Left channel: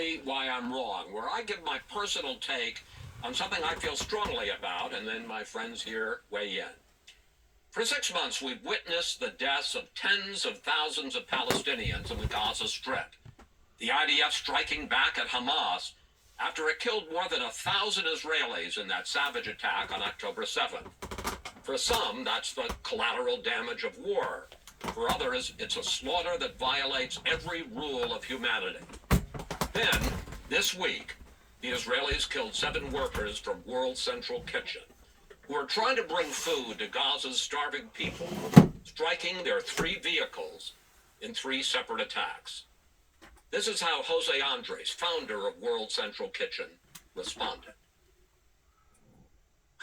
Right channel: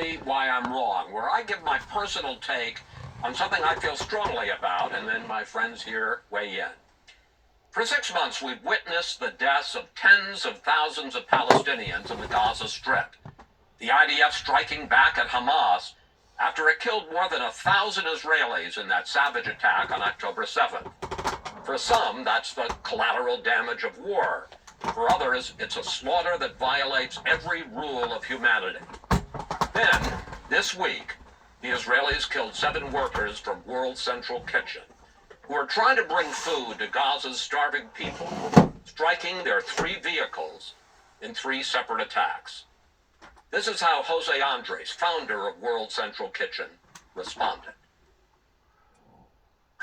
Me Why I'm Wrong, where I give my personal take on something I feel strongly about, and then my friends here weigh in. For 6 months, we've witnessed the deaths of tens of thousands of Palestinians in the Gaza Strip. The IDF striking back at Hamas after it killed more than 1,000 Israelis in that savage attack on October 7th. For some, that's the collateral damage of war. For others, it's a slaughter that violates every rule of humanity. Then, this week, the Israelis killed 7 workers from World Central Kitchen, who are trying to bring food to Gaza's starving people, striking their 3 vehicles in 3 separate attacks. This is how Jose Andres, founder of World Central Kitchen, responded.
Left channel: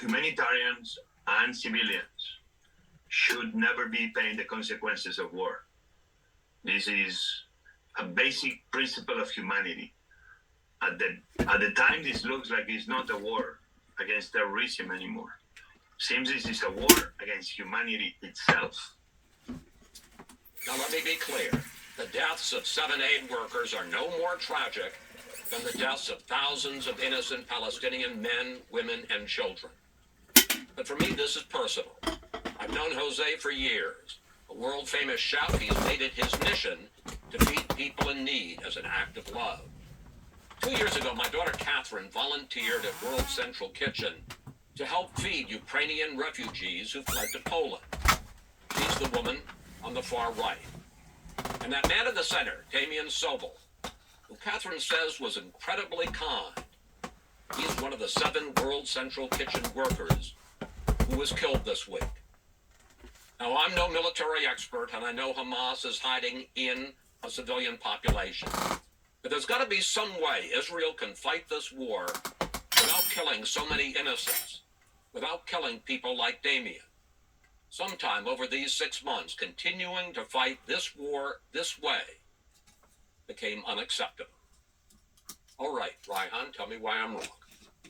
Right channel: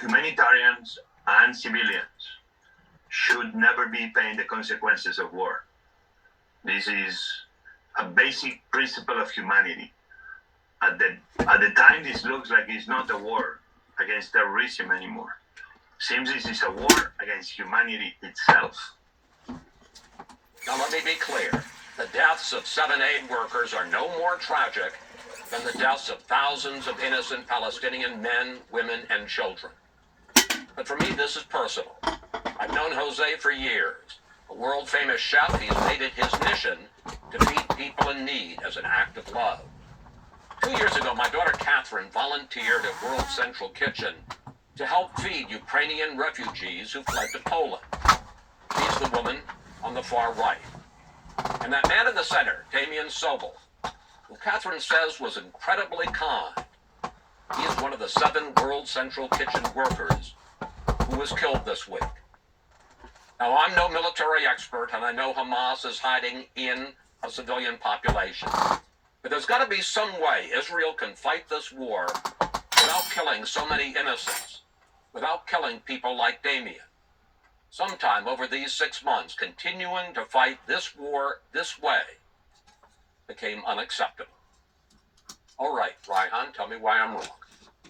Humanitarians and civilians should never be paying the consequences of war. This is a basic principle of humanity. At the time, this looks like it's not a war against terrorism anymore. Seems this is a war against humanity itself. Now let me be clear. The deaths of 7 aid workers are no more tragic than the deaths of thousands of innocent Palestinian men, women, and children. But for me, this is personal. I've known Jose for years. A world-famous chef, he's made it his mission to feed people in need as an act of love. 2 years ago, my daughter Catherine volunteered at World Central Kitchen to help feed Ukrainian refugees who fled to Poland. She's the woman on the far right. And that man in the center, Damien Sobel, who Catherine says was incredibly kind, he is one of the 7 World Central Kitchen workers who was killed this week. Now, I'm no military expert, and I know Hamas is hiding in a civilian population. But there's got to be some way Israel can fight this war without killing so many innocents, without killing people like Damien. Sometime over these 6 months, continuing to fight this war this way became unacceptable. All right, Raihan, tell me why I'm wrong.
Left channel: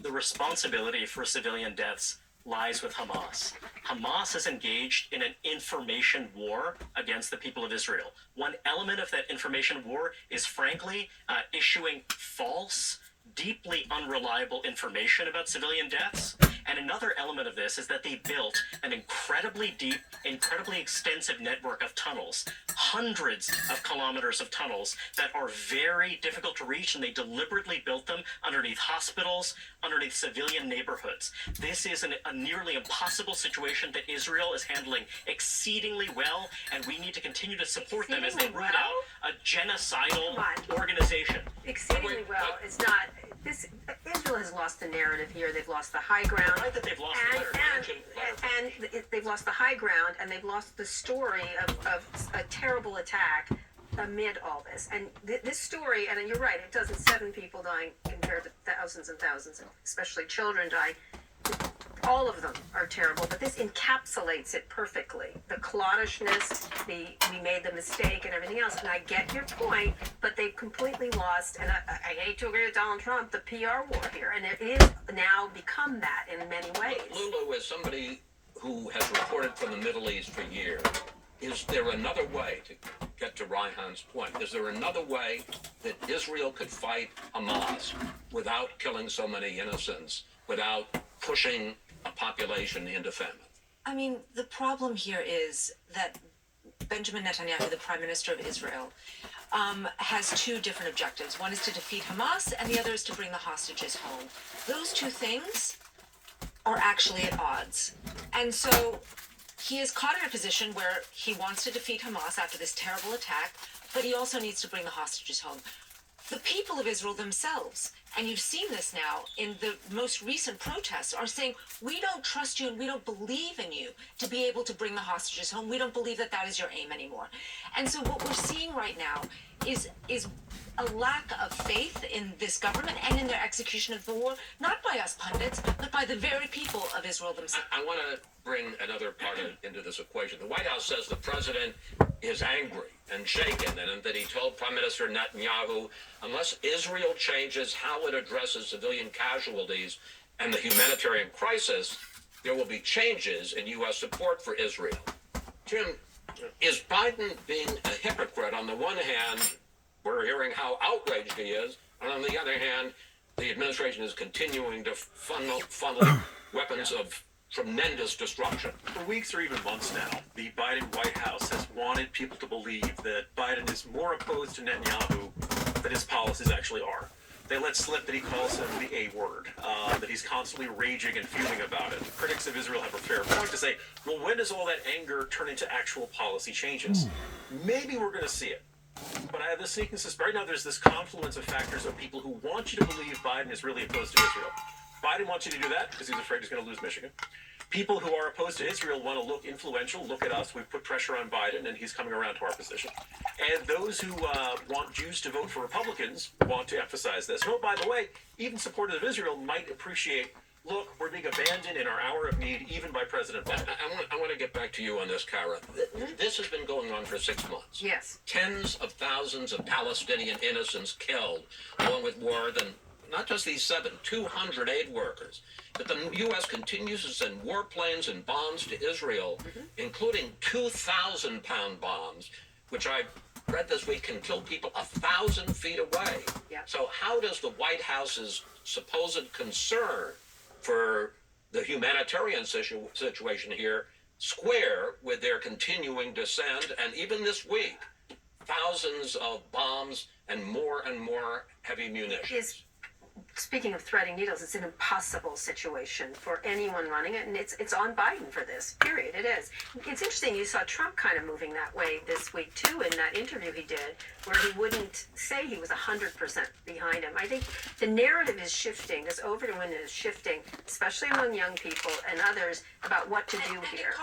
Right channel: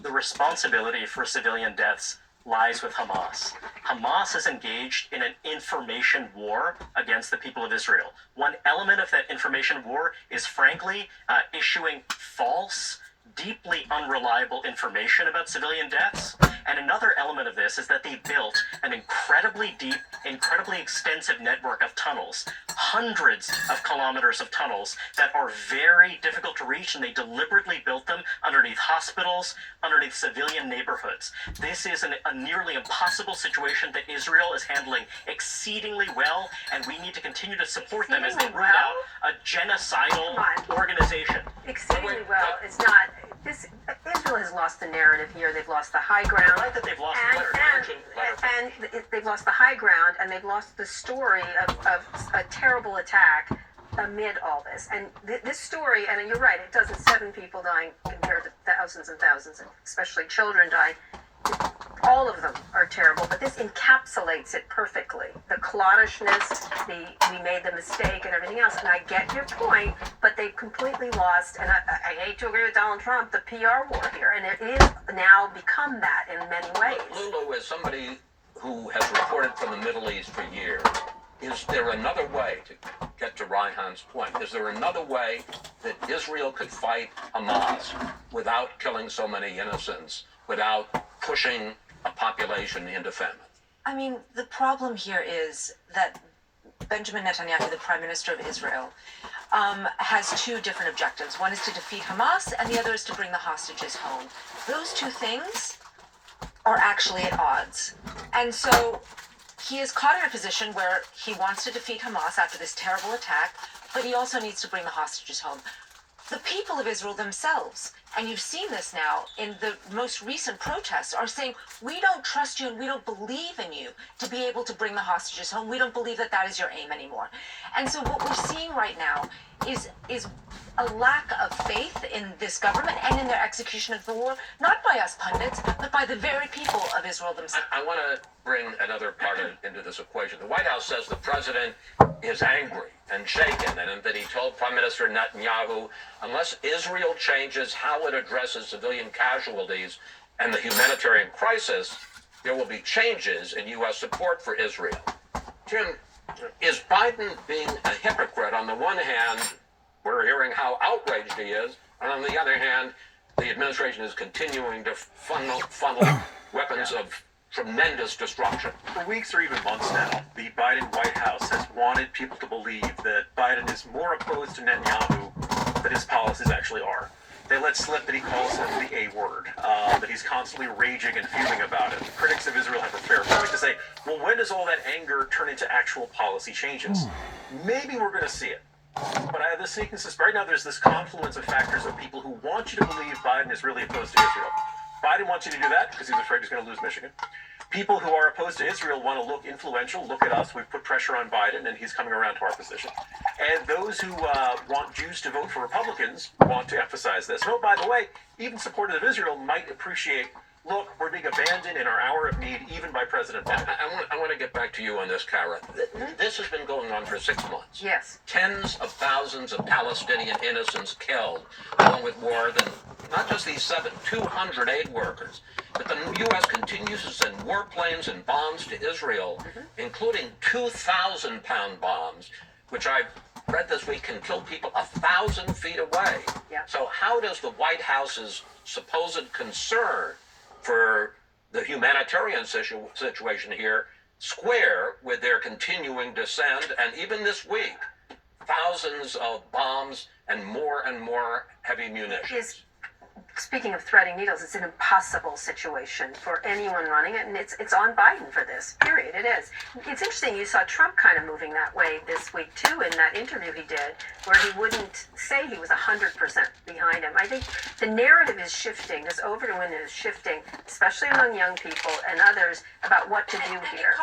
The responsibility for civilian deaths lies with Hamas. Hamas is engaged in an information war against the people of Israel. One element of that information war is, frankly, issuing false, deeply unreliable information about civilian deaths. And another element of this is that they built an incredibly deep, incredibly extensive network of tunnels, hundreds of kilometers of tunnels that are very difficult to reach, and they deliberately built them underneath hospitals, underneath civilian neighborhoods. This is a nearly impossible situation that Israel is handling exceedingly well, and we need to continue to support them as they root out a genocidal organization. Exceedingly well. It's not. Israel has lost the narrative here. They've lost the high ground. Right, that they've lost and they've lost the high ground, and they've lost the story of a terrible attack amid all this. And this story, and you're right, it doesn't 7 people dying compared to thousands and thousands, and especially children dying. All of them are terrible, but this encapsulates it perfectly. The clodishness, we made the mistake, and everything else. And I get your point, but they've completely lost, and I hate to agree with Donald Trump, the PR war here. And it is now become that in many ways. Lulu, is somebody who has reported from the Middle East for years. Is there another way, to get to Raihan's point, is there another way that Israel could fight Hamas without killing so many innocents, without pushing a population into famine? I mean, the problem here is that Benjamin Netanyahu, the Prime Minister of Israel, has 2 different objectives. One is to defeat Hamas, and the other is to bring the hostages home. Those 2 things are actually at odds. And so he is caught in a position where he wants to defeat Hamas after this terrible attack, but he also needs to bring the hostages home. The people of Israel themselves, and you've seen this now in the most recent protests, are saying, we don't trust you and we don't believe in you to be able to bring the hostages home. We don't believe that that is your aim anymore. And so what we're seeing right now is a lack of faith in this government and in their execution of the war, not by us pundits, but by the very people of Israel themselves. I want to bring another part into this equation. The White House says the president is angry and shaken, and that he told Prime Minister Netanyahu, unless Israel changes how it addresses civilian casualties and the humanitarian crisis, there will be changes in U.S. support for Israel. Jim, is Biden being a hypocrite? On the one hand, we're hearing how outraged he is. And on the other hand, the administration is continuing to funnel weapons of tremendous destruction. For weeks or even months now, the Biden White House has wanted people to believe that Biden is more opposed to Netanyahu than his policies actually are. They let slip that he calls him the A word, that he's constantly raging and fuming about it. Critics of Israel have a fair point to say, well, when does all that anger turn into actual policy changes? Maybe we're going to see it. But I have this sneaking suspicion. Right now, there's this confluence of factors of people who want you to believe Biden is really opposed to Israel. Biden wants you to do that because he's afraid he's going to lose Michigan. People who are opposed to Israel want to look influential. Look at us. We've put pressure on Biden, and he's coming around to our position. And those who want Jews to vote for Republicans want to emphasize this. Oh, by the way, even supporters of Israel might appreciate, look, we're being abandoned in our hour of need, even by President Biden. I want to get back to you on this, Kara. This has been going on for 6 months. Yes. Tens of thousands of Palestinian innocents killed, along with more than, not just these 200 aid workers, but the U.S. continues to send warplanes and bombs to Israel, including 2,000-pound bombs, which I read this week can kill people 1,000 feet away. Yeah. So how does the White House's supposed concern for the humanitarian situation here square with their continuing dissent, and even this week, thousands of bombs and more heavy munitions? Speaking of threading needles, it's an impossible situation for anyone running it, and it's on Biden for this, period. It is. It's interesting, you saw Trump kind of moving that way this week, too, in that interview he did, where he wouldn't say he was 100% behind him. I think the narrative is shifting, this overwind is shifting, especially among young people and others, about what to do here.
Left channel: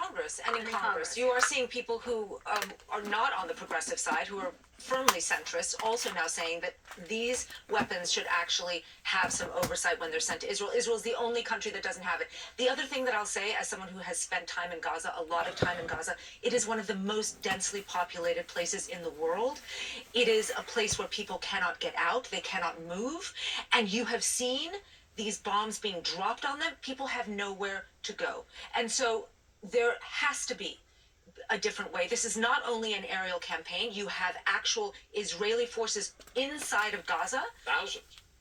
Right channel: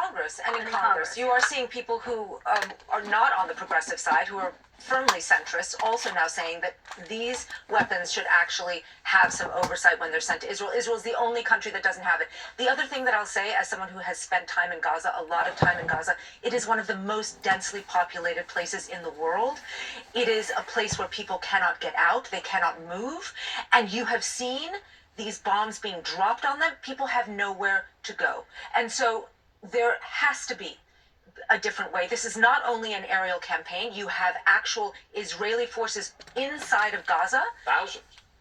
In Congress, you are seeing people who are not on the progressive side, who are firmly centrist, also now saying that these weapons should actually have some oversight when they're sent to Israel. Israel is the only country that doesn't have it. The other thing that I'll say, as someone who has spent time in Gaza, a lot of time in Gaza, it is one of the most densely populated places in the world. It is a place where people cannot get out, they cannot move, and you have seen these bombs being dropped on them. People have nowhere to go. And so there has to be a different way. This is not only an aerial campaign. You have actual Israeli forces inside of Gaza.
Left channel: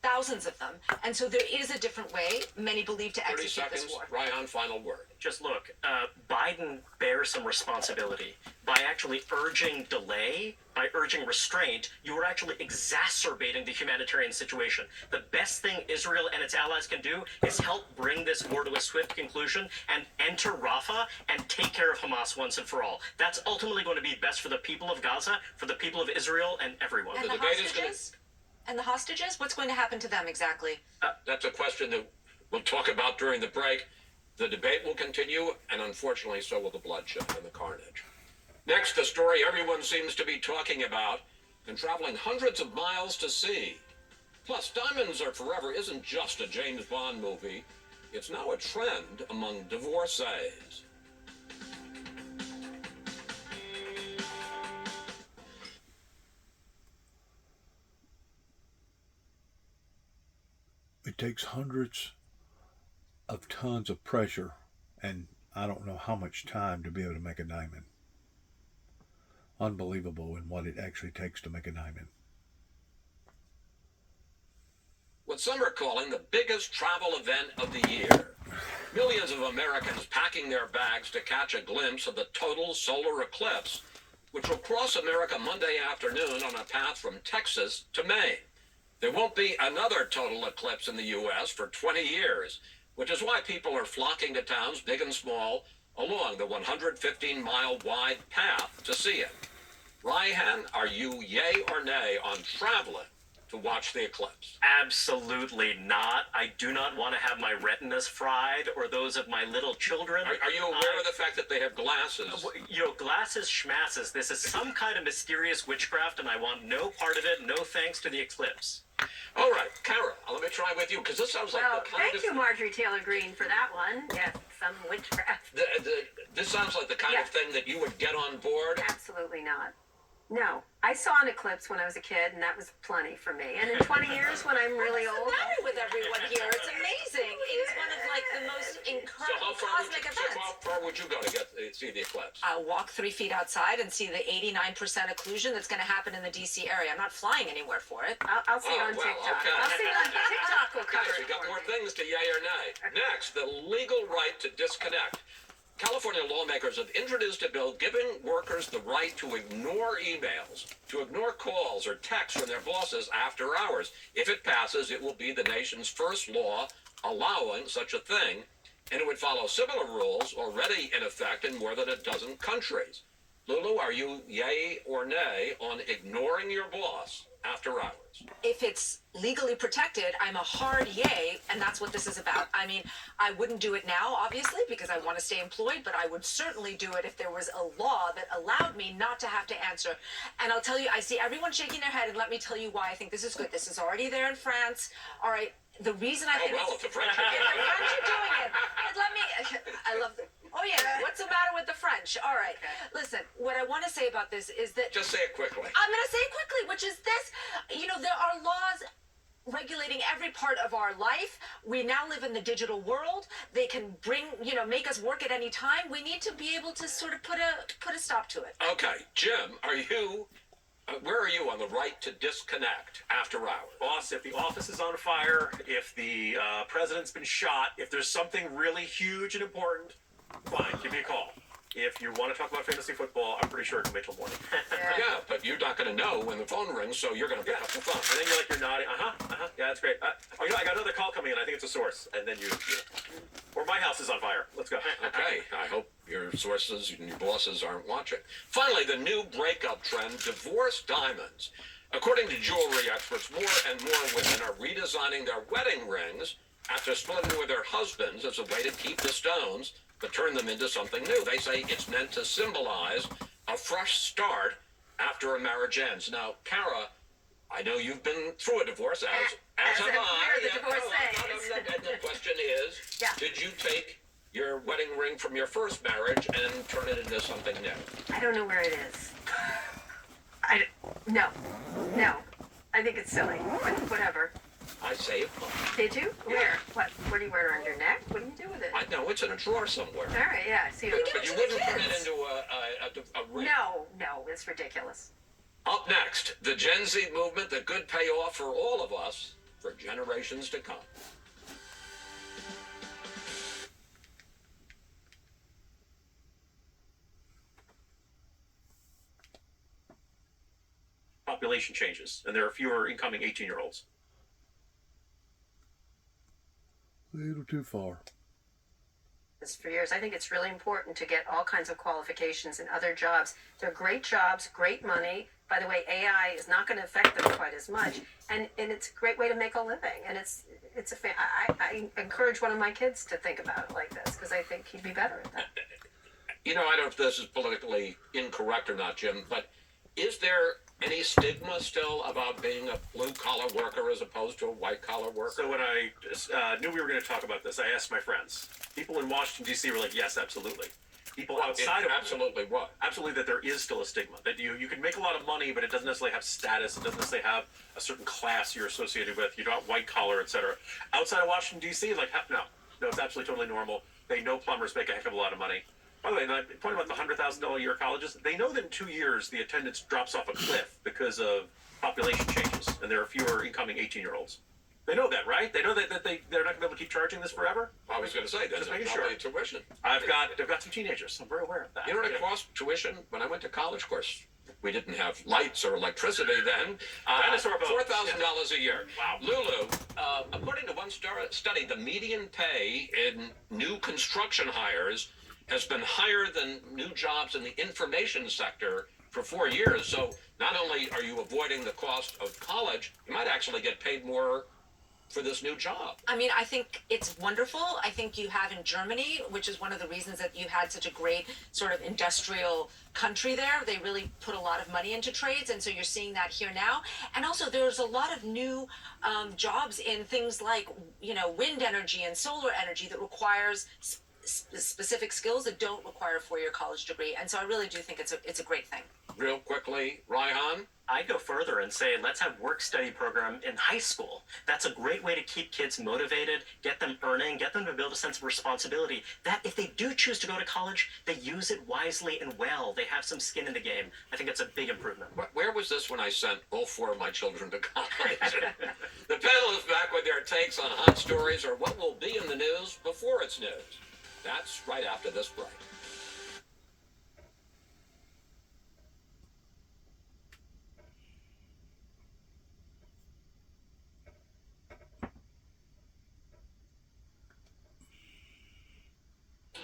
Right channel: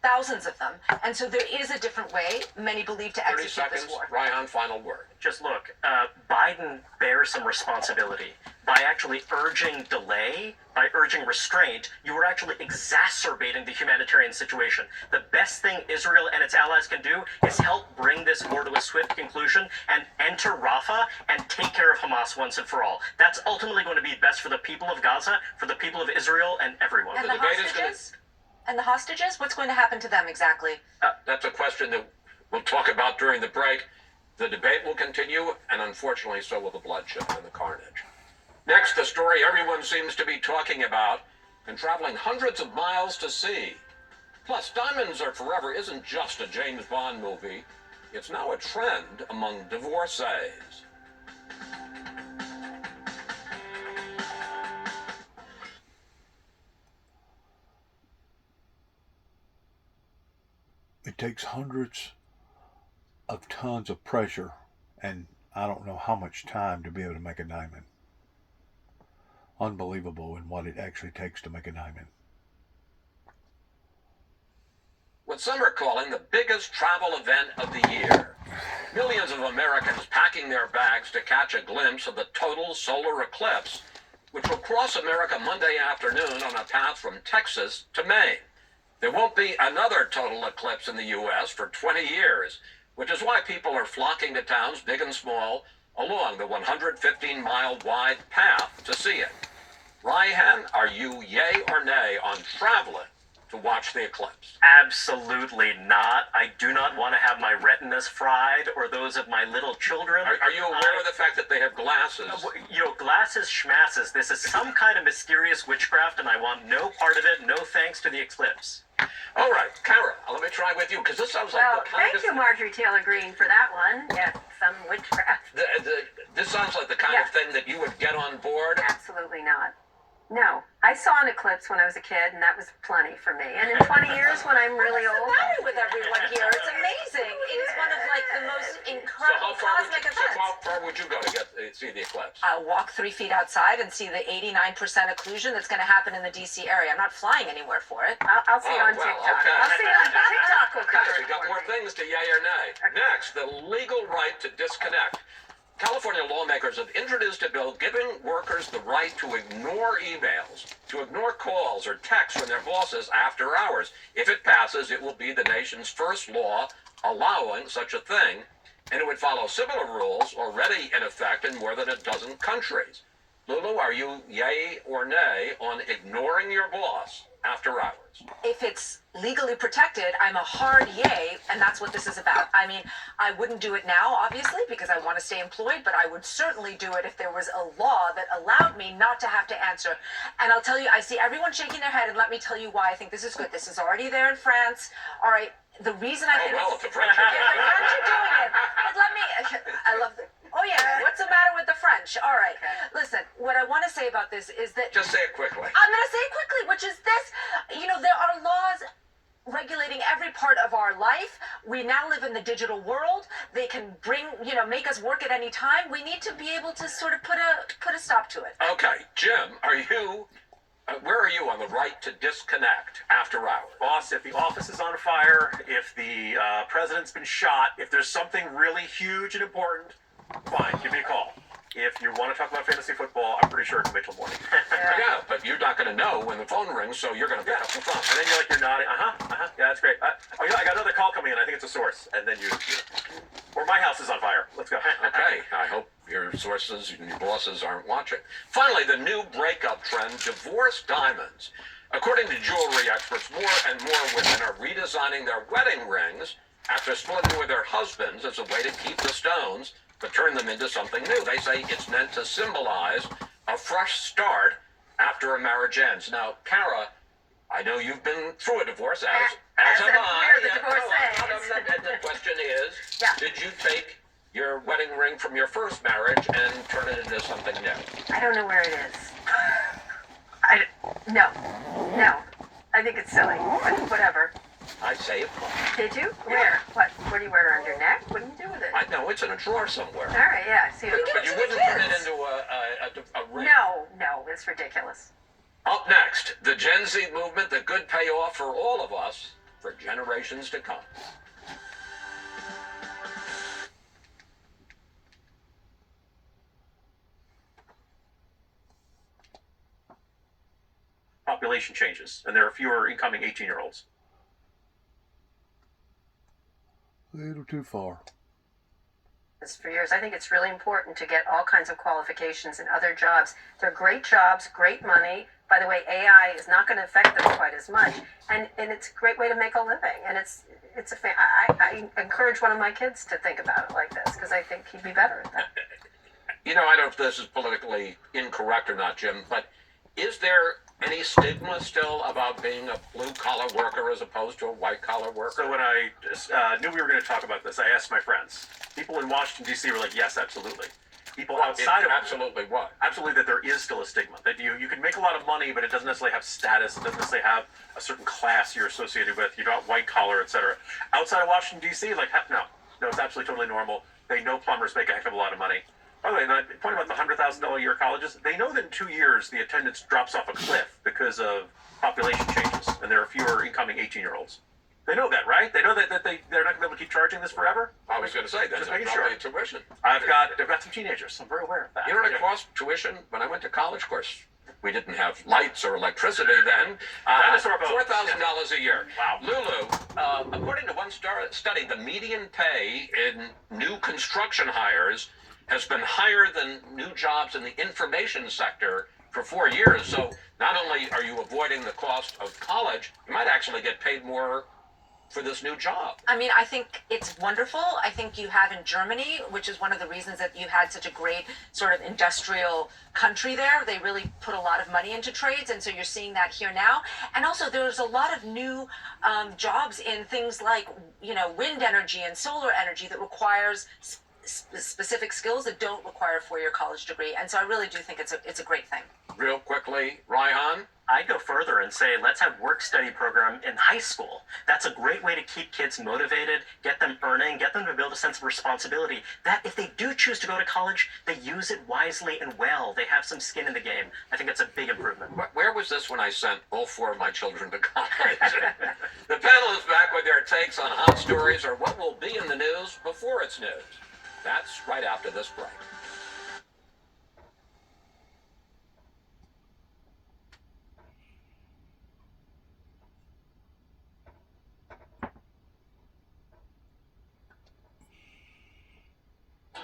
Thousands of them. And so there is a different way, many believe, to 30 execute this seconds, war. Ryan, final word. Just look, Biden bears some responsibility. By actually urging delay, by urging restraint, you are actually exacerbating the humanitarian situation. The best thing Israel and its allies can do is help bring this war to a swift conclusion and enter Rafah and take care of Hamas once and for all. That's ultimately going to be best for the people of Gaza, for the people of Israel, and everyone. And The the debate is hostages? And the hostages? What's going to happen to them exactly? That's a question that we'll talk about during the break. The debate will continue, and unfortunately, so will the bloodshed and the carnage. Next, the story everyone seems to be talking about and traveling hundreds of miles to see. Plus, Diamonds Are Forever isn't just a James Bond movie. It's now a trend among divorcees. It takes hundreds of tons of pressure and I don't know how much time to be able to make a diamond. Unbelievable in what it actually takes to make a diamond. What some are calling the biggest travel event of the year. Millions of Americans packing their bags to catch a glimpse of the total solar eclipse, which will cross America Monday afternoon on a path from Texas to Maine. There won't be another total eclipse in the U.S. for 20 years, which is why people are flocking to towns big and small along the 115-mile wide path to see it. Ryan, are you yay or nay on traveling to watch the eclipse? Absolutely not. I do not want to have my retinas fried or those of my little children. Are you aware of the fact that they have glasses? Glasses schmasses. This is some kind of mysterious witchcraft, and I want no part of it. No thanks to the eclipse. All right, Kara, let me try with you, because this sounds like the kind thank you, Marjorie Taylor Greene, for that one. Yes, some witchcraft. This sounds like the kind of thing that you would get on board. Absolutely not. No, I saw an eclipse when I was a kid, and that was plenty for me. And in 20 years, when I'm really What's the old, matter with everyone here? It's amazing. It is one of like the most incredible cosmic events. How far would you go to see the eclipse? I'll walk 3 feet outside and see the 89% occlusion that's going to happen in the DC area. I'm not flying anywhere for it. I'll see it on well, TikTok. okay. I'll see it on TikTok. Will cover Okay, it we got for more me. things to yay or nay. Next, the legal right to disconnect. California lawmakers have introduced a bill giving workers the right to ignore emails, to ignore calls or texts from their bosses after hours. If it passes, it will be the nation's first law allowing such a thing, and it would follow similar rules already in effect in more than a dozen countries. Lulu, are you yay or nay on ignoring your boss after hours? If it's legally protected, I'm a hard yay, and that's what this is about. I mean, I wouldn't do it now, obviously, because I want to stay employed, but I would certainly do it if there was a law that allowed me not to have to answer. And I'll tell you, I see everyone shaking their head, and let me tell you why I think this is good. This is already there in France. All right, the reason I think well, it's... if the French are If the French are doing it, but let me... I love the... Oh, yeah, what's the matter with the French? All right, listen, what I want to say about this is that... Just say it quickly. I'm going to say it quickly, which is this. You know, there are laws regulating every part of our life. We now live in the digital world. They can make us work at any time. We need to be able to sort of put a stop to it. Okay, Jim, where are you on the right to disconnect after hours? Boss, if the office is on fire, if the president's been shot, if there's something really huge and important, fine, give me a call. If you want to talk about fantasy football, I'm pretty sure it can wait till morning. Yeah, but you're not going to know when the phone rings, so you're going to pick up the phone. And then you're nodding, yeah, that's great. I got another call coming in, I think it's a source. And then or my house is on fire. Let's go. Okay, I hope your sources and your bosses aren't watching. Finally, the new breakup trend, divorce diamonds. According to jewelry experts, more and more women are redesigning their wedding rings after splitting with their husbands as a way to keep the stones, but turn them into something new. They say it's meant to symbolize a fresh start after a marriage ends. Now, Kara, I know you've been through a divorce, as have I. The divorcee. And the question is, Yeah. did you take your wedding ring from your first marriage and turn it into something new? I don't know where it is. No. I think it's silly, but whatever. I say it. Did you? Where? What? What do you wear it around your neck? What do you do with it? I know it's in a drawer somewhere. All right, yeah. See, But you wouldn't turn it into a ring. No, it's ridiculous. Up next, the Gen Z movement that could pay off for all of us for generations to come. Population changes, and there are fewer incoming 18-year-olds. A little too far. For years, I think it's really important to get all kinds of qualifications in other jobs. They're great jobs, great money. By the way, AI is not going to affect them quite as much, and it's a great way to make a living. And I encourage one of my kids to think about it like this because I think he'd be better at that. You know, I don't know if this is politically incorrect or not, Jim, but is there any stigma still about being a blue-collar worker as opposed to a white-collar worker? So when I knew we were going to talk about this, I asked my friends. People in Washington, D.C. were like, yes, absolutely. People outside of absolutely what? Absolutely, that there is still a stigma. That you can make a lot of money, but it doesn't necessarily have status. It doesn't necessarily have a certain class you're associated with. You're not white-collar, etc. Outside of Washington, D.C., like, no, it's absolutely totally normal. They know plumbers make a heck of a lot of money. By the way, the point about the $100,000 a year colleges, they know that in 2 years the attendance drops off a cliff because of population changes, and there are fewer incoming 18-year-olds. They know that, right? They know that they're not going to be able to keep charging this forever. I was going to say, that's making probably sure. tuition. I've got some teenagers, so I'm very aware of that. You know what it cost tuition when I went to college? Of course, we didn't have lights or electricity then. Dinosaur boats. $4,000 a year. Wow. Lulu, according to one study, the median pay in new construction hires has been higher than new jobs in the information sector for 4 years. So not only are you avoiding the cost of college, you might actually get paid more for this new job. I mean, I think it's wonderful. I think you have in Germany, which is one of the reasons that you had such a great sort of industrial country there. They really put a lot of money into trades, and so you're seeing that here now. And also, there's a lot of new jobs in things like, wind energy and solar energy that requires specific skills that don't require a four-year college degree. And so I really do think it's a great thing. Real quickly, Raihan? I'd go further and say let's have work-study program in high school. That's a great way to keep kids motivated, get them earning, get them to build a sense of responsibility. That if they do choose to go to college, they use it wisely and well. They have some skin in the game. I think it's a big improvement. Where was this when I sent all four of my children to college? The panel is back with their takes on hot stories or what will be in the news before it's news. That's right after this break.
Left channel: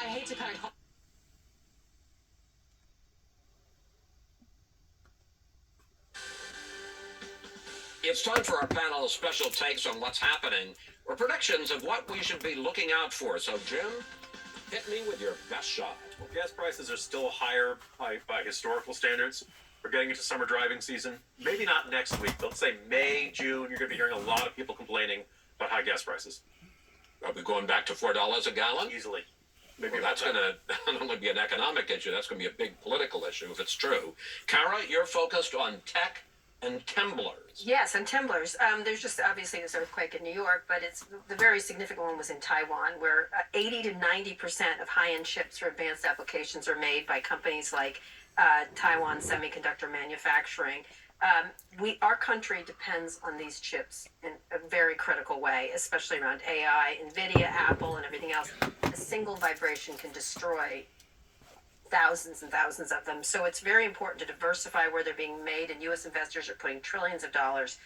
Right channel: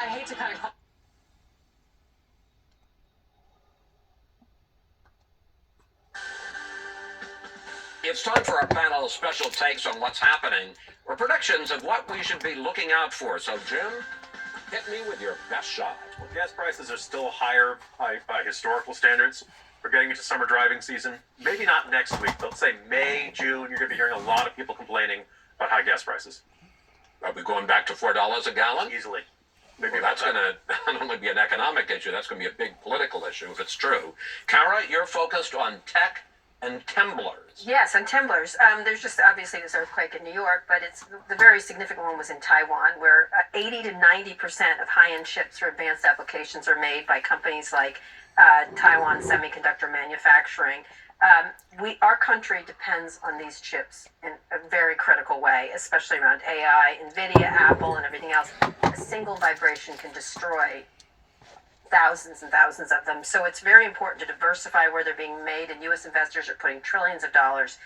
I hate to kind of It's time for our panel's special takes on what's happening or predictions of what we should be looking out for. So, Jim, hit me with your best shot. Well, gas prices are still higher by historical standards. We're getting into summer driving season. Maybe not next week, but let's say May, June, you're going to be hearing a lot of people complaining about high gas prices. Are we going back to $4 a gallon? Easily. Maybe Well, that's going to not only be an economic issue, that's going to be a big political issue if it's true. Kara, you're focused on tech and temblers. Yes, and temblers. There's just obviously this earthquake in New York, but it's the very significant one was in Taiwan, where 80 to 90% of high-end chips for advanced applications are made by companies like Taiwan Semiconductor Manufacturing. Our country depends on these chips in a very critical way, especially around AI, NVIDIA, Apple, and everything else. A single vibration can destroy thousands and thousands of them. So it's very important to diversify where they're being made, and U.S. investors are putting trillions of dollars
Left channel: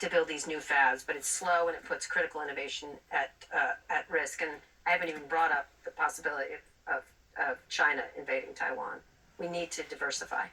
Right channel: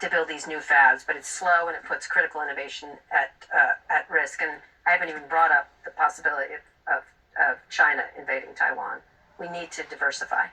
to build these new fabs. But it's slow, and it puts critical innovation at risk. And I haven't even brought up the possibility of China invading Taiwan. We need to diversify.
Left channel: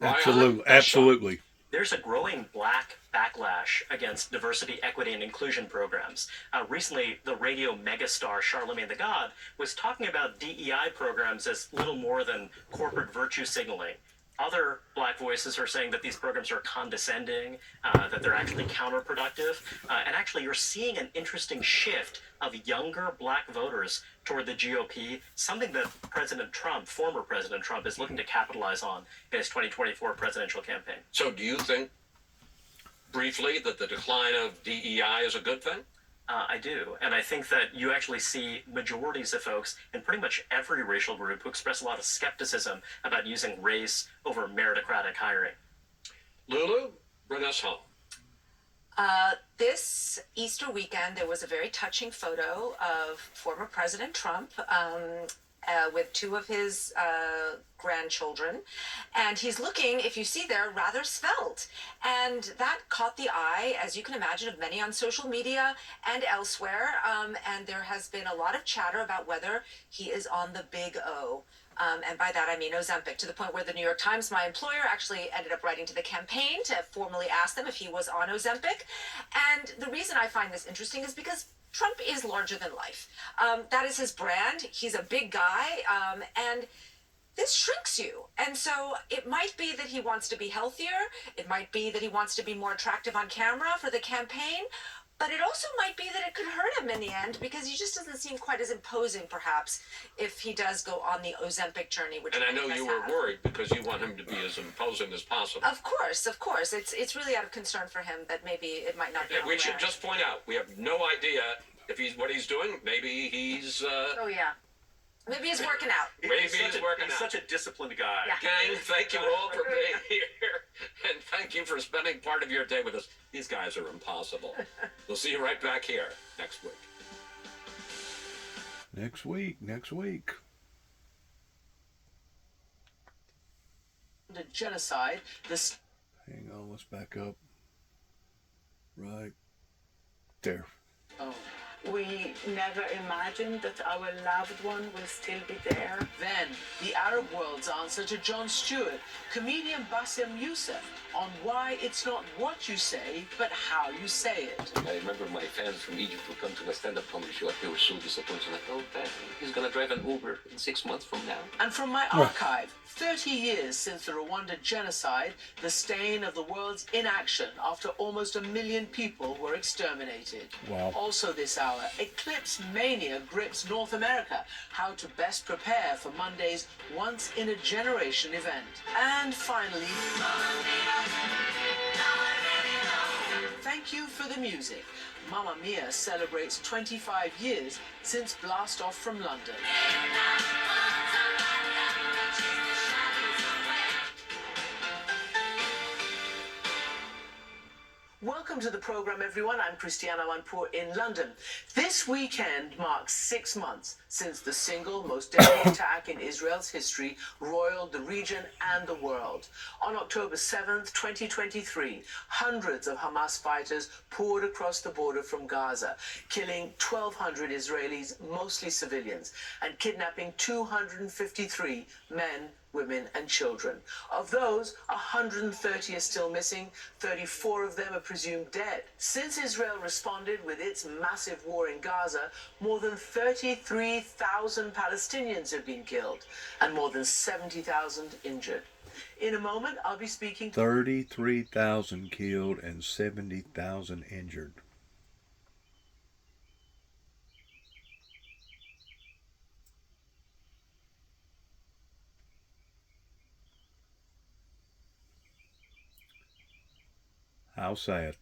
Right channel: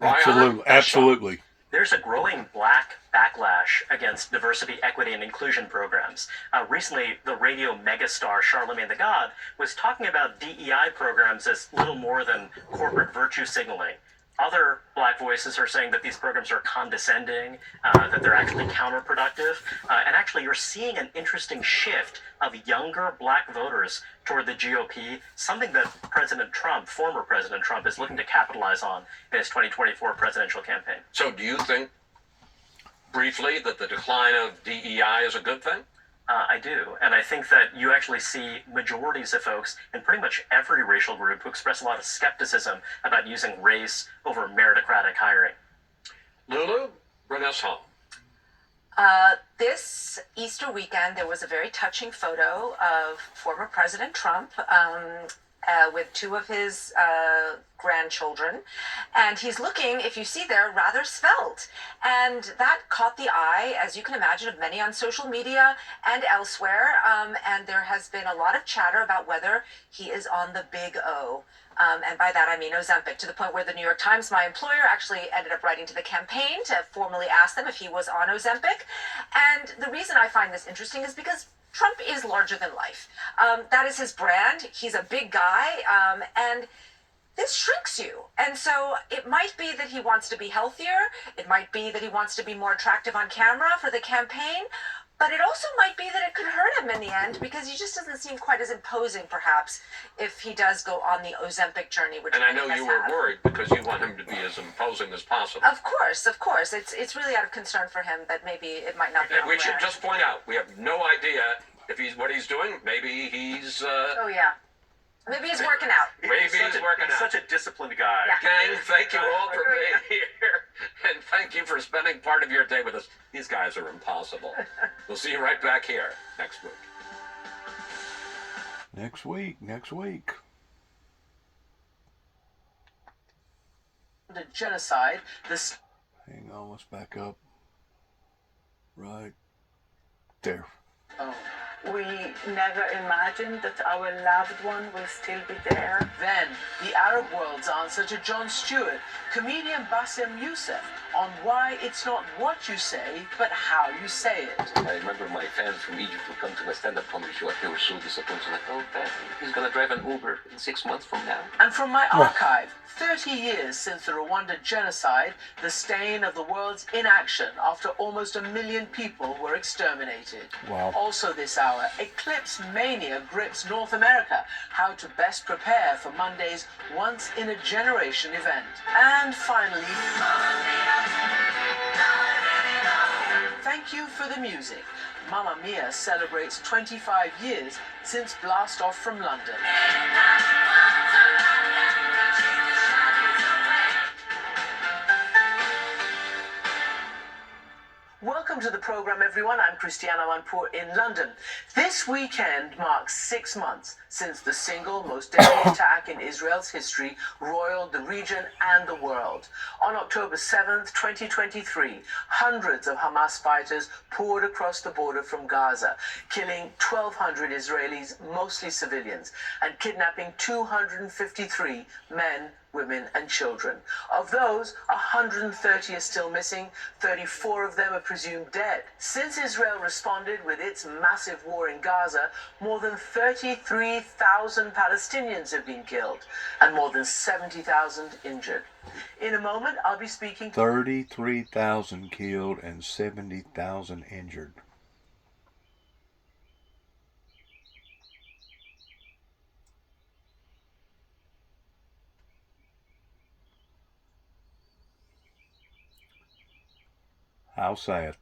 Absolutely. There's a growing black backlash against diversity, equity, and inclusion programs. Recently, the radio megastar Charlemagne the God was talking about DEI programs as little more than corporate virtue signaling. Other black voices are saying that these programs are condescending, that they're actually counterproductive, and actually you're seeing an interesting shift of younger black voters toward the GOP, something that former President Trump, is looking to capitalize on in his 2024 presidential campaign. So do you think, briefly, that the decline of DEI is a good thing? I do. And I think that you actually see majorities of folks in pretty much every racial group who express a lot of skepticism about using race over meritocratic hiring. Lulu, bring us home. This Easter weekend, there was a very touching photo of former President Trump with two of his grandchildren. And he's looking, if you see there, rather svelte. And that caught the eye, as you can imagine, of many on social media and elsewhere. And there has been a lot of chatter about whether he is on the big O. And by that I mean Ozempic, to the point where the New York Times, my employer, actually ended up writing to the campaign to formally ask them if he was on Ozempic. And the reason I find this interesting is because Trump is larger than life. That is his brand. He's a big guy. And this shrinks you. And so it might be that he wants to be healthier. It might be that he wants to be more attractive on camera for the campaign. But it also might be that it could hurt him in the end, because he just doesn't seem quite as imposing, perhaps, if he does go on the Ozempic journey. Which And I know you were worried because you want him to be as imposing as possible. Of course. It's really out of concern for him that maybe it might not be. And we should just point out, we have no idea if what he's doing. Maybe he's... Oh, yeah. Maybe he's working out. Maybe he's working out. He's such a disciplined guy. Yeah. Gang, thank you all for being here. And thank you for spending part of your day with us. These guys are impossible. We'll see you right back here next week. Next week. The genocide, this... Hang on, let's back up. Right there. Oh. We never imagined that our loved one will still be there. Then, the Arab world's answer to Jon Stewart, comedian Bassem Youssef, on why it's not what you say, but how you say it. I remember my fans from Egypt would come to my stand-up comedy show. They were so disappointed. Like, oh, Pat, he's going to drive an Uber in 6 months from now. And from my archive, 30 years since the Rwanda genocide, the stain of the world's inaction after almost 1 million people were exterminated. Wow. Also this hour, hour, Eclipse Mania grips North America. How to best prepare for Monday's once-in-a-generation event. And finally, thank you for the music. Mamma Mia celebrates 25 years since Blast Off from London. Welcome to the program, everyone. I'm Christiana Manpour in London. This weekend marks 6 months since the single most deadly attack in Israel's history roiled the region and the world. On October 7th, 2023, hundreds of Hamas fighters poured across the border from Gaza, killing 1,200 Israelis, mostly civilians, and kidnapping 253 men, women and children. Of those, 130 are still missing, 34 of them are presumed dead. Since Israel responded with its massive war in Gaza, more than 33,000 Palestinians have been killed and more than 70,000 injured. In a moment, I'll be speaking 33,000 killed and 70,000 injured. How sad.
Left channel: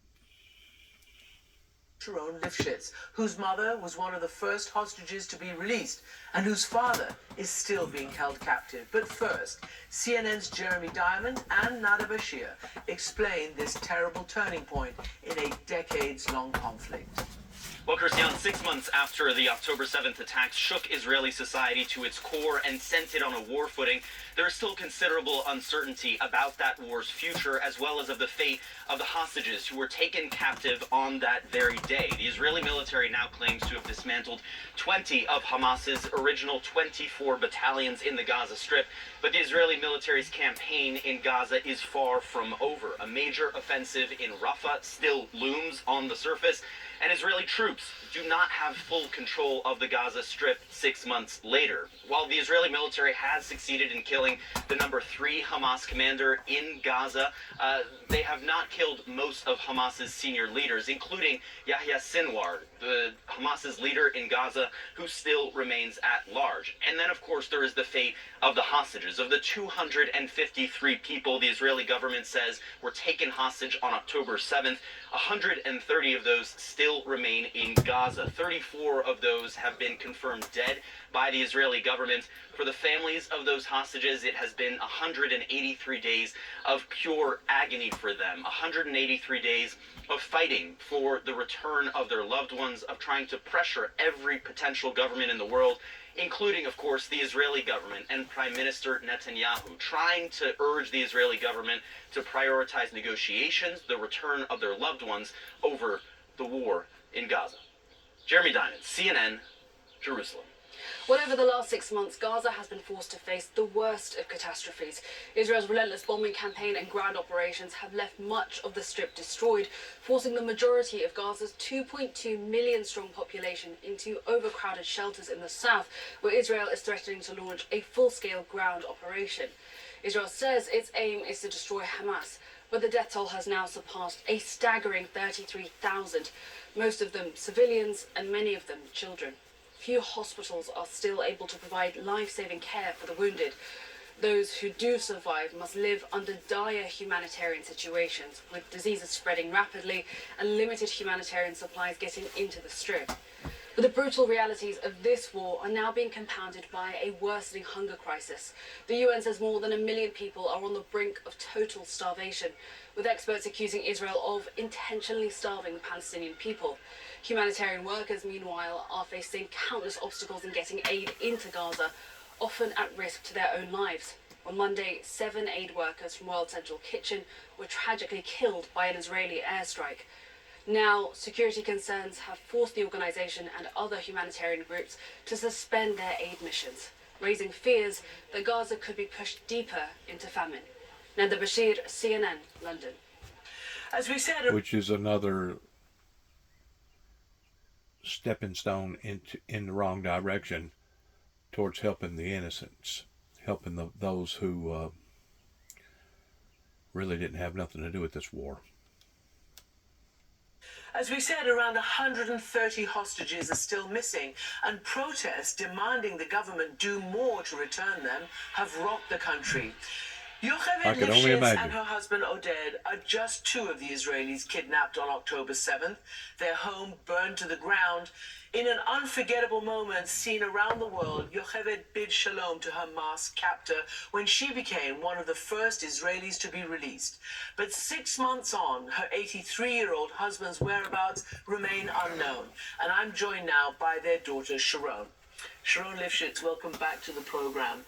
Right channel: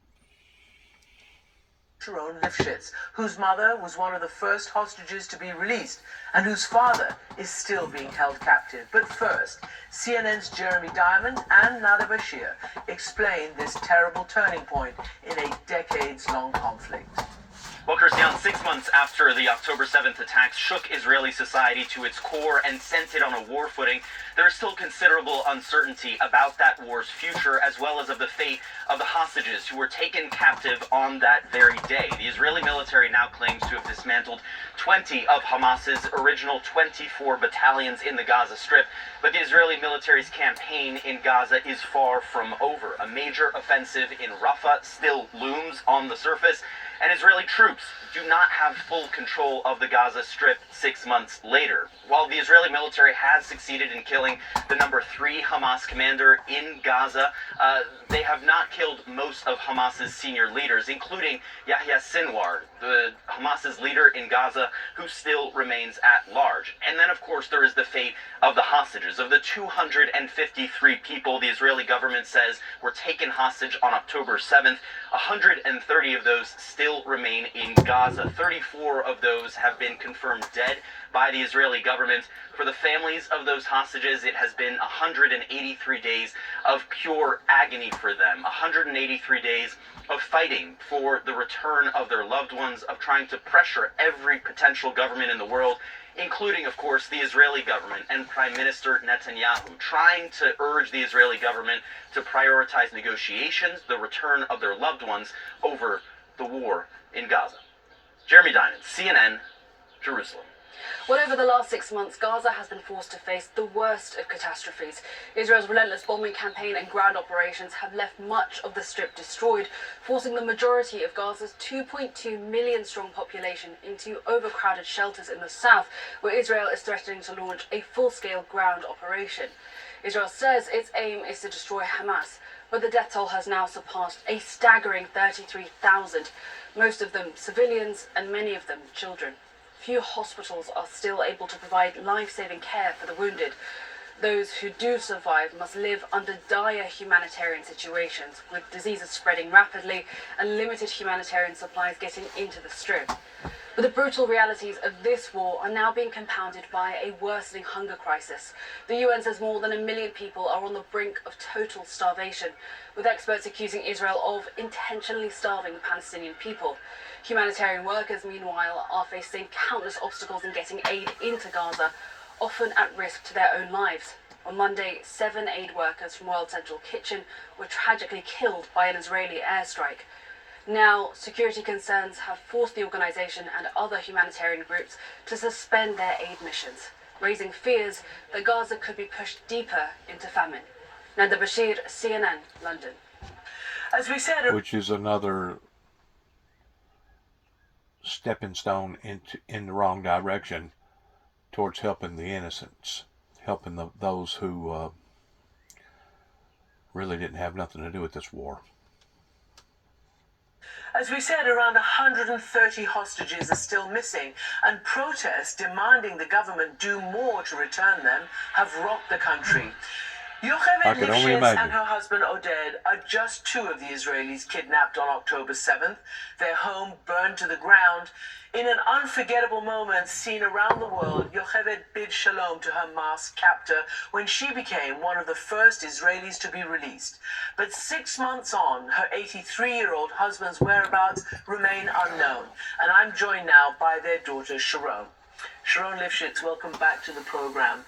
Sharon Lifshitz, whose mother was one of the first hostages to be released and whose father is still being held captive. But first, CNN's Jeremy Diamond and Nada Bashir explain this terrible turning point in a decades-long conflict. Well, Christian, 6 months after the October 7th attacks shook Israeli society to its core and sent it on a war footing, there is still considerable uncertainty about that war's future, as well as of the fate of the hostages who were taken captive on that very day. The Israeli military now claims to have dismantled 20 of Hamas's original 24 battalions in the Gaza Strip, but the Israeli military's campaign in Gaza is far from over. A major offensive in Rafah still looms on the surface, and Israeli troops do not have full control of the Gaza Strip 6 months later. While the Israeli military has succeeded in killing the number 3 Hamas commander in Gaza, they have not killed most of Hamas's senior leaders, including Yahya Sinwar, the Hamas's leader in Gaza, who still remains at large. And then, of course, there is the fate of the hostages. Of the 253 people the Israeli government says were taken hostage on October 7th, 130 of those still remain in Gaza. 34 of those have been confirmed dead by the Israeli government. For the families of those hostages, it has been 183 days of pure agony for them. 183 days of fighting for the return of their loved ones, of trying to pressure every potential government in the world, including, of course, the Israeli government and Prime Minister Netanyahu, trying to urge the Israeli government to prioritize negotiations, the return of their loved ones, over the war in Gaza. Jeremy Diamond, CNN, Jerusalem. Well, over the last 6 months, Gaza has been forced to face the worst of catastrophes. Israel's relentless bombing campaign and ground operations have left much of the Strip destroyed, forcing the majority of Gaza's 2.2 million strong population into overcrowded shelters in the south, where Israel is threatening to launch a full-scale ground operation. Israel says its aim is to destroy Hamas, but the death toll has now surpassed a staggering 33,000, most of them civilians and many of them children. Few hospitals are still able to provide life-saving care for the wounded. Those who do survive must live under dire humanitarian situations, with diseases spreading rapidly and limited humanitarian supplies getting into the Strip. But the brutal realities of this war are now being compounded by a worsening hunger crisis. The UN says more than 1 million people are on the brink of total starvation, with experts accusing Israel of intentionally starving the Palestinian people. Humanitarian workers, meanwhile, are facing countless obstacles in getting aid into Gaza, often at risk to their own lives. On Monday, 7 aid workers from World Central Kitchen were tragically killed by an Israeli airstrike. Now, security concerns have forced the organisation and other humanitarian groups to suspend their aid missions, raising fears that Gaza could be pushed deeper into famine. Nanda Bashir, CNN, London. As we said, which is another stepping stone in the wrong direction towards helping the innocents, helping those who really didn't have nothing to do with this war. As we said, around 130 hostages are still missing, and protests demanding the government do more to return them have rocked the country. I Yocheved can only Lifshitz imagine. and her husband Oded are just two of the Israelis kidnapped on October 7th, their home burned to the ground. In an unforgettable moment seen around the world, Yocheved bid shalom to her masked captor when she became one of the first Israelis to be released. But 6 months on, her 83-year-old husband's whereabouts remain unknown. And I'm joined now by their daughter, Sharon. Sharon Lifshitz, welcome back to the program.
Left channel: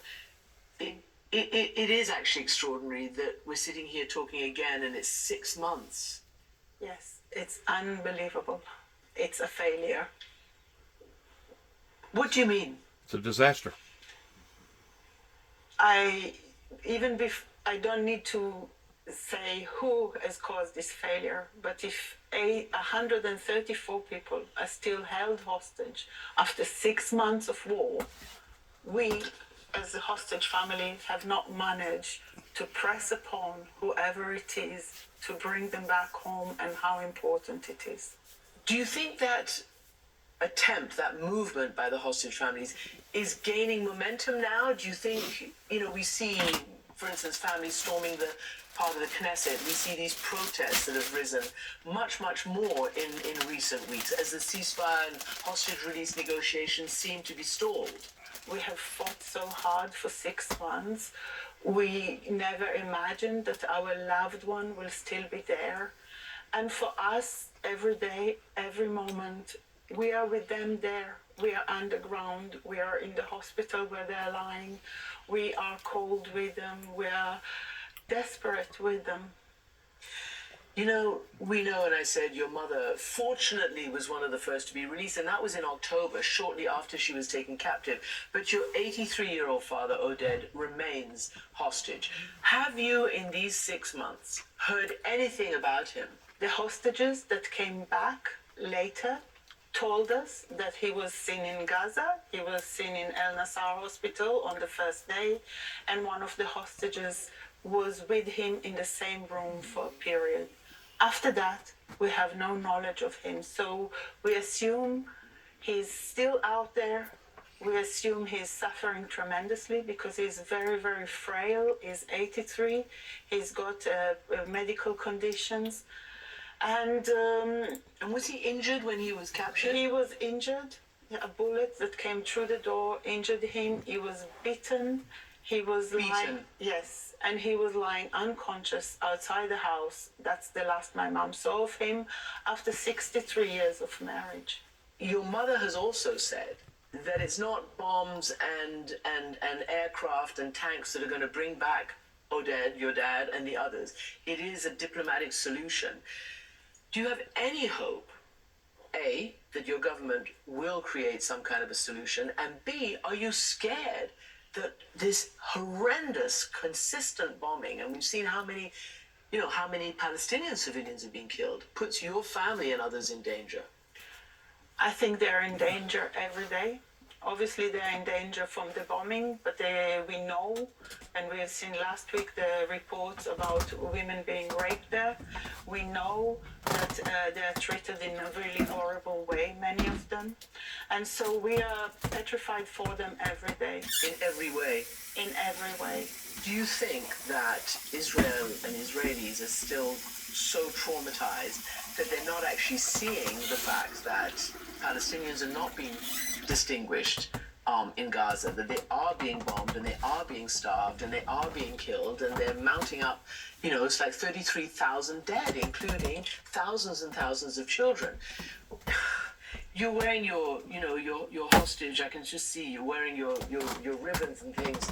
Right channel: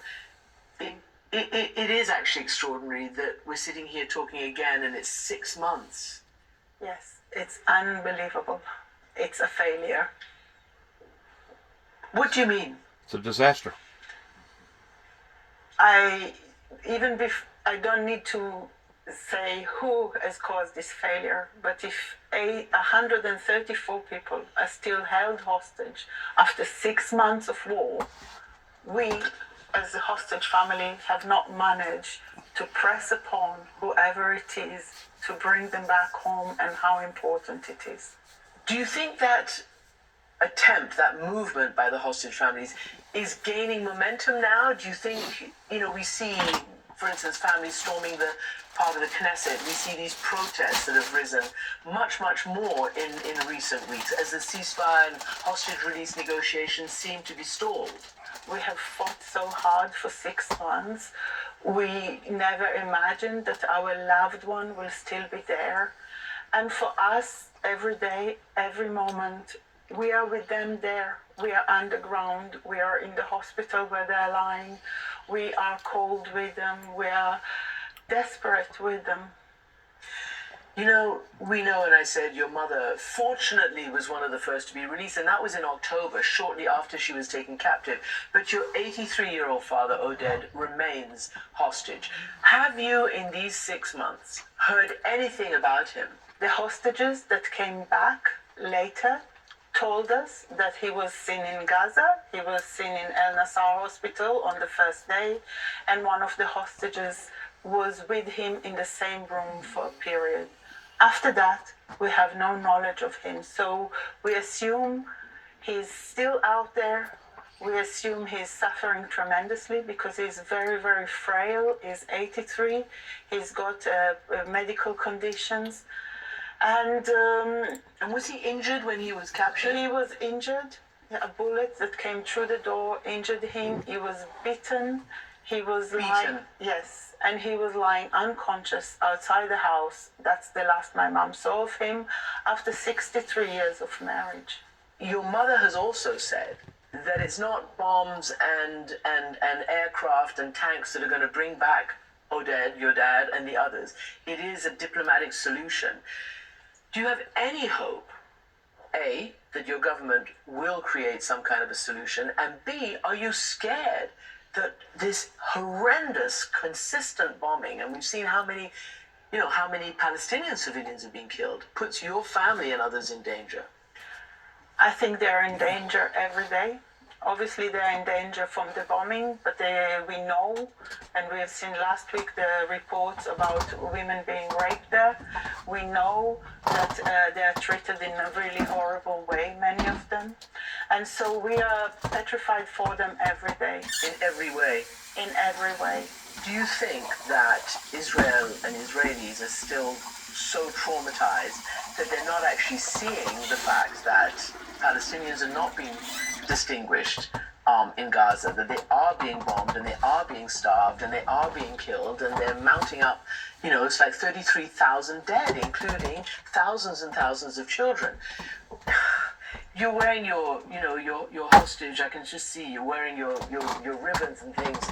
It is actually extraordinary that we're sitting here talking again and it's 6 months. Yes, it's unbelievable. It's a failure. What do you mean? It's a disaster. I don't need to say who has caused this failure, but if 134 people are still held hostage after 6 months of war, we as a hostage family have not managed to press upon whoever it is to bring them back home and how important it is. Do you think that attempt, that movement by the hostage families is gaining momentum now? Do you think, we see, for instance, families storming the part of the Knesset, we see these protests that have risen much, much more in recent weeks as the ceasefire and hostage release negotiations seem to be stalled? We have fought so hard for 6 months. We never imagined that our loved one will still be there. And for us, every day, every moment, we are with them there. We are underground. We are in the hospital where they're lying. We are cold with them. We are desperate with them. We know, and I said your mother fortunately was one of the first to be released, and that was in October, shortly after she was taken captive. But your 83-year-old father, Oded, remains hostage. Have you, in these 6 months, heard anything about him? The hostages that came back later told us that he was seen in Gaza, he was seen in El Nassar hospital on the first day, and one of the hostages was with him in the same room for a period. After that, we have no knowledge of him, so we assume he's still out there. We assume he's suffering tremendously because he's very, very frail. He's 83. He's got medical conditions. And was he injured when he was captured? He was injured. A bullet that came through the door injured him. He was bitten. He was lying. Yes, and he was lying unconscious outside the house. That's the last my mom saw of him after 63 years of marriage. Your mother has also said that it's not bombs and aircraft and tanks that are going to bring back Oded, your dad, and the others. It is a diplomatic solution. Do you have any hope, A, that your government will create some kind of a solution, and B, are you scared that this horrendous, consistent bombing, and we've seen how many Palestinian civilians have been killed, puts your family and others in danger? I think they're in danger every day. Obviously, they're in danger from the bombing, but we know, and we have seen last week the reports about women being raped there. We know that they're treated in a really horrible way, many of them. And so we are petrified for them every day. In every way? In every way. Do you think that Israel and Israelis are still so traumatized that they're not actually seeing the fact that Palestinians are not being distinguished in Gaza, that they are being bombed and they are being starved and they are being killed and they're mounting up, it's like 33,000 dead, including thousands and thousands of children. You're wearing your hostage, I can just see you wearing your ribbons and things.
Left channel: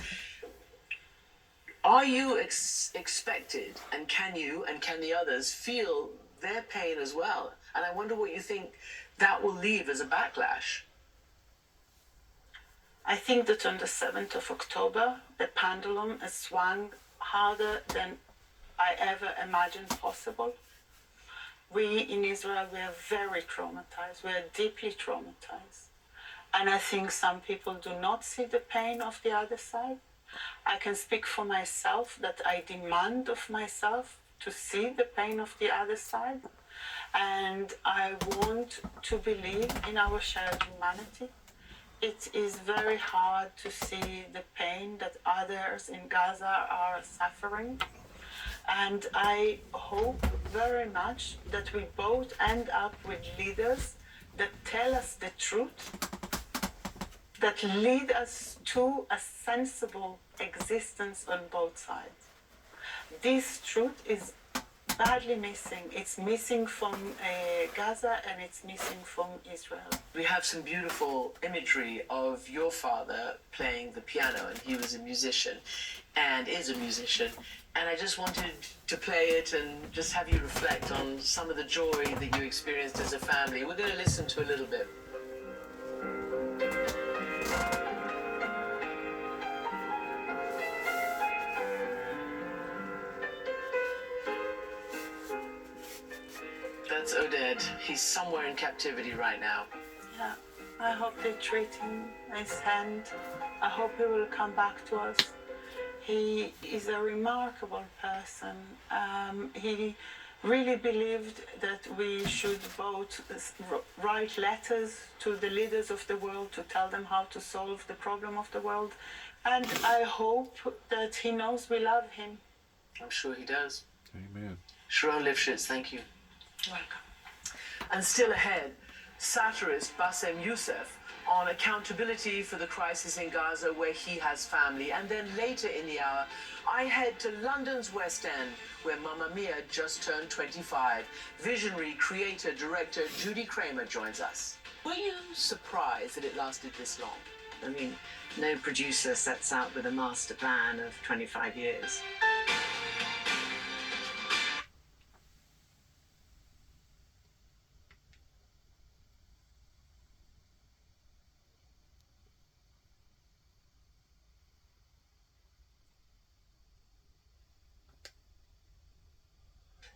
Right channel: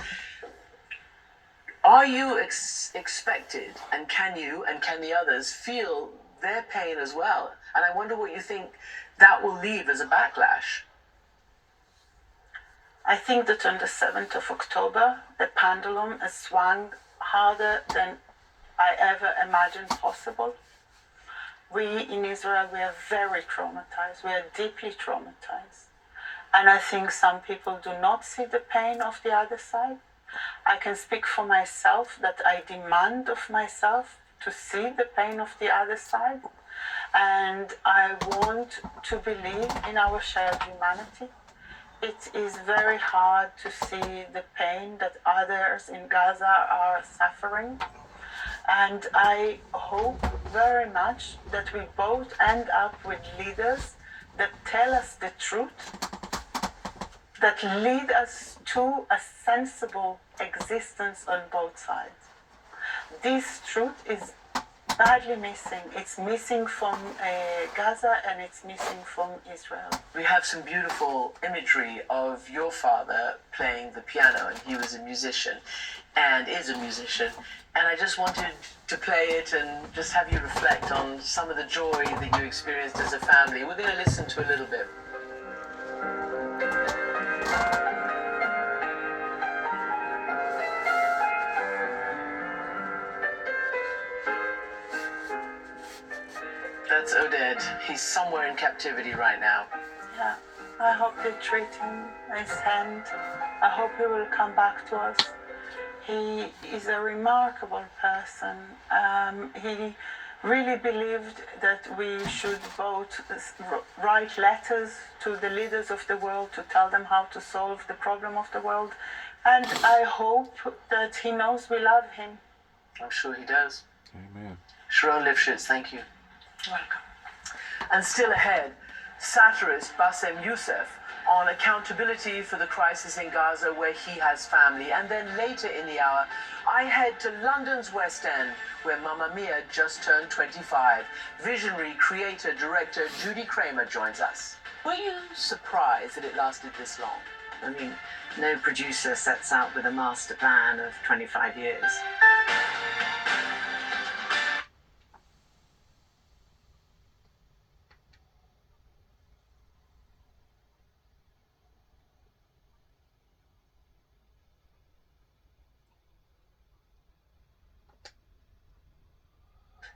Are you expected, and can you and can the others feel their pain as well? And I wonder what you think that will leave as a backlash. I think that on the 7th of October, the pendulum has swung harder than I ever imagined possible. We in Israel, we are very traumatized. We are deeply traumatized. And I think some people do not see the pain of the other side. I can speak for myself that I demand of myself to see the pain of the other side. And I want to believe in our shared humanity. It is very hard to see the pain that others in Gaza are suffering. And I hope very much that we both end up with leaders that tell us the truth, that lead us to a sensible existence on both sides. This truth is badly missing. It's missing from Gaza and it's missing from Israel. We have some beautiful imagery of your father playing the piano, and he was a musician and is a musician. And I just wanted to play it and just have you reflect on some of the joy that you experienced as a family. We're going to listen to a little bit. That's Oded. He's somewhere in captivity right now. Yeah, I hope they treat him as hand. I hope he will come back to us. He is a remarkable person. He really believed that we should both write letters to the leaders of the world to tell them how to solve the problem of the world. And I hope that he knows we love him. I'm sure he does. Amen. Sharon Lifshitz, thank you. Welcome. And still ahead, satirist Bassem Youssef on accountability for the crisis in Gaza where he has family. And then later in the hour, I head to London's West End where Mamma Mia just turned 25. Visionary creator, director Judy Kramer joins us. Were you surprised that it lasted this long? I mean, no producer sets out with a master plan of 25 years.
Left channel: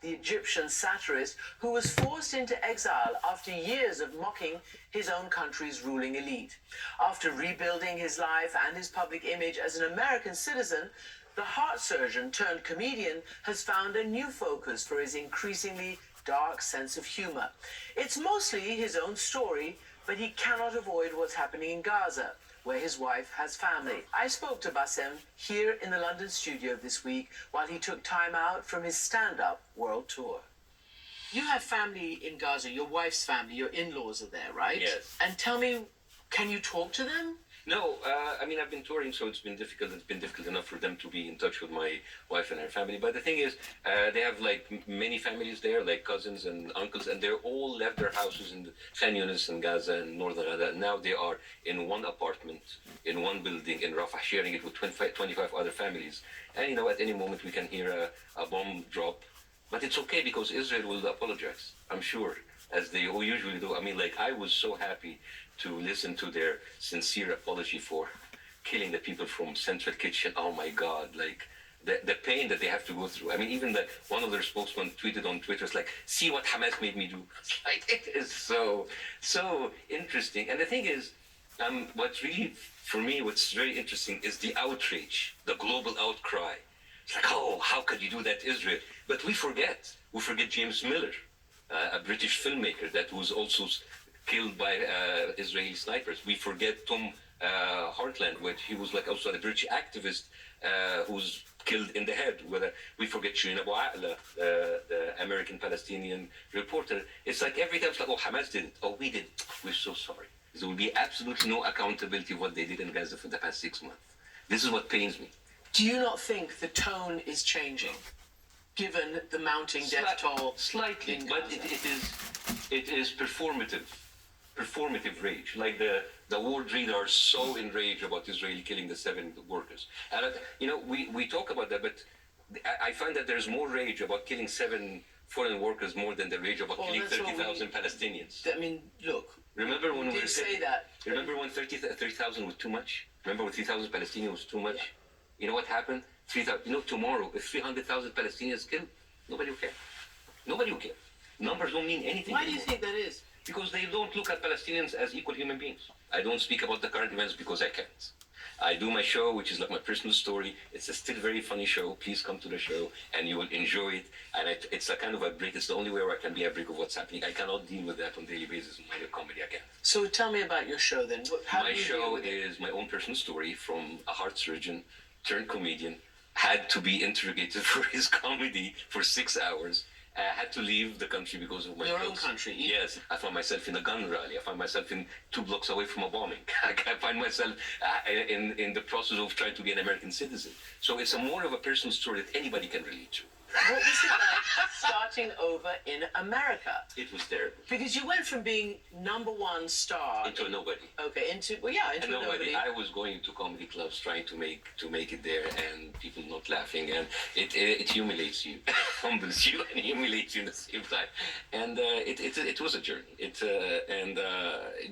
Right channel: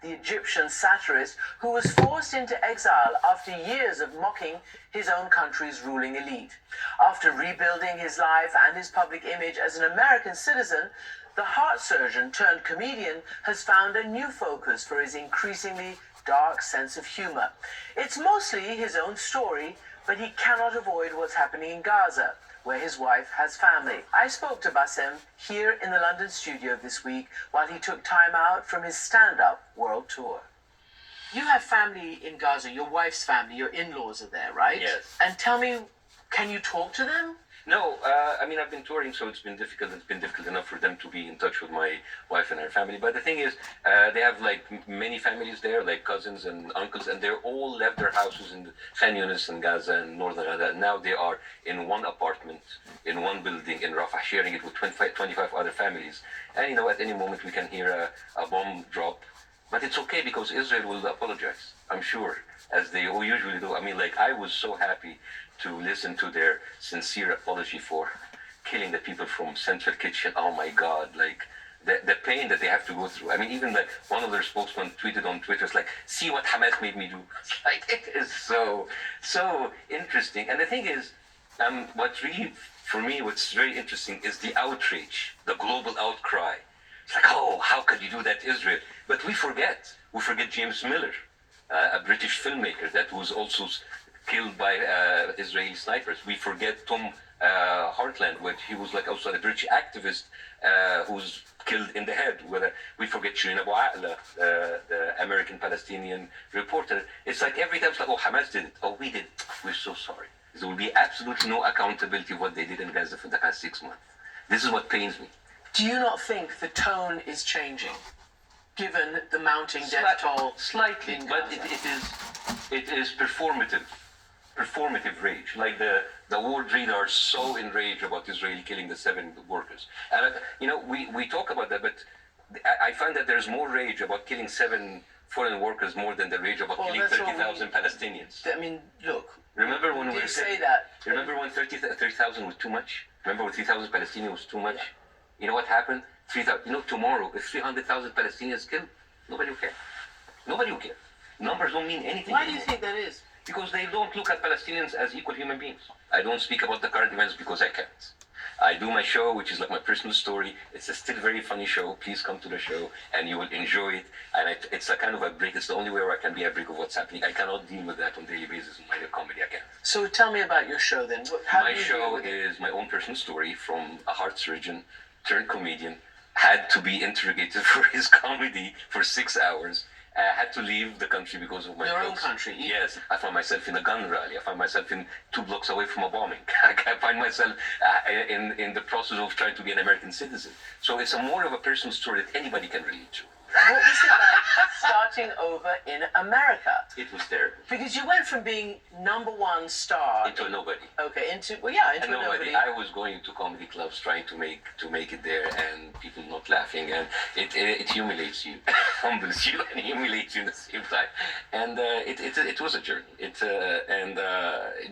The Egyptian satirist who was forced into exile after years of mocking his own country's ruling elite. After rebuilding his life and his public image as an American citizen, the heart surgeon turned comedian has found a new focus for his increasingly dark sense of humor. It's mostly his own story, but he cannot avoid what's happening in Gaza, where his wife has family. I spoke to Bassem here in the London studio this week while he took time out from his stand-up world tour. You have family in Gaza, your wife's family, your in-laws are there, right? Yes. And tell me, can you talk to them? No, I mean, I've been touring, so it's been difficult. It's been difficult enough for them to be in touch with my wife and her family. But the thing is, they have like many families there, like cousins and uncles, and they're all left their houses in Khan Yunis and Gaza and northern Gaza. And now they are in one apartment, in one building in Rafah, sharing it with 25 other families. And you know, at any moment we can hear a bomb drop. But it's okay because Israel will apologize, I'm sure, as they usually do. I mean, like, I was so happy to listen to their sincere apology for killing the people from Central Kitchen. Oh my God, like the pain that they have to go through. I mean, even like one of their spokesmen tweeted on Twitter, it's like, see what Hamas made me do. It's like, it is so interesting. And the thing is, what's really, for me, what's very interesting is the outrage, the global outcry. It's like, oh, how could you do that, Israel? But we forget James Miller, a British filmmaker that was also killed by Israeli snipers. We forget Tom Hartland, which he was like also a British activist who's killed in the head. We forget Shirin Abu Aqla, the American-Palestinian reporter. It's like every time it's like, oh, Hamas did it. Oh, we did it. We're so sorry. There will be absolutely no accountability of what they did in Gaza for the past 6 months. This is what pains me. Do you not think the tone is changing, given the mounting death toll? Slightly, but it is performative rage. Like the world leaders are so enraged about Israel killing the 7 workers. And we talk about that, but I find that there's more rage about killing 7 foreign workers more than the rage about killing 30,000 Palestinians. I mean, look. Remember when we say that? Remember when 30,000 was too much? Remember when 3,000 Palestinians was too much? Yeah. You know what happened? 3,000. You know, tomorrow, if 300,000 Palestinians killed, nobody will care. Nobody will care. Numbers don't mean anything. Why do you think that is? Because they don't look at Palestinians as equal human beings. I don't speak about the current events because I can't. I do my show, which is like my personal story. It's a still very funny show. Please come to the show, and you will enjoy it. And it's a kind of a break. It's the only way where I can be a break of what's happening. I cannot deal with that on a daily basis in my comedy. I can't. So tell me about your show then. How My do you deal show with it? is my own personal story from a heart surgeon turned comedian. Had to be interrogated for his comedy for 6 hours. Had to leave the country because of my Your own jokes. country? Yes. I found myself in a gun rally. I found myself in 2 blocks away from a bombing. I find myself in the process of trying to be an American citizen. So it's a more of a personal story that anybody can relate to. What was it like starting over in America? It was terrible. Because you went from being #1 star Into a nobody. Okay, into a nobody. I was going to comedy clubs trying to make it there, and people not laughing, and it humiliates you, humbles you, and humiliates you at the same time. And it was a journey.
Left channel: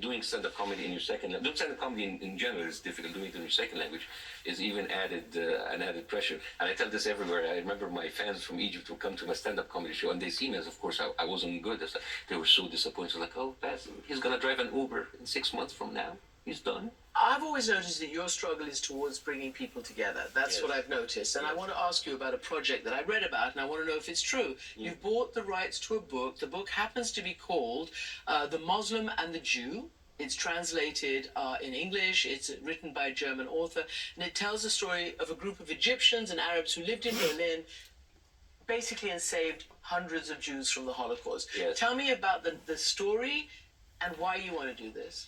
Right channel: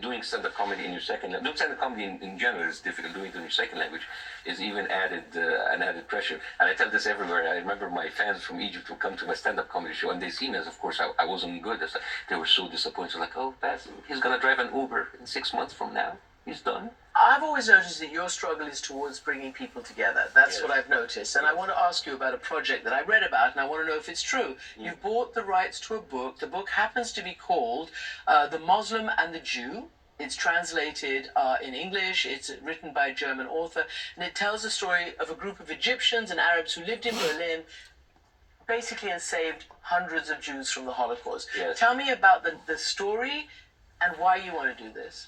Doing stand-up comedy in your second language, doing stand-up comedy in general is difficult. Doing it in your second language is even an added pressure. And I tell this everywhere. I remember my fans from Egypt would come to my stand-up comedy show, and they see me as, of course, I wasn't good. They were so disappointed. Like, oh, Baz, he's gonna drive an Uber in 6 months from now. He's done. I've always noticed that your struggle is towards bringing people together. That's Yes. what I've noticed. And I want to ask you about a project that I read about, and I want to know if it's true. You've bought the rights to a book. The book happens to be called The Muslim and the Jew. It's translated in English. It's written by a German author. And it tells the story of a group of Egyptians and Arabs who lived in Berlin, basically, and saved hundreds of Jews from the Holocaust. Yes. Tell me about the story and why you want to do this.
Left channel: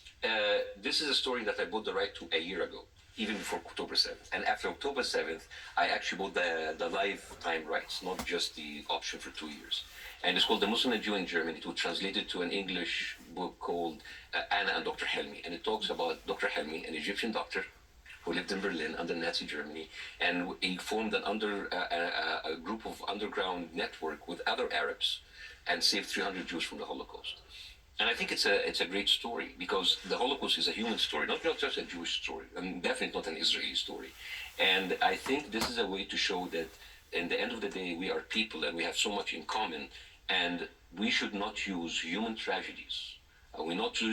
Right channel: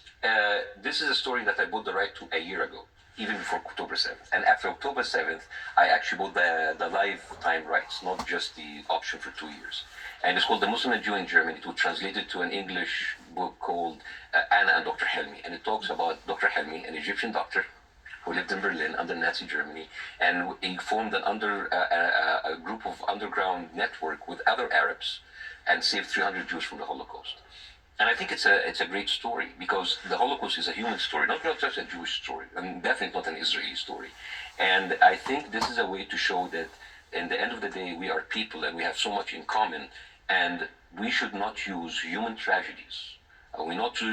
This is a story that I bought the right to a year ago, even before October 7th. And after October 7th, I actually bought the lifetime rights, not just the option for 2 years. And it's called The Muslim and Jew in Germany. It was translated to an English book called Anna and Dr. Helmi. And it talks about Dr. Helmi, an Egyptian doctor who lived in Berlin under Nazi Germany. And he formed a group of underground network with other Arabs and saved 300 Jews from the Holocaust. And I think it's a great story because the Holocaust is a human story, not just a Jewish story, and definitely not an Israeli story. And I think this is a way to show that in the end of the day, we are people and we have so much in common, and we should not use human tragedies.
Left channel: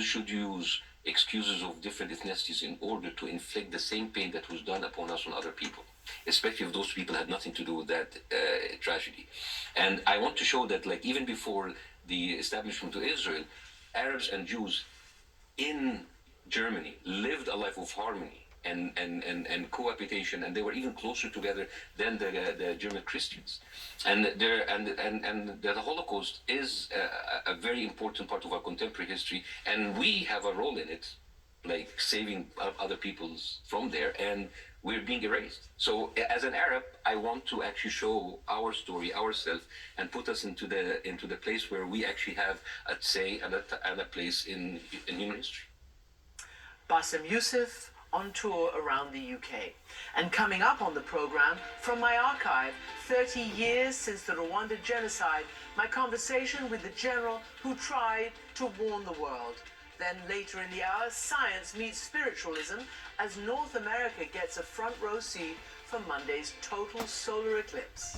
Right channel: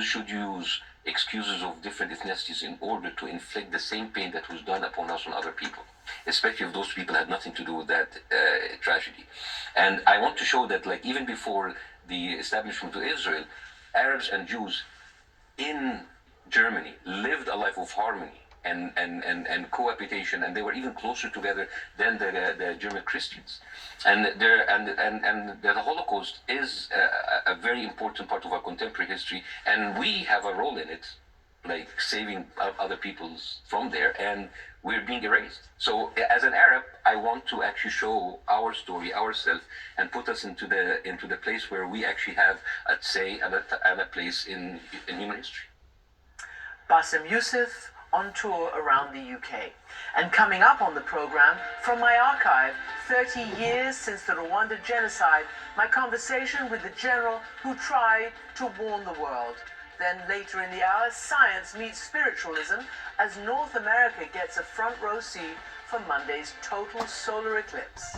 Should use excuses of different ethnicities in order to inflict the same pain that was done upon us on other people, especially if those people had nothing to do with that tragedy. And I want to show that, like, even before the establishment of Israel, Arabs and Jews in Germany lived a life of harmony and cohabitation, and they were even closer together than the German Christians. And the Holocaust is a very important part of our contemporary history, and we have a role in it, like saving other peoples from there, and we're being erased. So as an Arab, I want to actually show our story, ourselves, and put us into the place where we actually have a say and a place in human history. Bassem Youssef on tour around the UK. And coming up on the program, from my archive, 30 years since the Rwanda genocide, my conversation with the general who tried to warn the world. Then later in the hour, science meets spiritualism as North America gets a front row seat for Monday's total solar eclipse.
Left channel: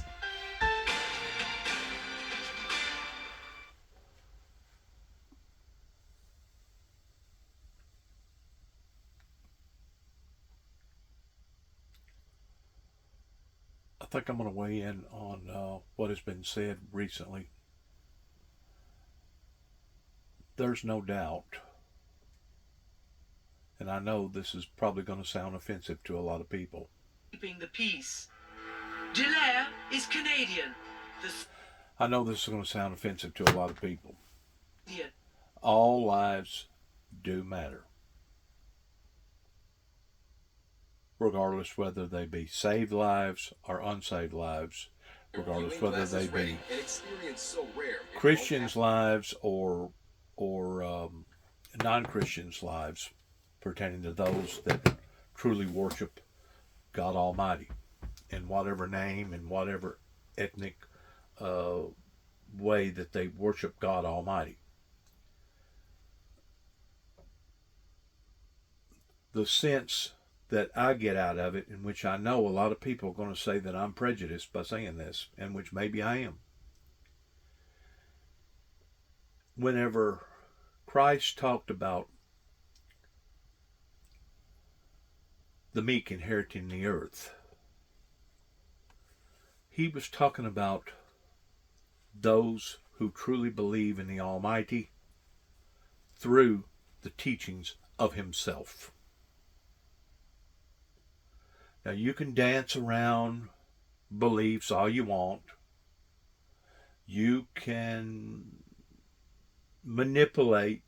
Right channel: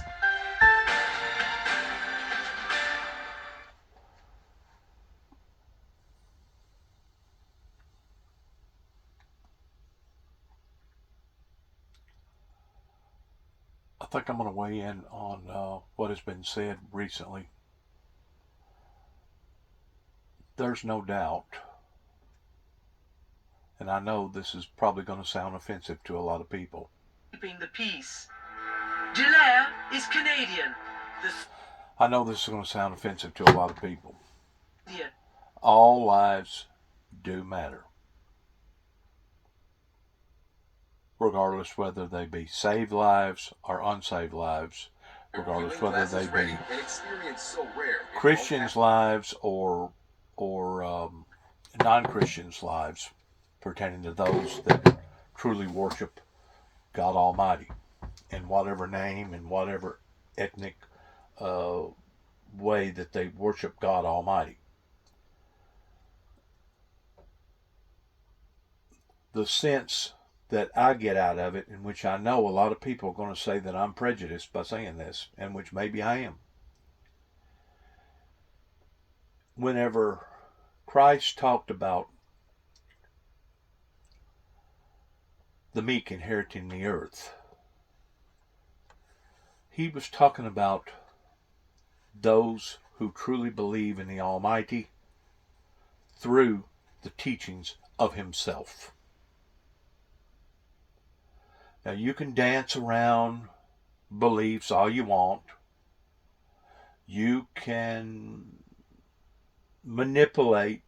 I think I'm going to weigh in on what has been said recently. There's no doubt, and I know this is probably going to sound offensive to a lot of people. Keeping the peace. Delaire is Canadian. I know this is going to sound offensive to a lot of people. Yeah. All lives do matter, regardless whether they be saved lives or unsaved lives, regardless whether they be Christians' lives or non-Christians' lives, pertaining to those that truly worship God Almighty in whatever name, in whatever ethnic way that they worship God Almighty. The sense that I get out of it, in which I know a lot of people are going to say that I'm prejudiced by saying this, and which maybe I am. Whenever Christ talked about the meek inheriting the earth. He was talking about those who truly believe in the Almighty through the teachings of Himself. Now, you can dance around beliefs all you want. You can manipulate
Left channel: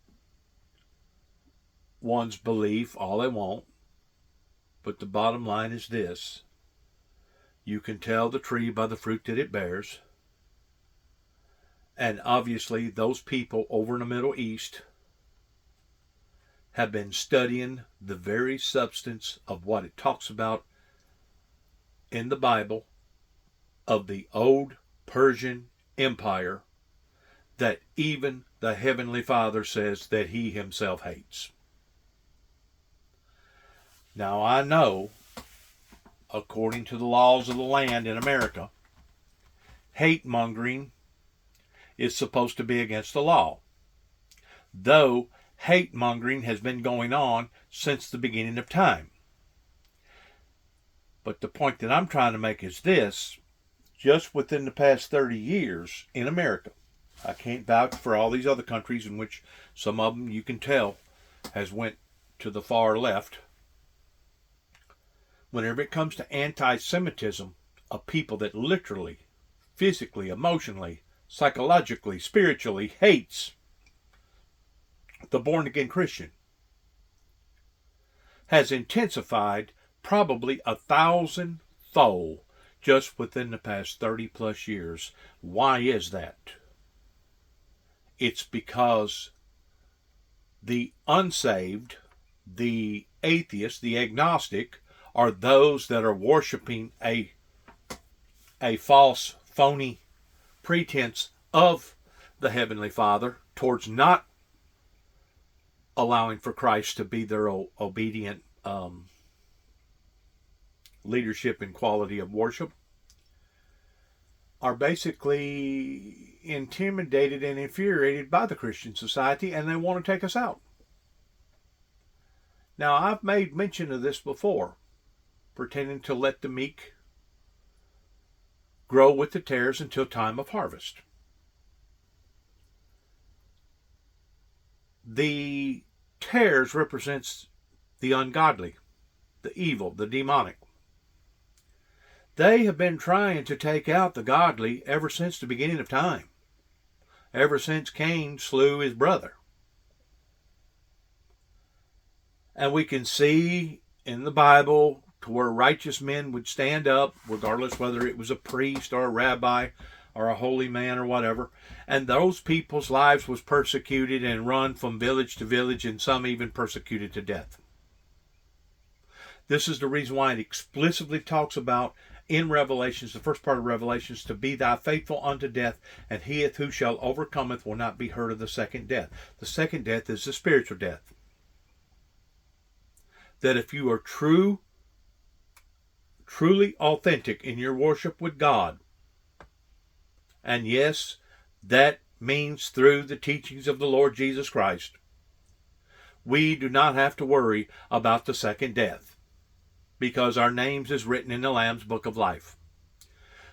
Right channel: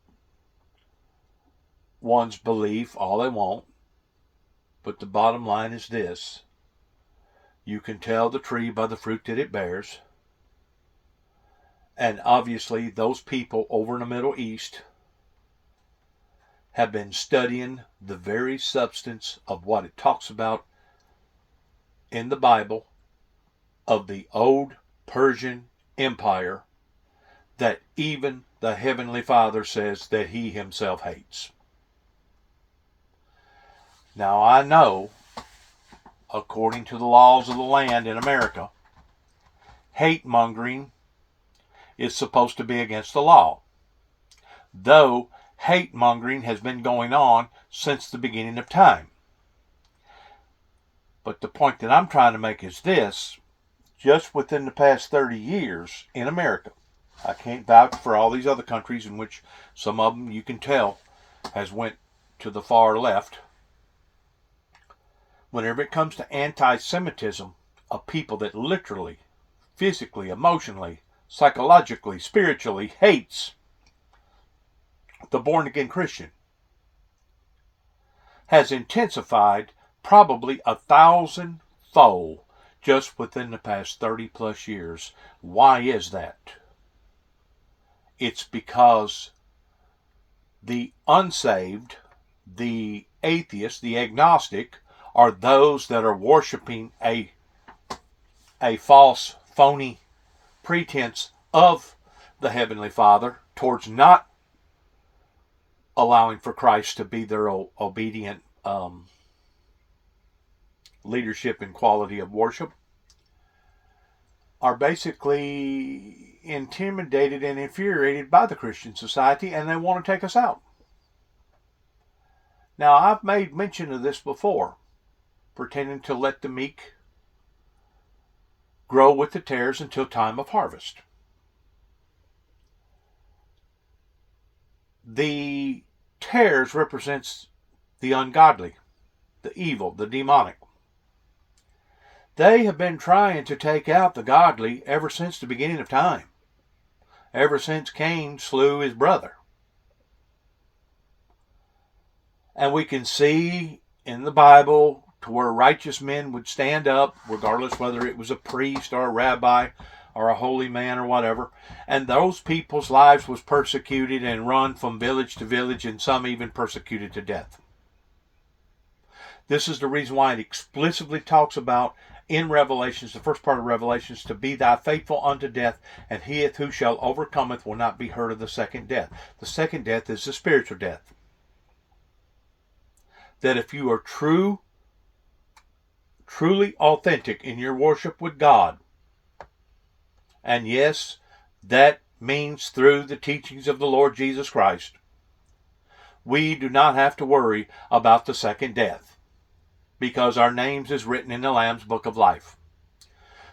one's belief all they want. But the bottom line is this: you can tell the tree by the fruit that it bears. And obviously, those people over in the Middle East have been studying the very substance of what it talks about in the Bible of the old Persian Empire that even the Heavenly Father says that He Himself hates. Now, I know, according to the laws of the land in America, hate mongering is supposed to be against the law, though hate mongering has been going on since the beginning of time. But the point that I'm trying to make is this: just within the past 30 years in America, I can't vouch for all these other countries in which some of them you can tell has went to the far left. Whenever it comes to anti-Semitism of people that literally, physically, emotionally, psychologically, spiritually hates the born-again Christian, has intensified probably 1,000-fold just within the past 30 plus years. Why is that? It's because the unsaved, the atheist, the agnostic, are those that are worshiping a false, phony pretense of the Heavenly Father towards not allowing for Christ to be their obedient leadership and quality of worship, are basically intimidated and infuriated by the Christian society, and they want to take us out. Now, I've made mention of this before, pretending to let the meek grow with the tares until time of harvest. The tares represents the ungodly, the evil, the demonic. They have been trying to take out the godly ever since the beginning of time, ever since Cain slew his brother. And we can see in the Bible to where righteous men would stand up, regardless whether it was a priest or a rabbi or a holy man or whatever, and those people's lives was persecuted and run from village to village, and some even persecuted to death. This is the reason why it explicitly talks about in Revelations, the first part of Revelations, to be thou faithful unto death, and he who shall overcometh will not be hurt of the second death. The second death is the spiritual death. That if you are truly authentic in your worship with God, and yes, that means through the teachings of the Lord Jesus Christ, we do not have to worry about the second death, because our names is written in the Lamb's Book of Life.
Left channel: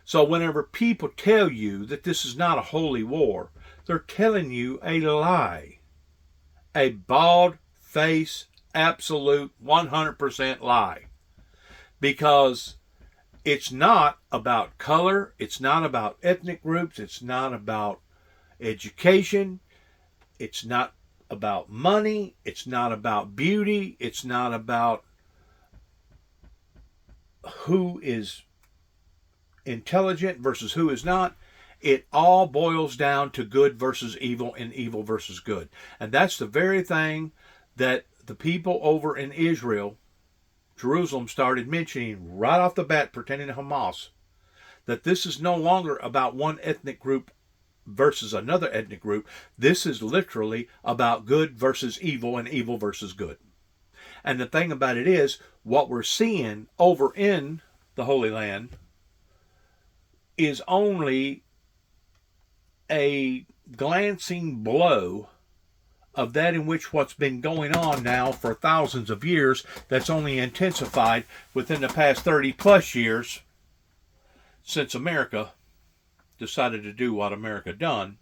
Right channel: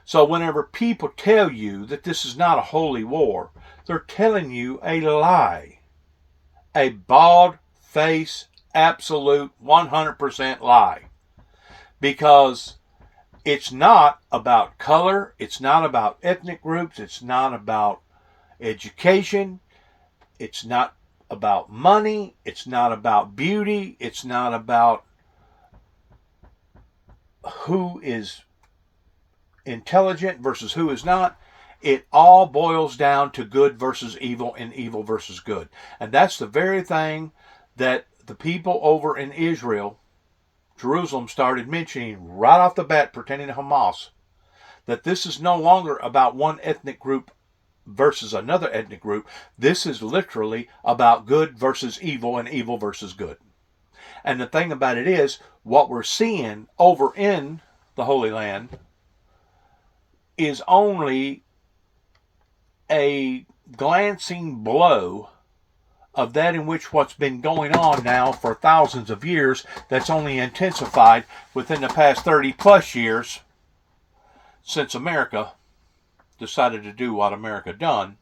So whenever people tell you that this is not a holy war, they're telling you a lie. A bald-faced, absolute 100% lie. Because it's not about color, it's not about ethnic groups, it's not about education, it's not about money, it's not about beauty, it's not about who is intelligent versus who is not. It all boils down to good versus evil and evil versus good. And that's the very thing that the people over in Israel, Jerusalem, started mentioning right off the bat pertaining to Hamas. That this is no longer about one ethnic group versus another ethnic group. This is literally about good versus evil and evil versus good. And the thing about it is, what we're seeing over in the Holy Land is only a glancing blow of that in which what's been going on now for thousands of years, that's only intensified within the past 30 plus years since America decided to do what America done,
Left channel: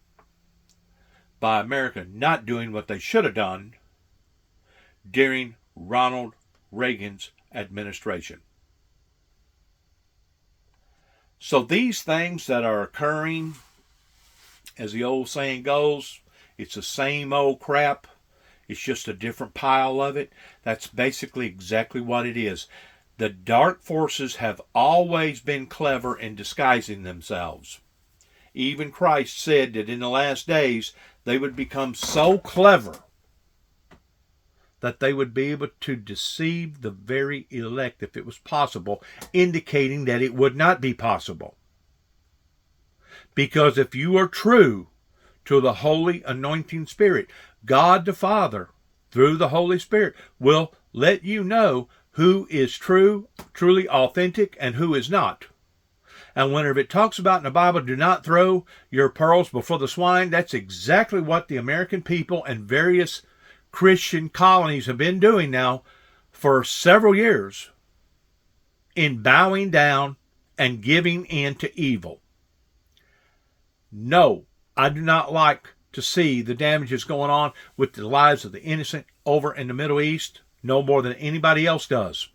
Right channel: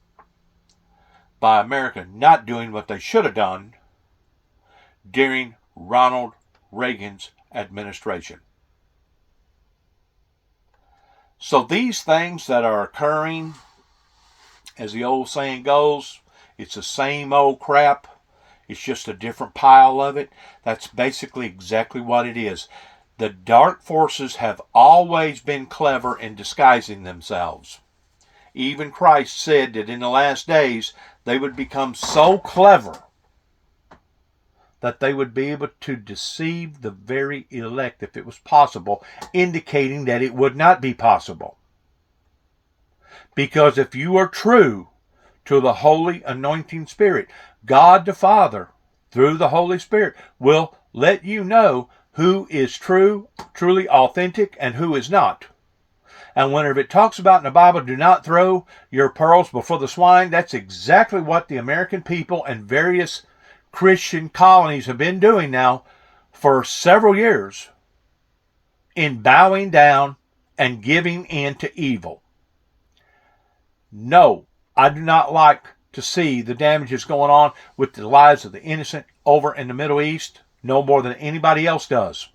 by America not doing what they should have done during Ronald Reagan's administration. So these things that are occurring, as the old saying goes, it's the same old crap. It's just a different pile of it. That's basically exactly what it is. The dark forces have always been clever in disguising themselves. Even Christ said that in the last days they would become so clever that they would be able to deceive the very elect if it was possible, indicating that it would not be possible. Because if you are true to the Holy Anointing Spirit, God the Father, through the Holy Spirit, will let you know who is true, truly authentic, and who is not. And whenever it talks about in the Bible, do not throw your pearls before the swine, that's exactly what the American people and various Christian colonies have been doing now for several years in bowing down and giving in to evil. No, I do not like to see the damages going on with the lives of the innocent over in the Middle East, no more than anybody else does.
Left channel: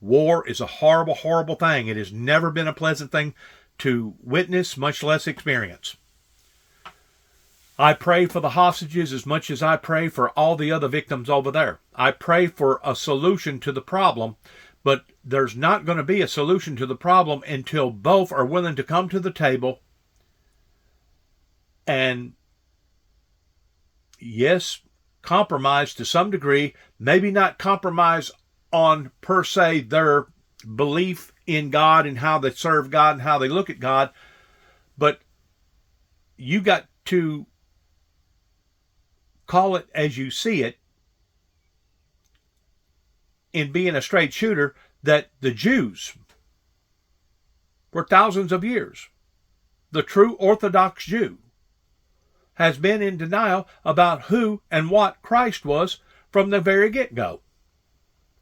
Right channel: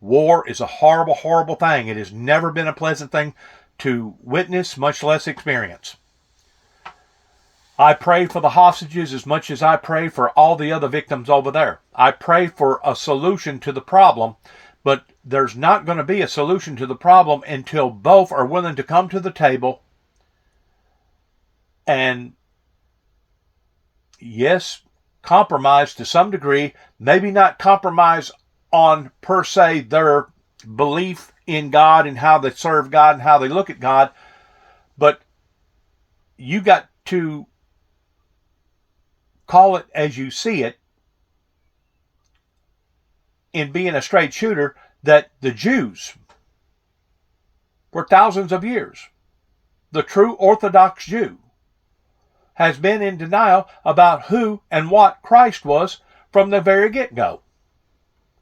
War is a horrible, horrible thing. It has never been a pleasant thing to witness, much less experience. I pray for the hostages as much as I pray for all the other victims over there. I pray for a solution to the problem, but there's not going to be a solution to the problem until both are willing to come to the table and, yes, compromise to some degree, maybe not compromise on per se their belief in God and how they serve God and how they look at God, but you got to call it as you see it in being a straight shooter, that the Jews, for thousands of years, the true Orthodox Jew, has been in denial about who and what Christ was from the very get-go.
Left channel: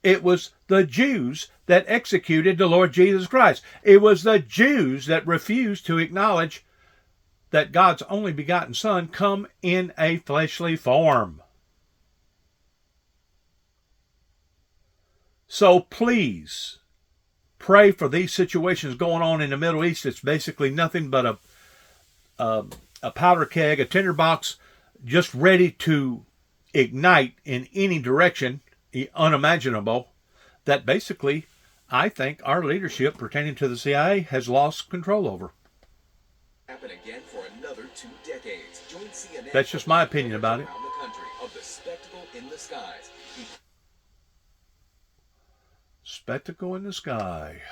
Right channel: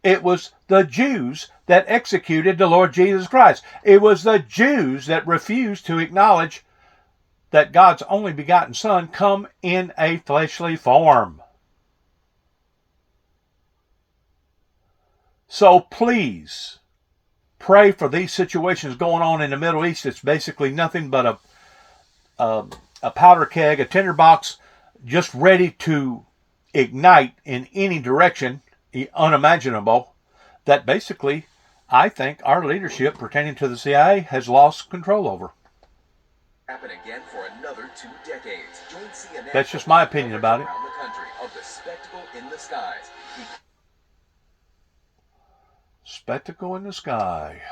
It was the Jews that executed the Lord Jesus Christ. It was the Jews that refused to acknowledge that God's only begotten Son come in a fleshly form. So please pray for these situations going on in the Middle East. It's basically nothing but a powder keg, a tinderbox, just ready to ignite in any direction unimaginable, that basically I think our leadership pertaining to the CIA has lost control over. Happen again for another 2 decades. Join CNN. That's just my opinion about it. Around the country of the spectacle in the skies. Spectacle in the sky.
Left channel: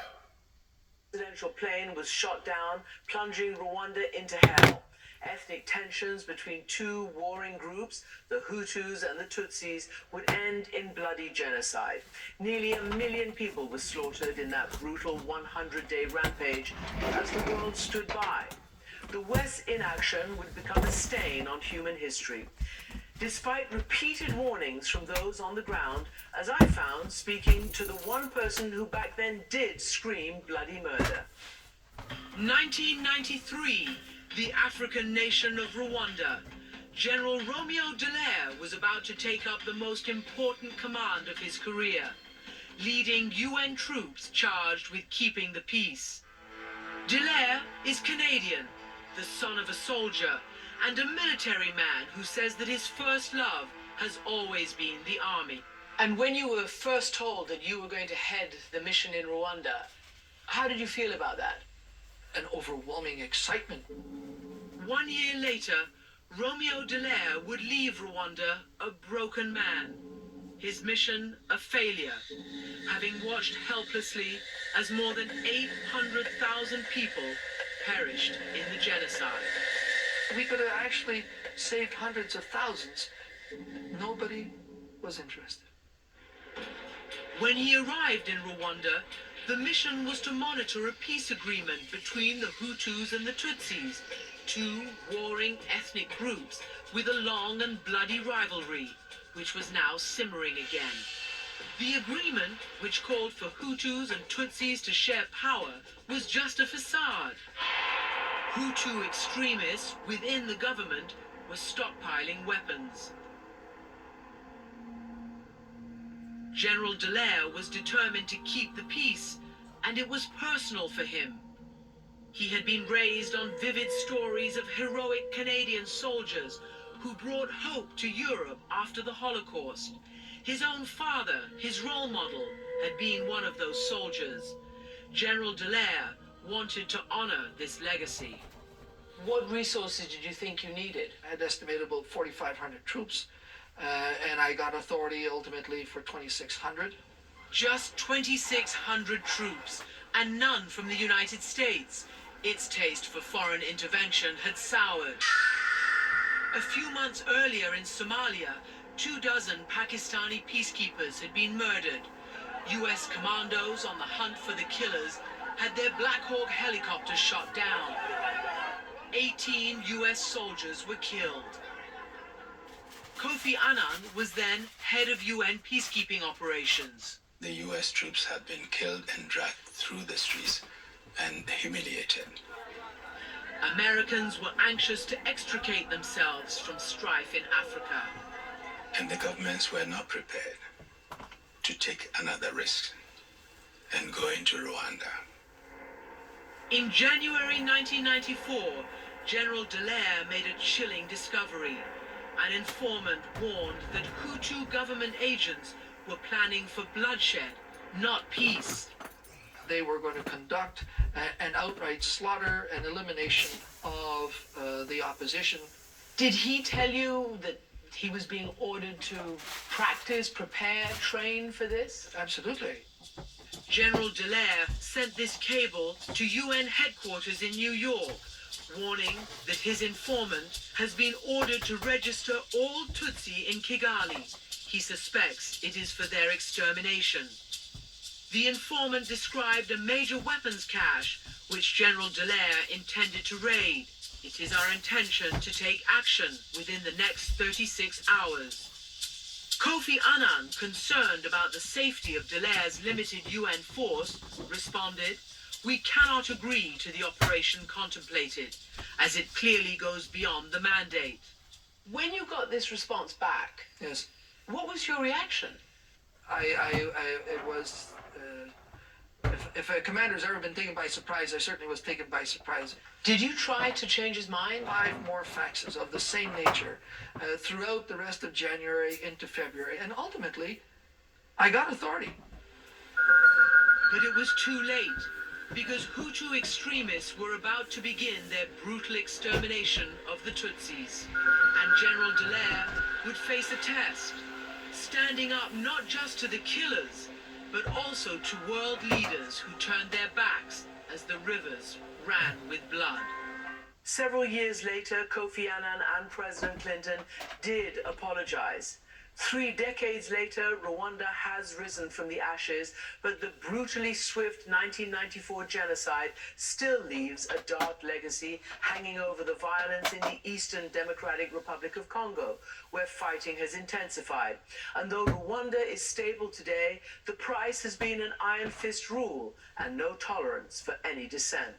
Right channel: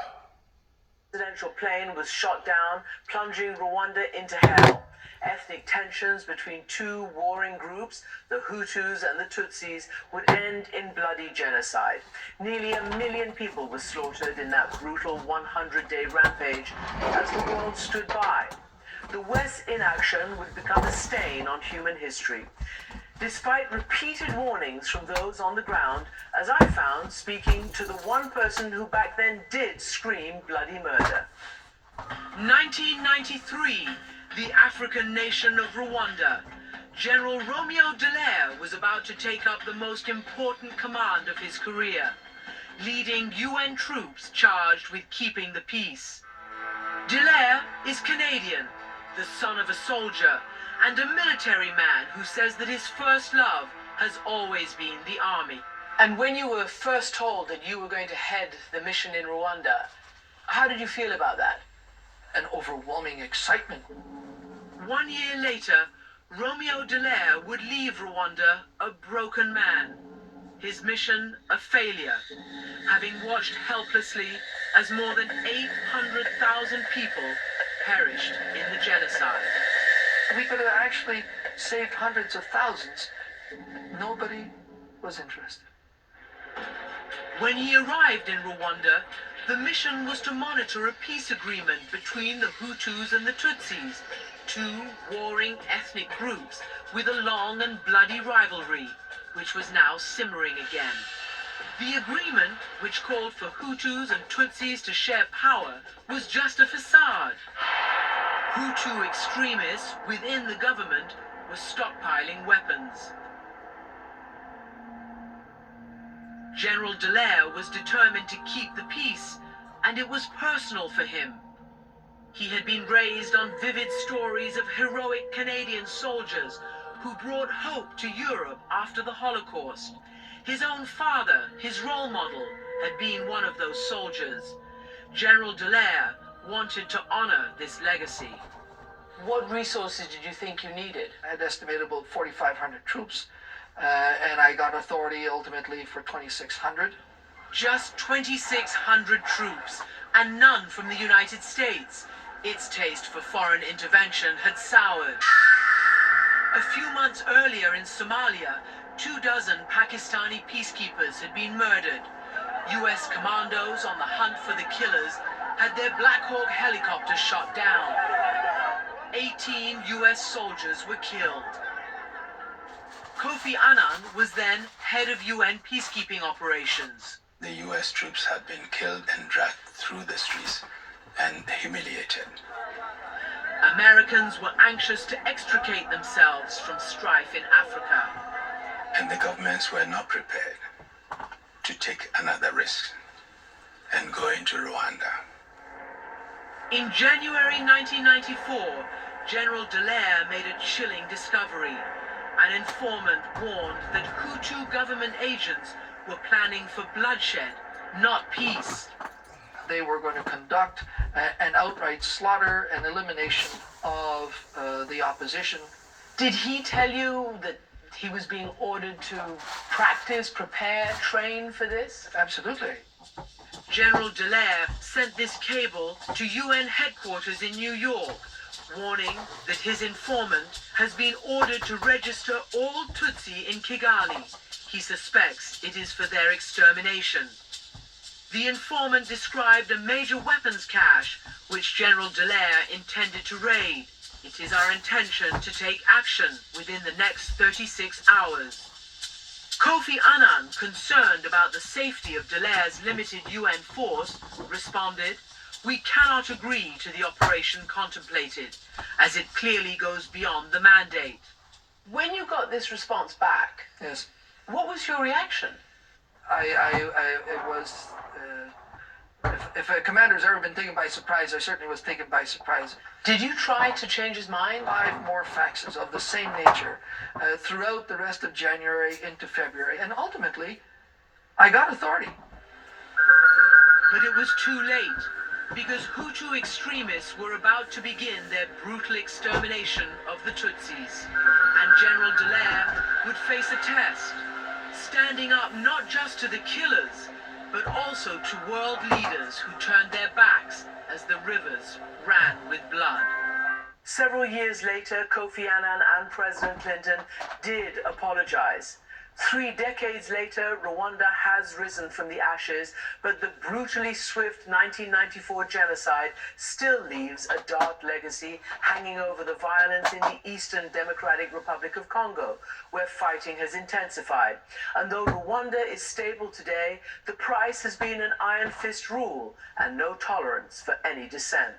The presidential plane was shot down, plunging Rwanda into hell. Ethnic tensions between two warring groups, the Hutus and the Tutsis, would end in bloody genocide. Nearly 1 million people were slaughtered in that brutal 100-day rampage as the world stood by. The West's inaction would become a stain on human history. Despite repeated warnings from those on the ground, as I found speaking to the one person who back then did scream bloody murder. 1993, the African nation of Rwanda. General Romeo Dallaire was about to take up the most important command of his career, leading UN troops charged with keeping the peace. Dallaire is Canadian, the son of a soldier, and a military man who says that his first love has always been the army. And when you were first told that you were going to head the mission in Rwanda, how did you feel about that? An overwhelming excitement. 1 year later, Romeo Dallaire would leave Rwanda a broken man, his mission a failure, having watched helplessly as more than 800,000 people perished in the genocide. We could have actually saved hundreds of thousands. Nobody was interested. When he arrived in Rwanda, the mission was to monitor a peace agreement between the Hutus and the Tutsis. two warring ethnic groups with a long and bloody rivalry, which was now simmering again. The agreement, which called for Hutus and Tutsis to share power, was just a facade. Hutu extremists within the government were stockpiling weapons. General Dallaire was determined to keep the peace, and it was personal for him. He had been raised on vivid stories of heroic Canadian soldiers who brought hope to Europe after the Holocaust. His own father, his role model, had been one of those soldiers. General Dallaire wanted to honor this legacy. What resources did you think you needed? I had estimated about 4,500 troops, and I got authority ultimately for 2,600. Just 2,600 troops, and none from the United States. Its taste for foreign intervention had soured. A few months earlier in Somalia, 24 Pakistani peacekeepers had been murdered. US commandos on the hunt for the killers had their Black Hawk helicopters shot down. 18 US soldiers were killed. Kofi Annan was then head of UN peacekeeping operations. The US troops had been killed and dragged through the streets and humiliated. Americans were anxious to extricate themselves from strife in Africa. And the governments were not prepared to take another risk and go into Rwanda. In January 1994, General Dallaire made a chilling discovery. An informant warned that Hutu government agents were planning for bloodshed, not peace. They were going to conduct an outright slaughter and elimination of the opposition. Did he tell you that he was being ordered to practice, prepare, train for this? Absolutely. General Dallaire sent this cable to UN headquarters in New York, warning that his informant has been ordered to register all Tutsi in Kigali. He suspects it is for their extermination. The informant described a major weapons cache which General Dallaire intended to raid. It is our intention to take action within the next 36 hours. Kofi Annan, concerned about the safety of Dallaire's limited UN force, responded, "We cannot agree to the operation contemplated, as it clearly goes beyond the mandate." When you got this response back, yes, what was your reaction? It was, if a commander's ever been taken by surprise, I certainly was taken by surprise. Did you try to change his mind? 5 more faxes of the same nature throughout the rest of January into February, and ultimately, I got authority. But it was too late, because Hutu extremists were about to begin their brutal extermination of the Tutsis. And General Dallaire would face a test, standing up not just to the killers, but also to world leaders who turned their backs as the rivers ran with blood. Several years later, Kofi Annan and President Clinton did apologize. 3 decades later, Rwanda has risen from the ashes, but the brutally swift 1994 genocide still leaves a dark legacy hanging over the violence in the Eastern Democratic Republic of Congo, where fighting has intensified. And though Rwanda is stable today, the price has been an iron fist rule and no tolerance for any dissent.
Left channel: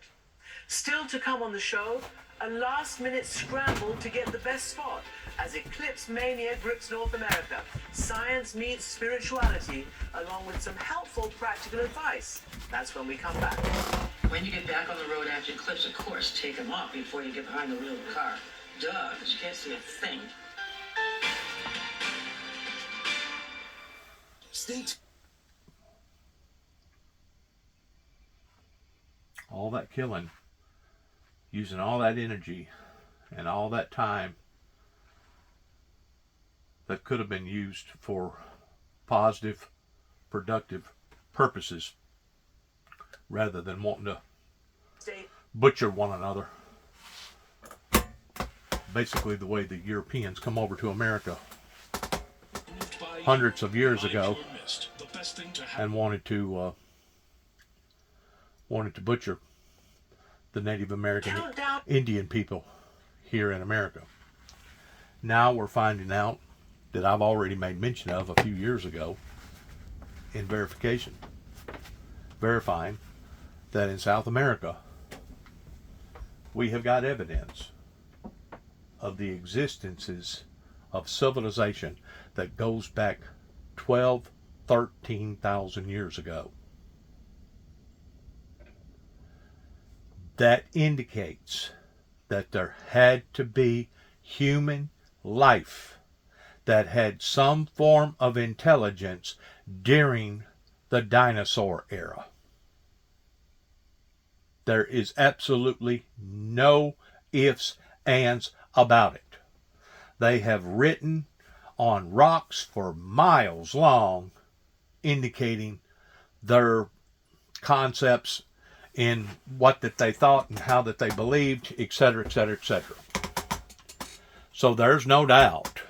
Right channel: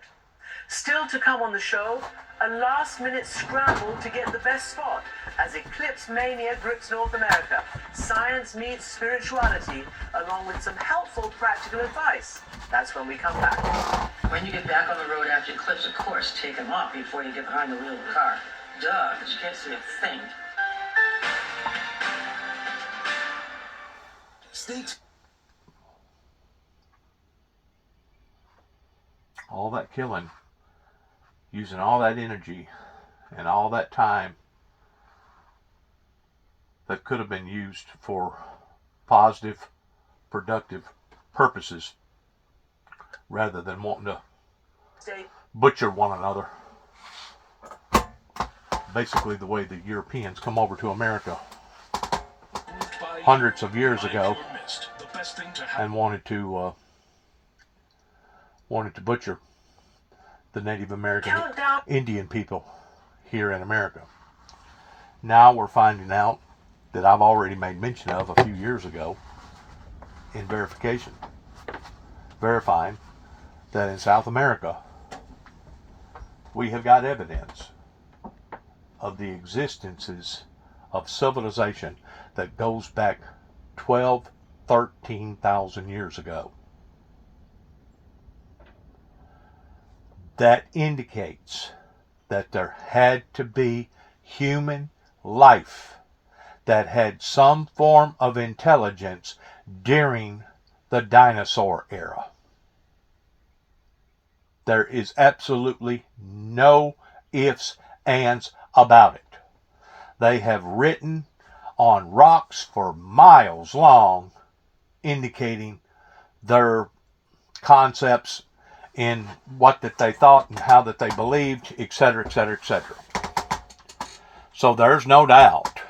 Still to come on the show, a last-minute scramble to get the best spot as eclipse mania grips North America. Science meets spirituality, along with some helpful practical advice. That's when we come back. When you get back on the road after eclipse, of course, take them off before you get behind the wheel of the car. Duh, because you can't see a thing. All that killing, using all that energy and all that time that could have been used for positive, productive purposes rather than wanting to butcher one another. Basically the way the Europeans come over to America hundreds of years ago and wanted to butcher the Native American Indian people here in America. Now we're finding out that I've already made mention of a few years ago in verifying that in South America we have got evidence of the existences of civilization that goes back 13,000 years ago. That indicates that there had to be human life that had some form of intelligence during the dinosaur era. There is absolutely no ifs, ands about it. They have written on rocks for miles long, indicating their concepts in what that they thought and how that they believed, etc., etc., etc. So there's no doubt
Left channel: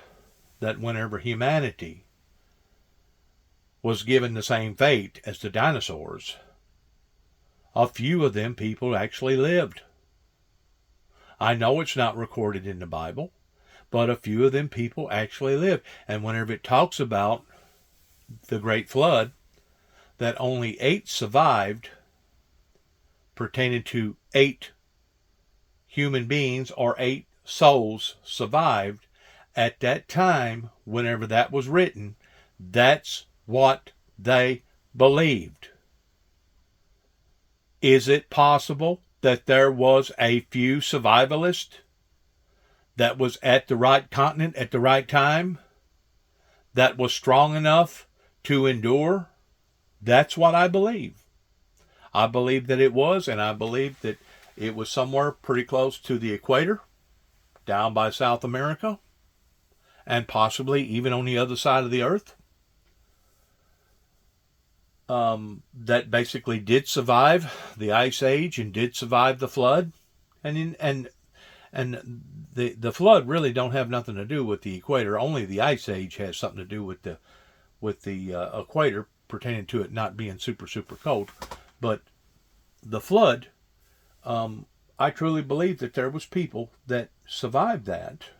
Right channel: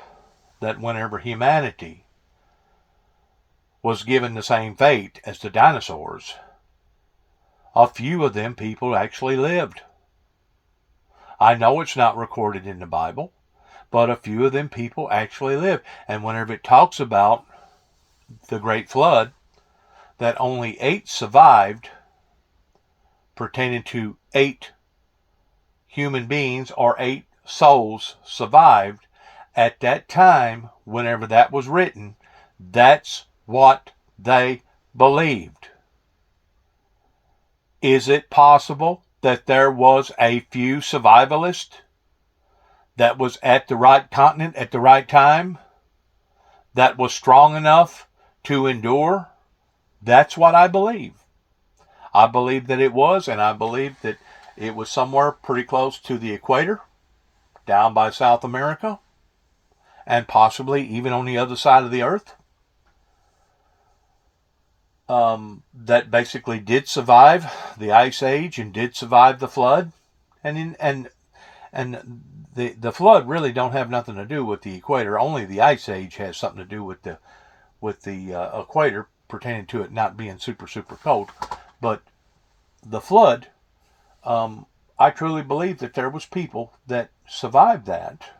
that whenever humanity was given the same fate as the dinosaurs, a few of them people actually lived. I know it's not recorded in the Bible, but a few of them people actually lived. And whenever it talks about the Great Flood, that only 8 survived, pertaining to 8 human beings or 8 souls survived, at that time, whenever that was written, that's what they believed. Is it possible that there was a few survivalists that was at the right continent at the right time, that was strong enough to endure? That's what I believe. I believe that it was, and I believe that it was somewhere pretty close to the equator, down by South America, and possibly even on the other side of the earth. That basically did survive the Ice Age and did survive the flood, and the flood really don't have nothing to do with the equator. Only the Ice Age has something to do with the equator, pertaining to it not being super cold. But the flood, I truly believe that there was people that survived that.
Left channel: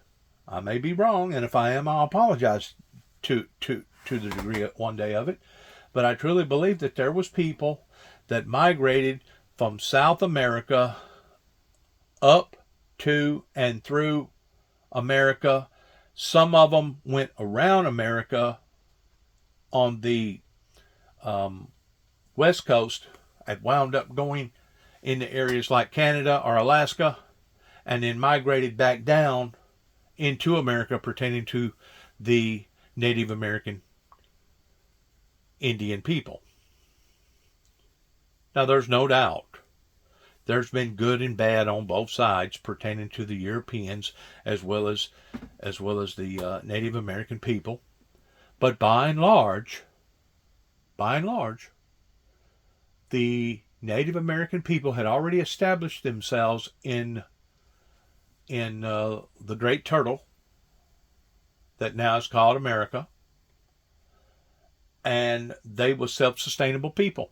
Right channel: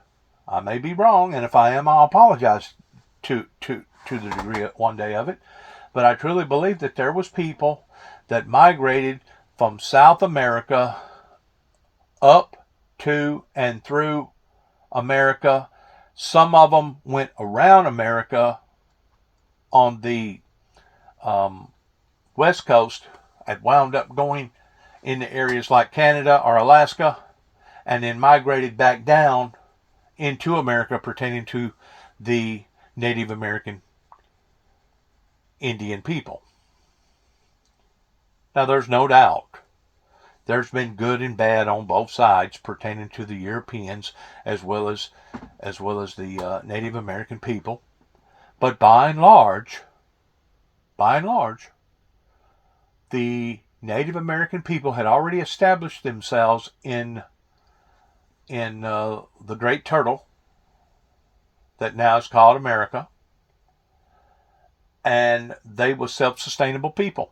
I may be wrong, and if I am, I'll apologize to the degree one day of it. But I truly believe that there was people that migrated from South America up to and through America. Some of them went around America on the West Coast and wound up going into areas like Canada or Alaska, and then migrated back down into America, pertaining to the Native American Indian people. Now, there's no doubt there's been good and bad on both sides, pertaining to the Europeans as well as the Native American people. But by and large, the Native American people had already established themselves in the Great Turtle that now is called America, and they were self-sustainable people.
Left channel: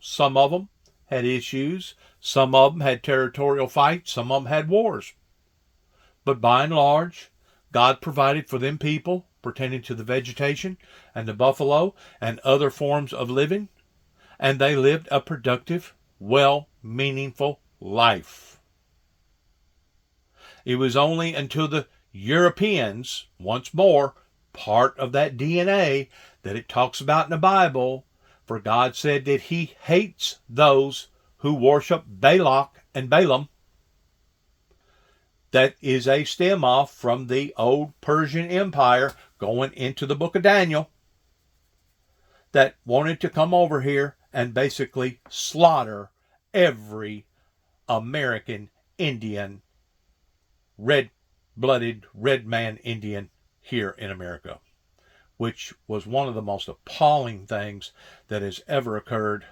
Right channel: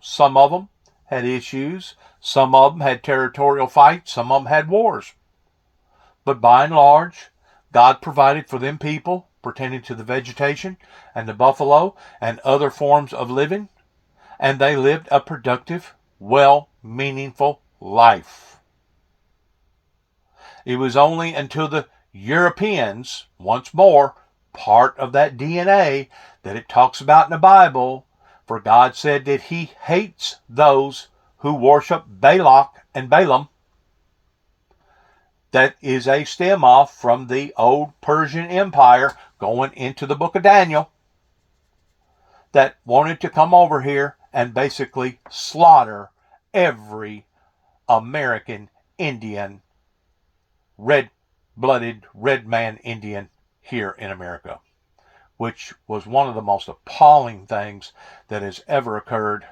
Some of them had issues, some of them had territorial fights, some of them had wars. But by and large, God provided for them people, pertaining to the vegetation and the buffalo and other forms of living, and they lived a productive, meaningful life. It was only until the Europeans, once more, part of that DNA that it talks about in the Bible, for God said that He hates those who worship Balak and Balaam. That is a stem off from the old Persian Empire going into the book of Daniel, that wanted to come over here and basically slaughter every American Indian, red-blooded, red man Indian here in America, which was one of the most appalling things that has ever occurred,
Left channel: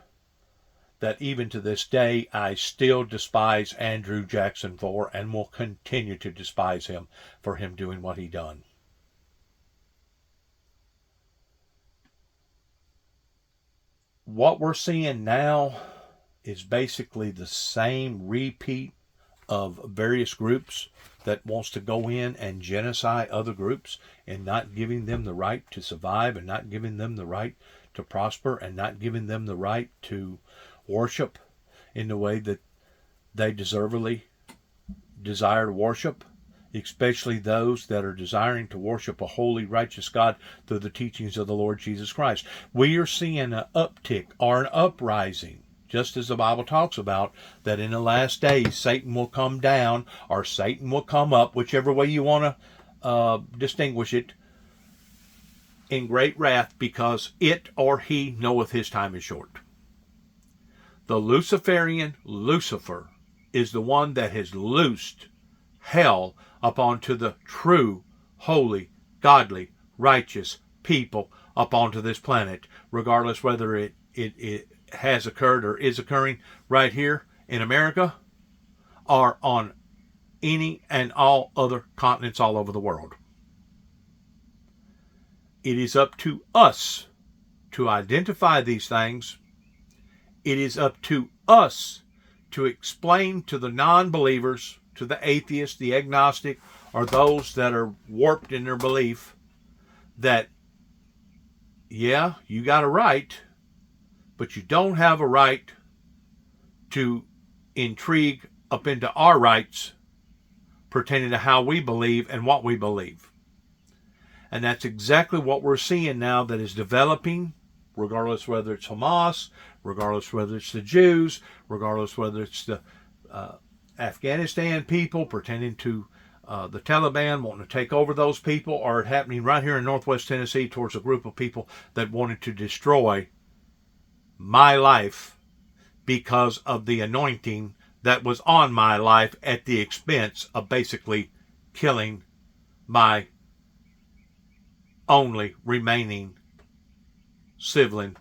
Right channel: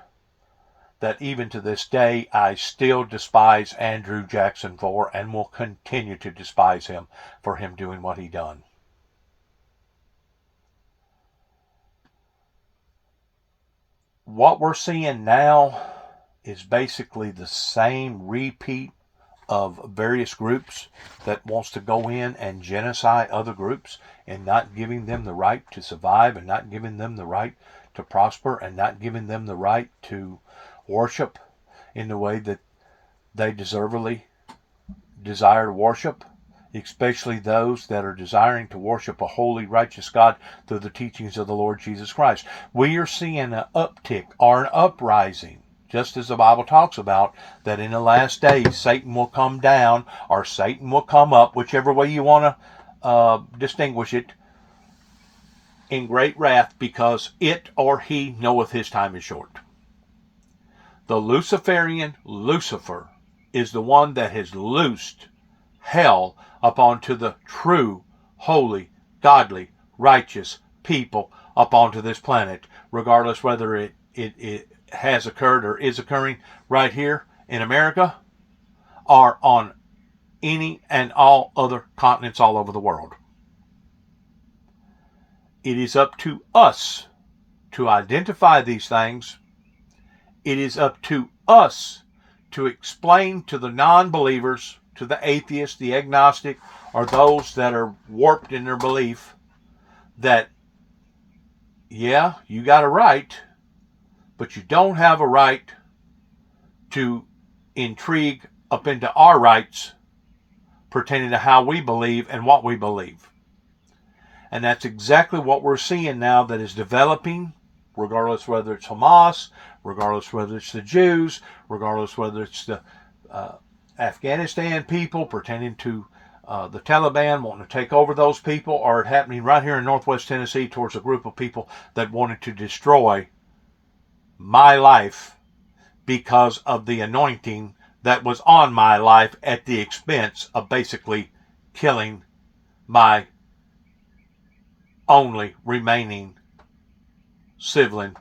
that even to this day I still despise Andrew Jackson for, and will continue to despise him for him doing what he done. What we're seeing now is basically the same repeat of various groups that wants to go in and genocide other groups and not giving them the right to survive and not giving them the right to prosper and not giving them the right to worship in the way that they deservedly desire to worship, especially those that are desiring to worship a holy, righteous God through the teachings of the Lord Jesus Christ. We are seeing an uptick or an uprising, just as the Bible talks about, that in the last days Satan will come down or Satan will come up, whichever way you want to distinguish it, in great wrath, because it or he knoweth his time is short. The Luciferian Lucifer is the one that has loosed hell upon to the true, holy, godly, righteous people upon this planet, regardless whether it has occurred or is occurring right here in America or on any and all other continents all over the world. It is up to us to identify these things. It is up to us to explain to the non-believers, to the atheists, the agnostic, or those that are warped in their belief that, yeah, you got a right, but you don't have a right to intrigue up into our rights pertaining to how we believe and what we believe. And that's exactly what we're seeing now that is developing, regardless whether it's Hamas, regardless whether it's the Jews, regardless whether it's the Afghanistan people pertaining to the Taliban wanting to take over those people, or it happening right here in Northwest Tennessee towards a group of people that wanted to destroy my life because of the anointing that was on my life at the expense of basically killing my only remaining sibling,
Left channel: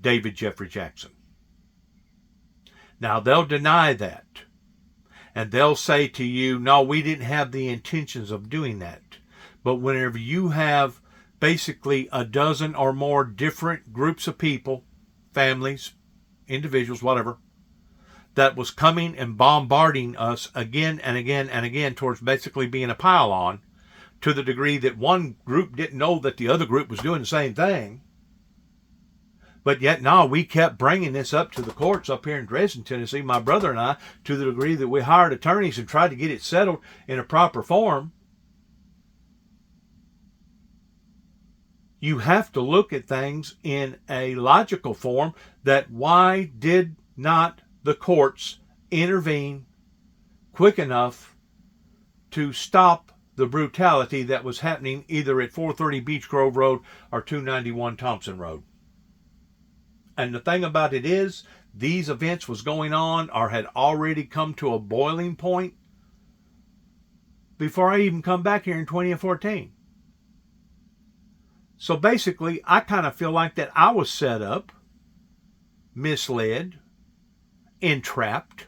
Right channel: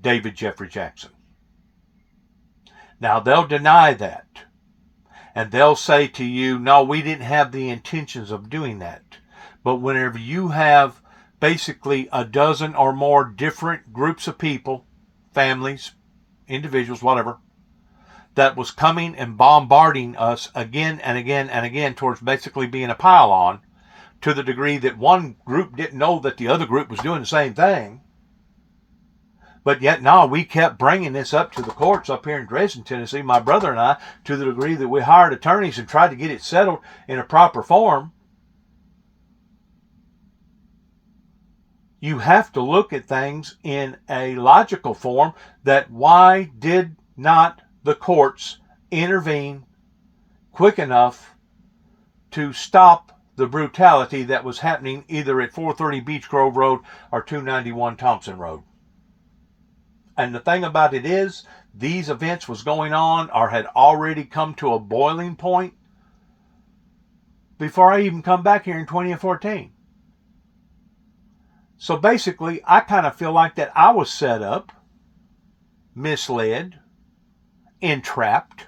David Jeffrey Jackson. Now, they'll deny that. And they'll say to you, no, we didn't have the intentions of doing that. But whenever you have basically a dozen or more different groups of people, families, individuals, whatever, that was coming and bombarding us again and again and again towards basically being a pile-on, to the degree that one group didn't know that the other group was doing the same thing. But yet now we kept bringing this up to the courts up here in Dresden, Tennessee, my brother and I, to the degree that we hired attorneys and tried to get it settled in a proper form. You have to look at things in a logical form, that why did not the courts intervene quick enough to stop the brutality that was happening either at 430 Beech Grove Road or 291 Thompson Road. And the thing about it is, these events was going on or had already come to a boiling point before I even come back here in 2014. So basically, I kind of feel like that I was set up, misled, entrapped,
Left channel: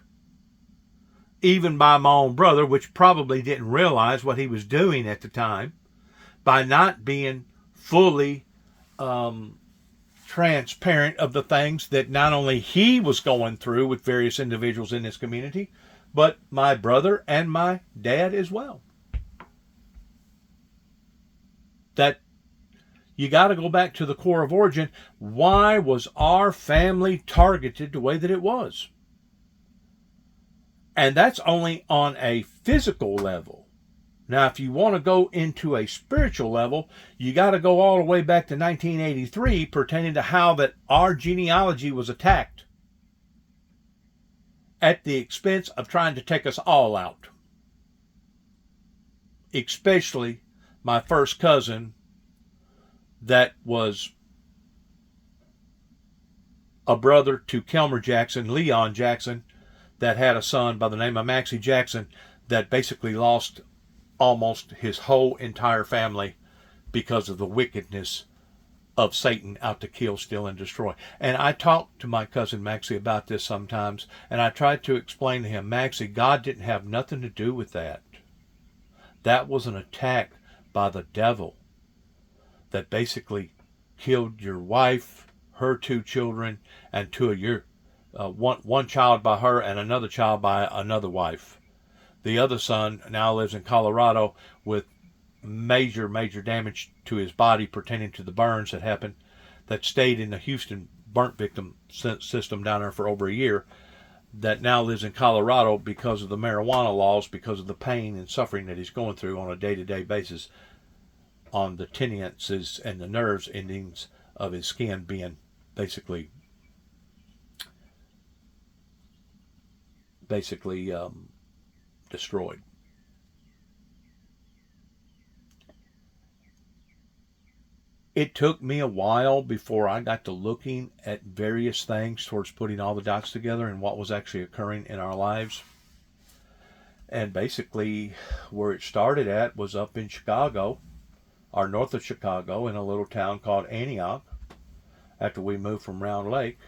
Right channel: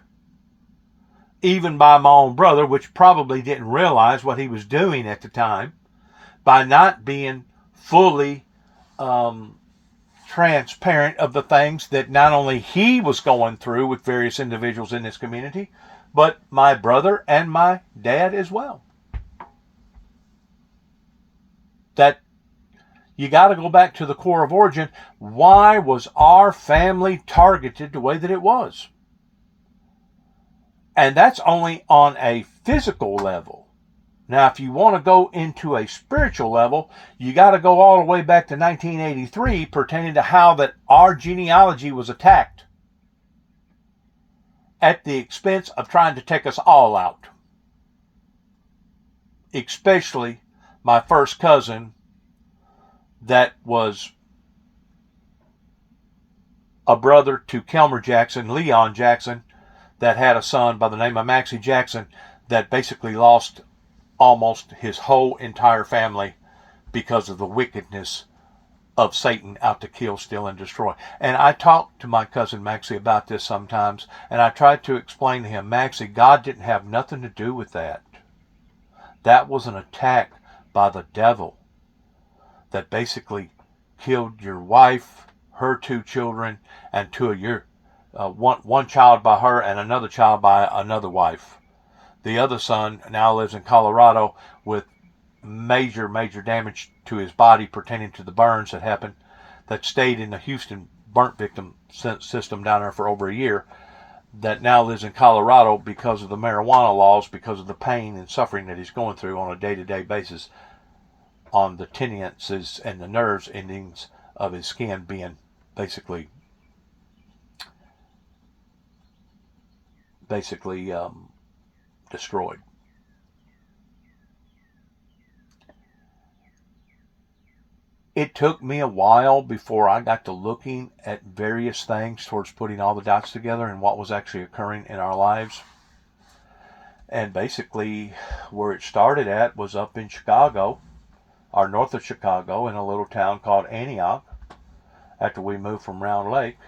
even by my own brother, which probably didn't realize what he was doing at the time, by not being fully transparent of the things that not only he was going through with various individuals in this community, but my brother and my dad as well. That you got to go back to the core of origin. Why was our family targeted the way that it was? And that's only on a physical level. Now, if you want to go into a spiritual level, you got to go all the way back to 1983 pertaining to how that our genealogy was attacked at the expense of trying to take us all out. Especially my first cousin that was a brother to Kelmer Jackson, Leon Jackson, that had a son by the name of Maxie Jackson that basically lost almost his whole entire family because of the wickedness of Satan out to kill, steal, and destroy. And I talked to my cousin Maxie about this sometimes, and I tried to explain to him, Maxie, God didn't have nothing to do with that. That was an attack by the devil that basically killed your wife, her 2 children, and 2 of your one child by her and another child by another wife. The other son now lives in Colorado with major damage to his body pertaining to the burns that happened, that stayed in the Houston burnt victim system down there for over a year, that now lives in Colorado because of the marijuana laws, because of the pain and suffering that he's going through on a day-to-day basis on the tendons and the nerves endings of his skin being basically destroyed. It took me a while before I got to looking at various things towards putting all the dots together and what was actually occurring in our lives. And basically, where it started at was up in Chicago, or north of Chicago, in a little town called Antioch, after we moved from Round Lake,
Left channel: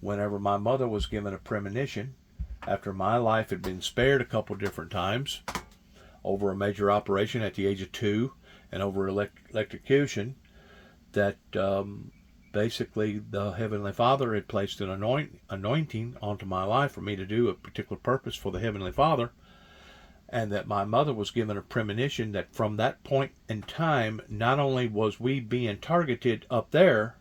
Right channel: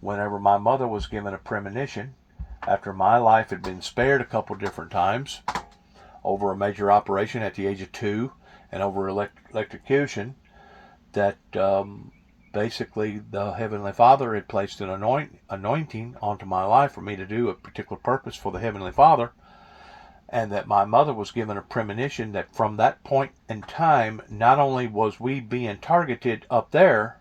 whenever my mother was given a premonition, after my life had been spared a couple different times, over a major operation at the age of 2, and over electrocution, that basically the Heavenly Father had placed an anointing onto my life for me to do a particular purpose for the Heavenly Father, and that my mother was given a premonition that from that point in time, not only was we being targeted up there,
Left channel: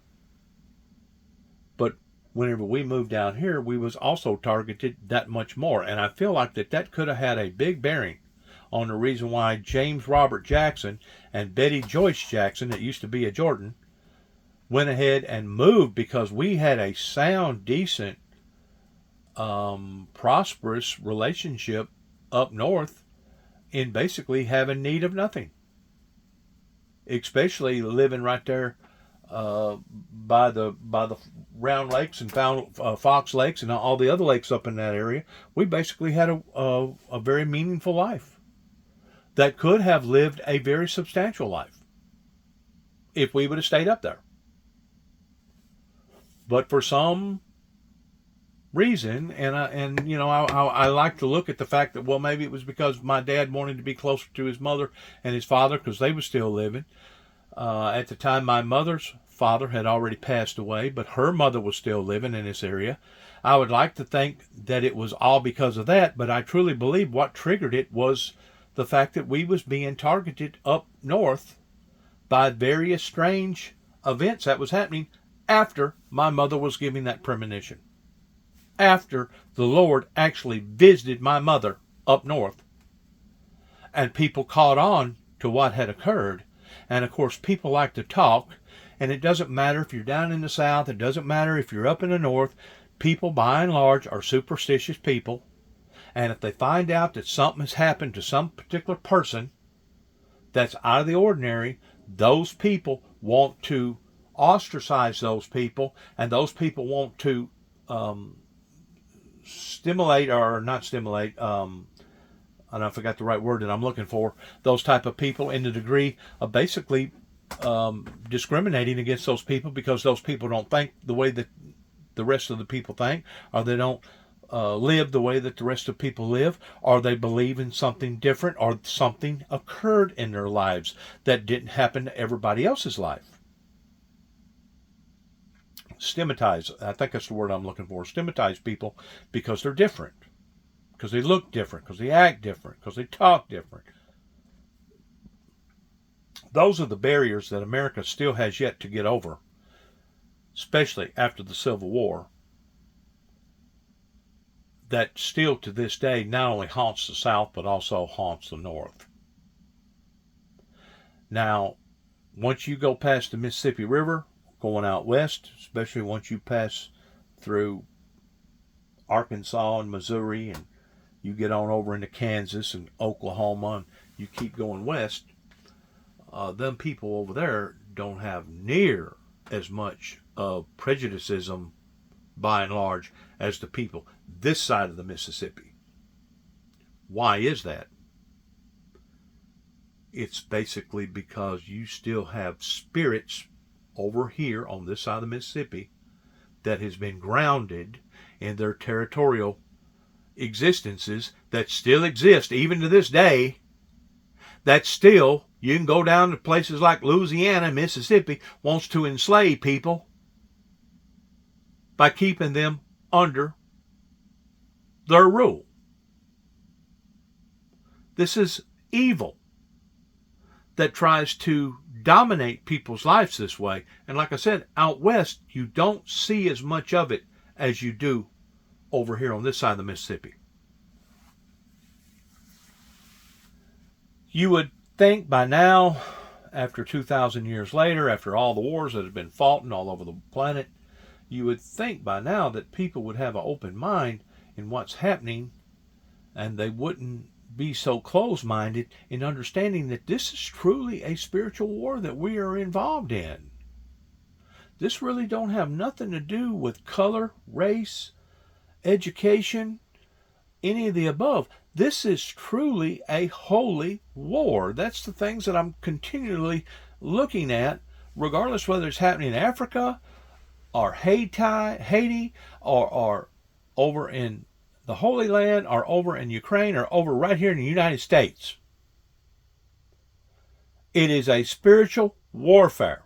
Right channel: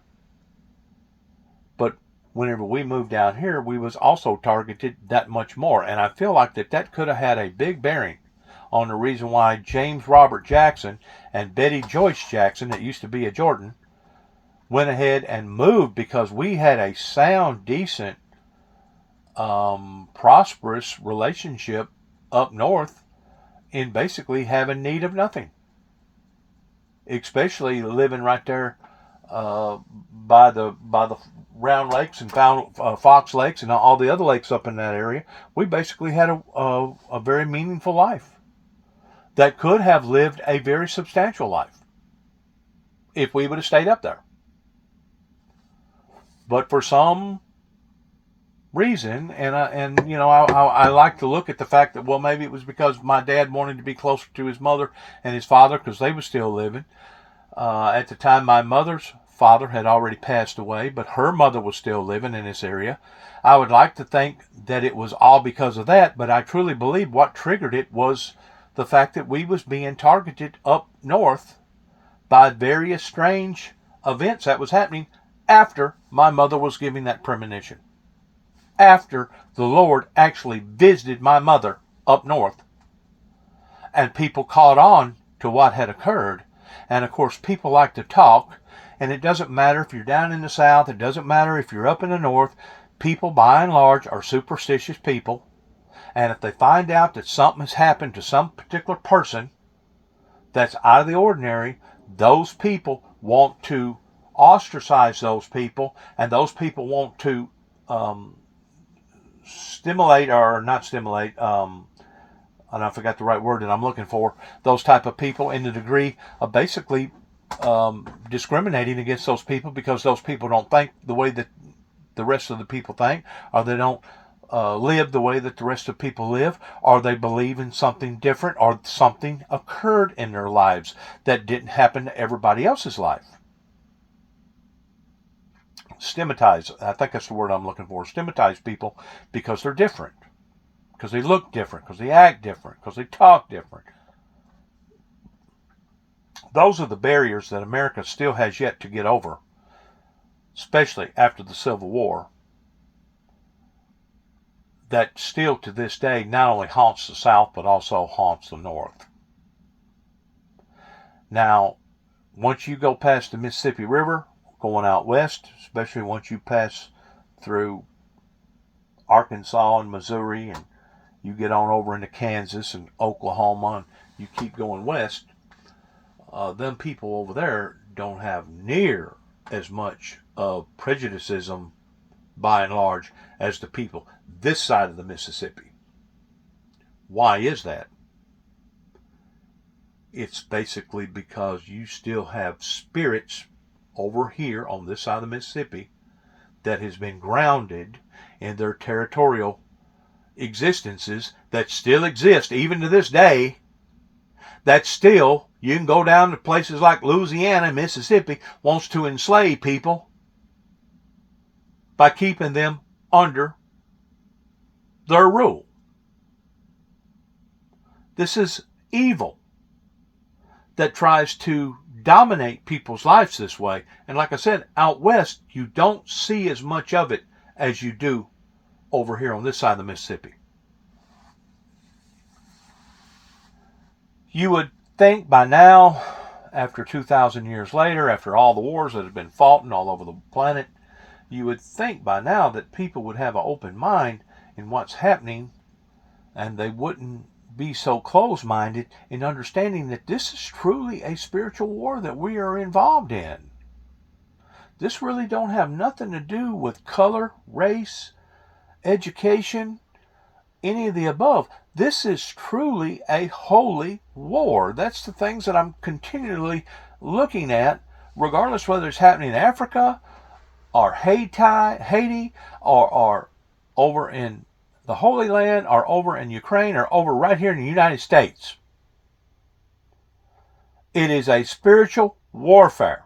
but whenever we moved down here, we was also targeted that much more. And I feel like that could have had a big bearing on the reason why James Robert Jackson and Betty Joyce Jackson, that used to be a Jordan, went ahead and moved, because we had a sound, decent, prosperous relationship up north in basically having need of nothing. Especially living right there by the Round Lakes and Fox Lakes and all the other lakes up in that area. We basically had a very meaningful life that could have lived a very substantial life if we would have stayed up there. But for some reason, and I like to look at the fact that, well, maybe it was because my dad wanted to be closer to his mother and his father because they were still living. At the time, my mother's father had already passed away, but her mother was still living in this area. I would like to think that it was all because of that, but I truly believe what triggered it was the fact that we was being targeted up north by various strange events that was happening after my mother was giving that premonition. After the Lord actually visited my mother up north. And people caught on to what had occurred. And of course, people like to talk. And it doesn't matter if you're down in the south. It doesn't matter if you're up in the north. People, by and large, are superstitious people. And if they find out that something has happened to some particular person that's out of the ordinary, those people want to ostracize those people. And those people want to stimulate, or not stimulate, and I forgot the right word that I'm looking for, those type of people in the degree of basically discriminating against those people, because those people don't think the way that the rest of the people think, or they don't live the way that the rest of people live, or they believe in something different, or something occurred in their lives that didn't happen to everybody else's life. Stigmatize, I think that's the word I'm looking for. Stigmatize people because they're different, because they look different, because they act different, because they talk different. Those are the barriers that America still has yet to get over, especially after the Civil War, that still to this day not only haunts the South but also haunts the North. Now, once you go past the Mississippi River, going out west, especially once you pass through Arkansas and Missouri, and you get on over into Kansas and Oklahoma, and you keep going west, them people over there don't have near as much of prejudicism, by and large, as the people this side of the Mississippi. Why is that? It's basically because you still have spirits over here on this side of the Mississippi that has been grounded in their territorial existences that still exist even to this day, that still, you can go down to places like Louisiana, Mississippi, wants to enslave people by keeping them under their rule. This is evil that tries to dominate people's lives this way. And like I said, out west, you don't see as much of it as you do over here on this side of the Mississippi. You would think by now, after 2,000 years later, after all the wars that have been fought all over the planet, you would think by now that people would have an open mind in what's happening, and they wouldn't be so close-minded in understanding that this is truly a spiritual war that we are involved in. This really don't have nothing to do with color, race, education, any of the above. This is truly a holy war. That's the things that I'm continually looking at, regardless whether it's happening in Africa or Haiti or over in the Holy Land or over in Ukraine or over right here in the United States. It is a spiritual warfare,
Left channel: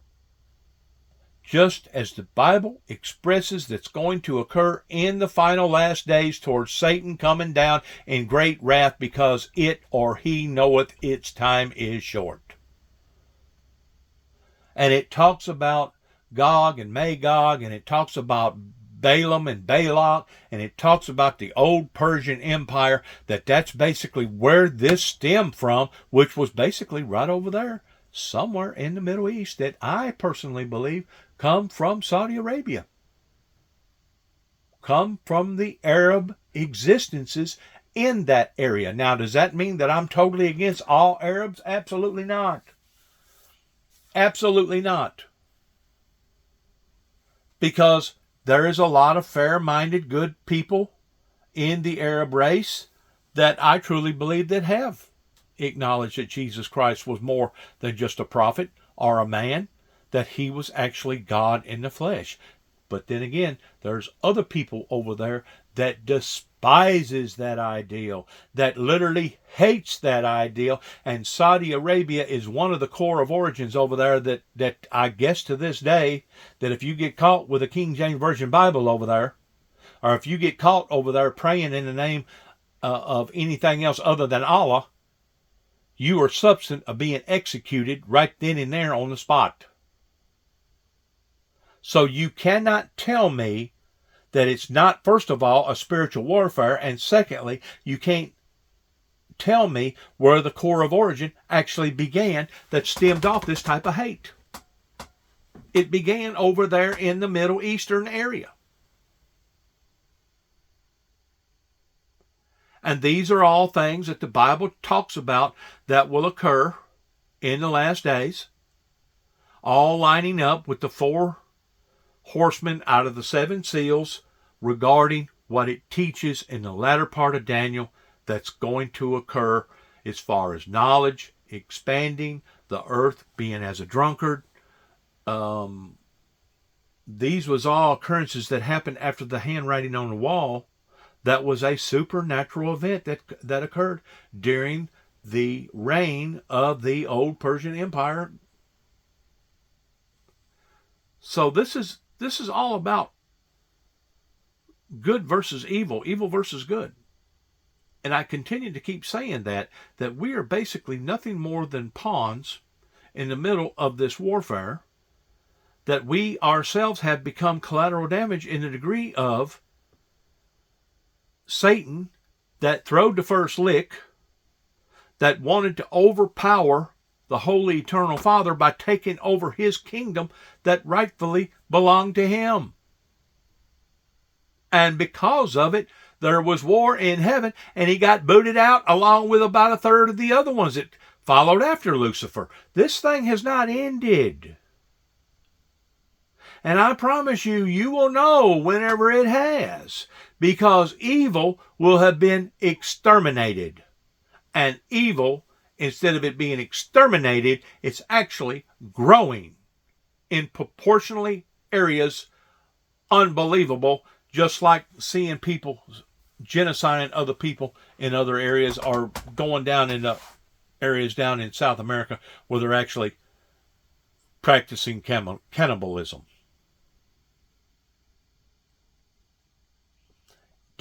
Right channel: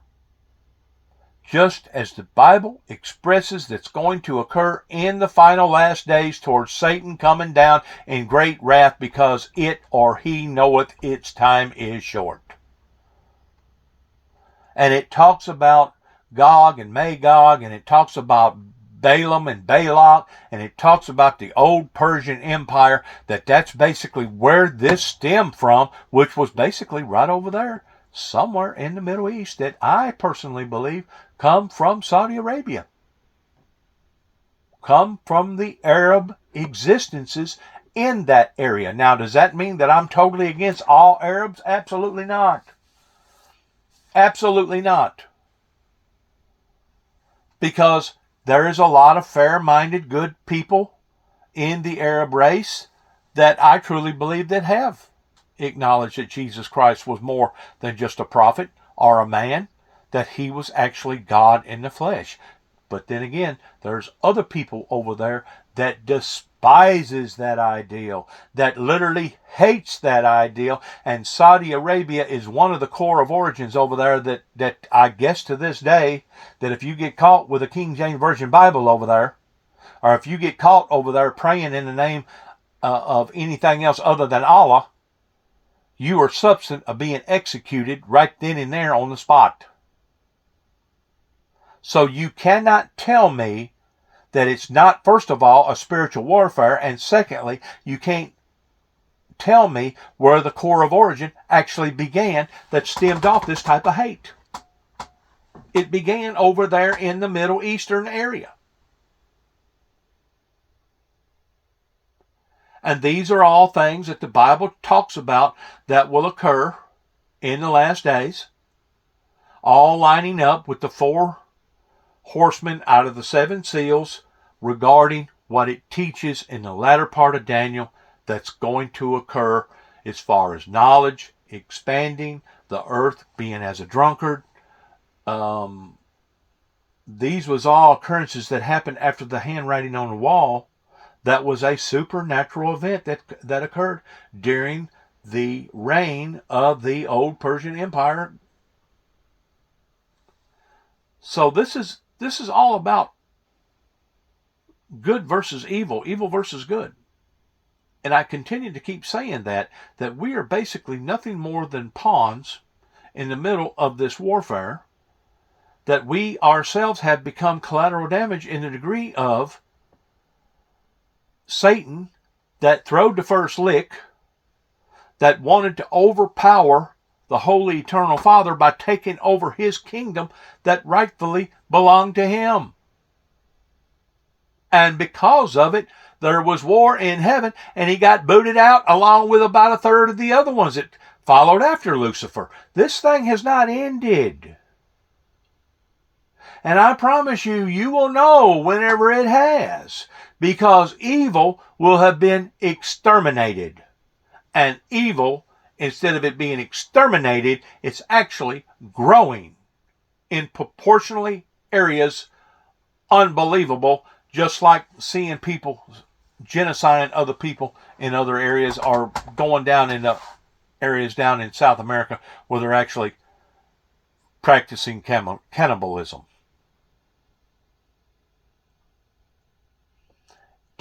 just as the Bible expresses that's going to occur in the final last days towards Satan coming down in great wrath because it or he knoweth its time is short. And it talks about Gog and Magog, and it talks about Balaam and Balak, and it talks about the old Persian Empire, that's basically where this stemmed from, which was basically right over there, somewhere in the Middle East, that I personally believe come from Saudi Arabia, come from the Arab existences in that area. Now, does that mean that I'm totally against all Arabs? Absolutely not. Absolutely not. Because there is a lot of fair-minded, good people in the Arab race that I truly believe that have acknowledged that Jesus Christ was more than just a prophet or a man, that he was actually God in the flesh. But then again, there's other people over there that despises that ideal, that literally hates that ideal, and Saudi Arabia is one of the core of origins over there that I guess to this day, that if you get caught with a King James Version Bible over there, or if you get caught over there praying in the name of anything else other than Allah, you are subject of being executed right then and there on the spot. So you cannot tell me that it's not, first of all, a spiritual warfare, and secondly, you can't tell me where the core of origin actually began that stemmed off this type of hate. It began over there in the Middle Eastern area. And these are all things that the Bible talks about that will occur in the last days, all lining up with the 4 horsemen out of the 7 seals regarding what it teaches in the latter part of Daniel that's going to occur as far as knowledge expanding, the earth being as a drunkard. These was all occurrences that happened after the handwriting on the wall. That was a supernatural event that occurred during the reign of the old Persian Empire. So this is all about good versus evil, evil versus good. And I continue to keep saying that we are basically nothing more than pawns in the middle of this warfare, that we ourselves have become collateral damage in the degree of Satan that throwed the first lick, that wanted to overpower the Holy Eternal Father by taking over his kingdom that rightfully belonged to him. And because of it, there was war in heaven, and he got booted out along with about a third of the other ones that followed after Lucifer. This thing has not ended. And I promise you, you will know whenever it has, because evil will have been exterminated. And evil, instead of it being exterminated, it's actually growing in proportionally areas unbelievable, just like seeing people genociding other people in other areas, or going down into areas down in South America where they're actually practicing cannibalism.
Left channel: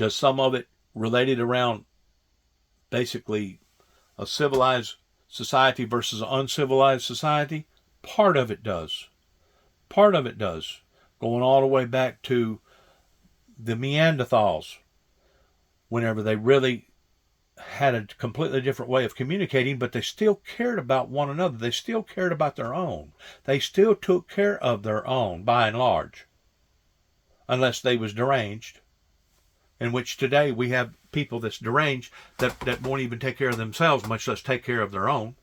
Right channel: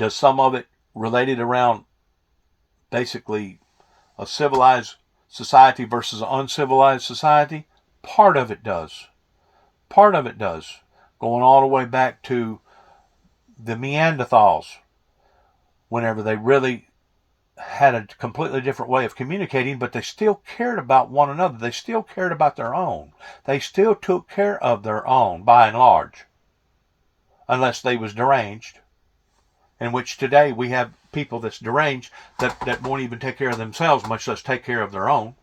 Does some of it related around basically a civilized society versus an uncivilized society? Part of it does. Part of it does. Going all the way back to the Neanderthals, whenever they really had a completely different way of communicating, but they still cared about one another. They still cared about their own. They still took care of their own, by and large, unless they was deranged, in which today we have people that's deranged that won't even take care of themselves, much less take care of their own.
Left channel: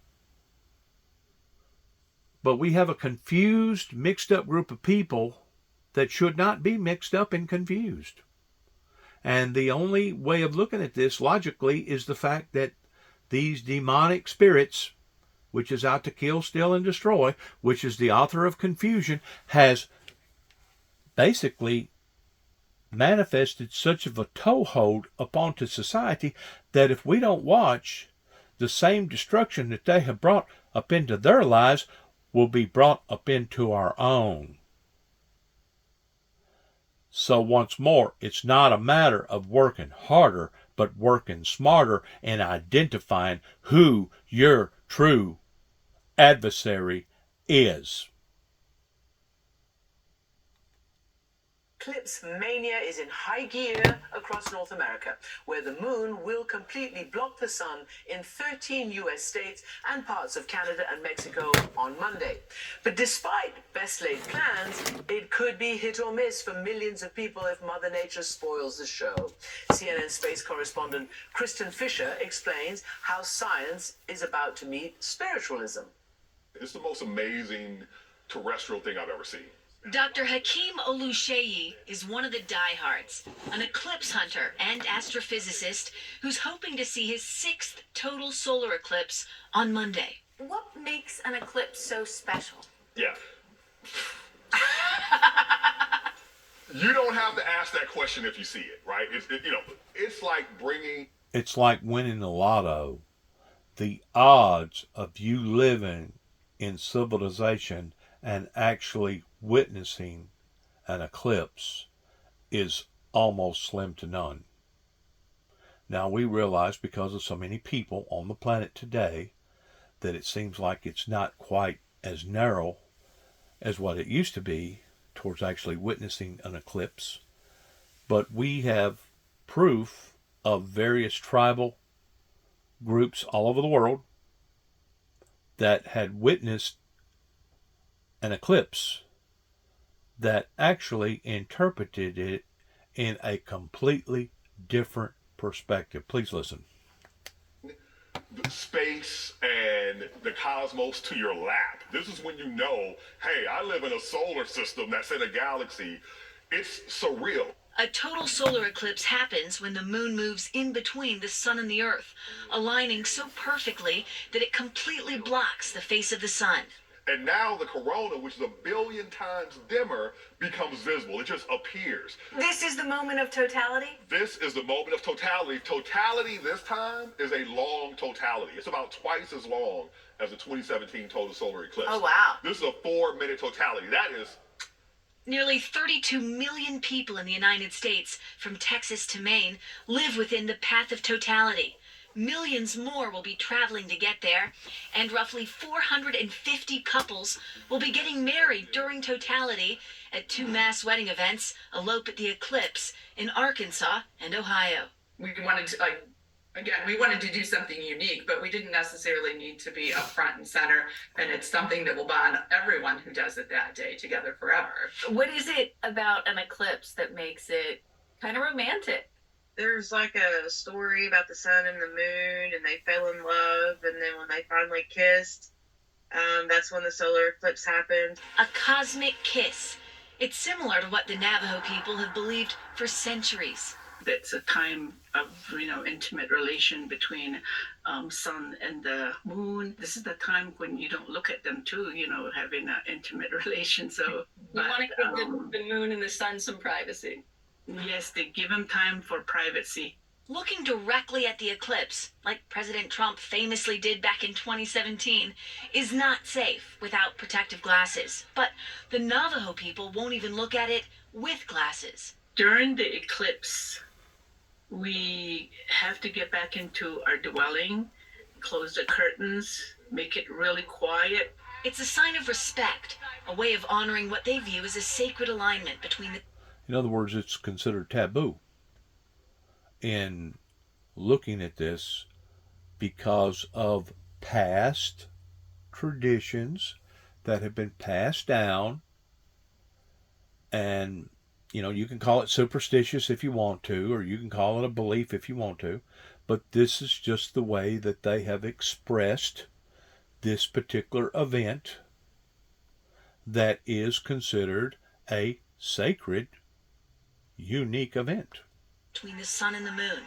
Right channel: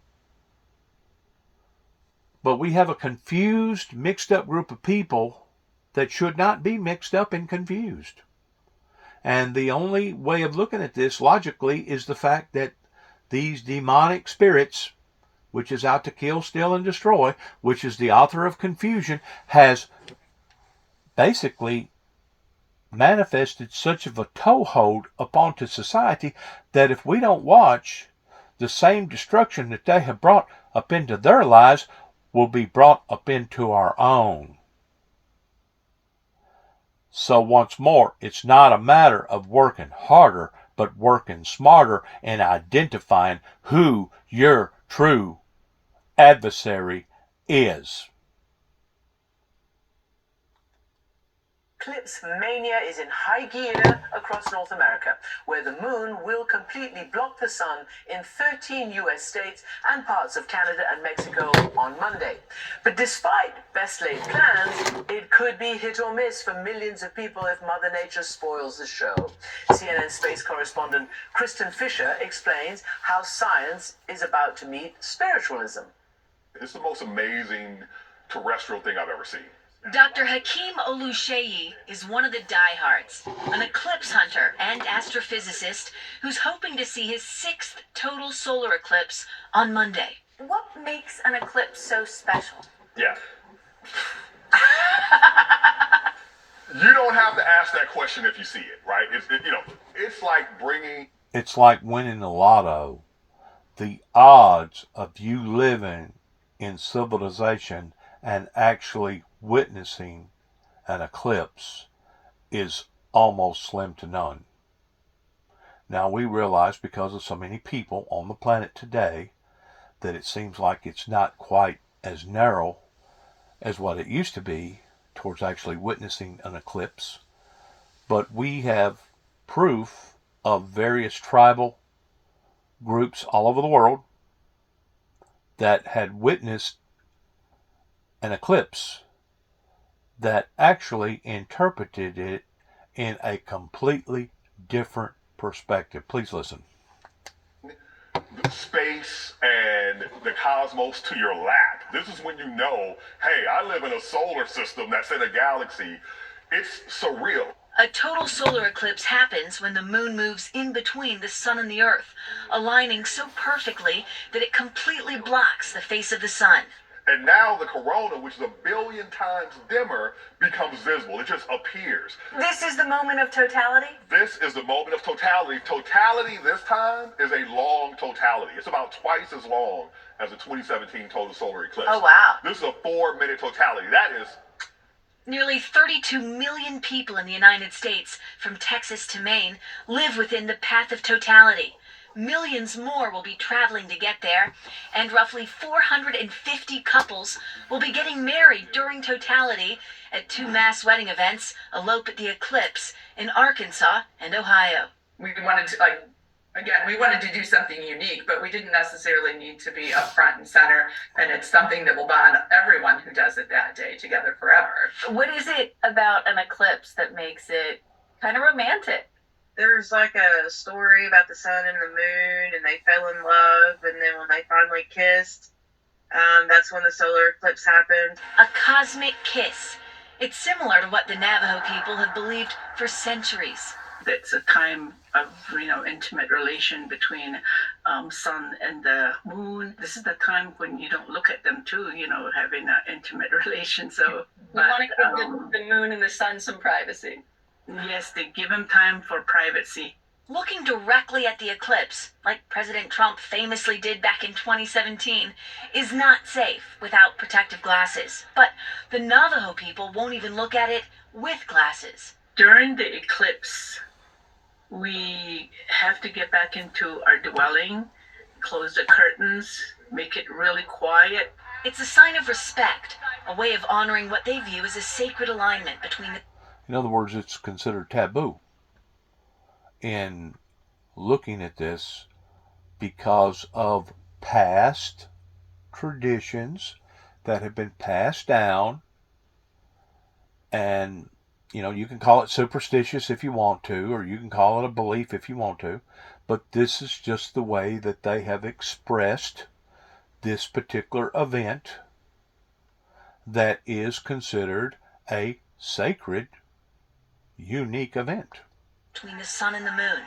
But we have a confused, mixed up group of people that should not be mixed up and confused. And the only way of looking at this logically is the fact that these demonic spirits, which is out to kill, steal, and destroy, which is the author of confusion, has basically manifested such of a toehold upon society that if we don't watch, the same destruction that they have brought up into their lives will be brought up into our own. So once more, it's not a matter of working harder, but working smarter and identifying who your true adversary is. Eclipse mania is in high gear across North America, where the moon will completely block the sun in 13 US states and parts of Canada and Mexico on Monday. But despite best laid plans, it could be hit or miss for millions of people if Mother Nature spoils the show. CNN space correspondent Kristen Fisher explains how science is about to meet spiritualism. It's the most amazing terrestrial thing I've ever seen. Dr. Hakeem Oluseyi is one of the diehards, an eclipse hunter and astrophysicist who's hoping to see his 6th total solar eclipse on Monday. What makes an eclipse so special? Yeah. You don't have to ask that question if you see it, right? It's like bringing... It's like winning the lotto. The odds of you living in civilization and actually witnessing an eclipse is almost slim to none. Now we realize, because of so many people on the planet today, that it seems like it's not quite as narrow as what it used to be towards actually witnessing an eclipse. But we have proof of various tribal groups all over the world that had witnessed an eclipse that actually interpreted it in a completely different perspective. Please listen. Space and the cosmos to your lap. This is when you know, hey, I live in a solar system that's in a galaxy. It's surreal. A total solar eclipse happens when the moon moves in between the sun and the earth, aligning so perfectly that it completely blocks the face of the sun. And now the corona, which is 1 billion times dimmer, becomes visible. It just appears. This is the moment of totality? This is the moment of totality. Totality this time is a long totality. It's about twice as long as the 2017 total solar eclipse. Oh, wow. This is a 4-minute totality. That is... Nearly 32 million people in the United States, from Texas to Maine, live within the path of totality. Millions more will be traveling to get there, and roughly 450 couples will be getting married during totality at 2 mass wedding events elope at the eclipse in Arkansas and Ohio. We wanted to, we wanted to do something unique, but we didn't necessarily need to be up front and center, and it's something that will bond everyone who does it that day together forever. What is it about an eclipse that makes it kind of romantic? There's like a story about the sun and the moon, and they fell in love, and then when they finally kissed, that's when the solar eclipse happened. A cosmic kiss. It's similar to what the Navajo people have believed for centuries. It's a time of, intimate relation between sun and the moon. This is the time when you don't look at them too, having an intimate relation. So you want to give the moon and the sun some privacy. Yes, they give them time for privacy. Looking directly at the eclipse, like President Trump famously did back in 2017, is not safe without protective glasses. But the Navajo people won't even look at it with glasses. During the eclipse, We have to get back into our dwelling, close the curtains, make it really quiet. It's a sign of respect, a way of honoring what they view as a sacred alignment between the... In other words, it's considered taboo in looking at this because of past traditions that have been passed down. And, you can call it superstitious if you want to, or you can call it a belief if you want to. But this is just the way that they have expressed this particular event that is considered a sacred, unique event. Between the sun and the moon.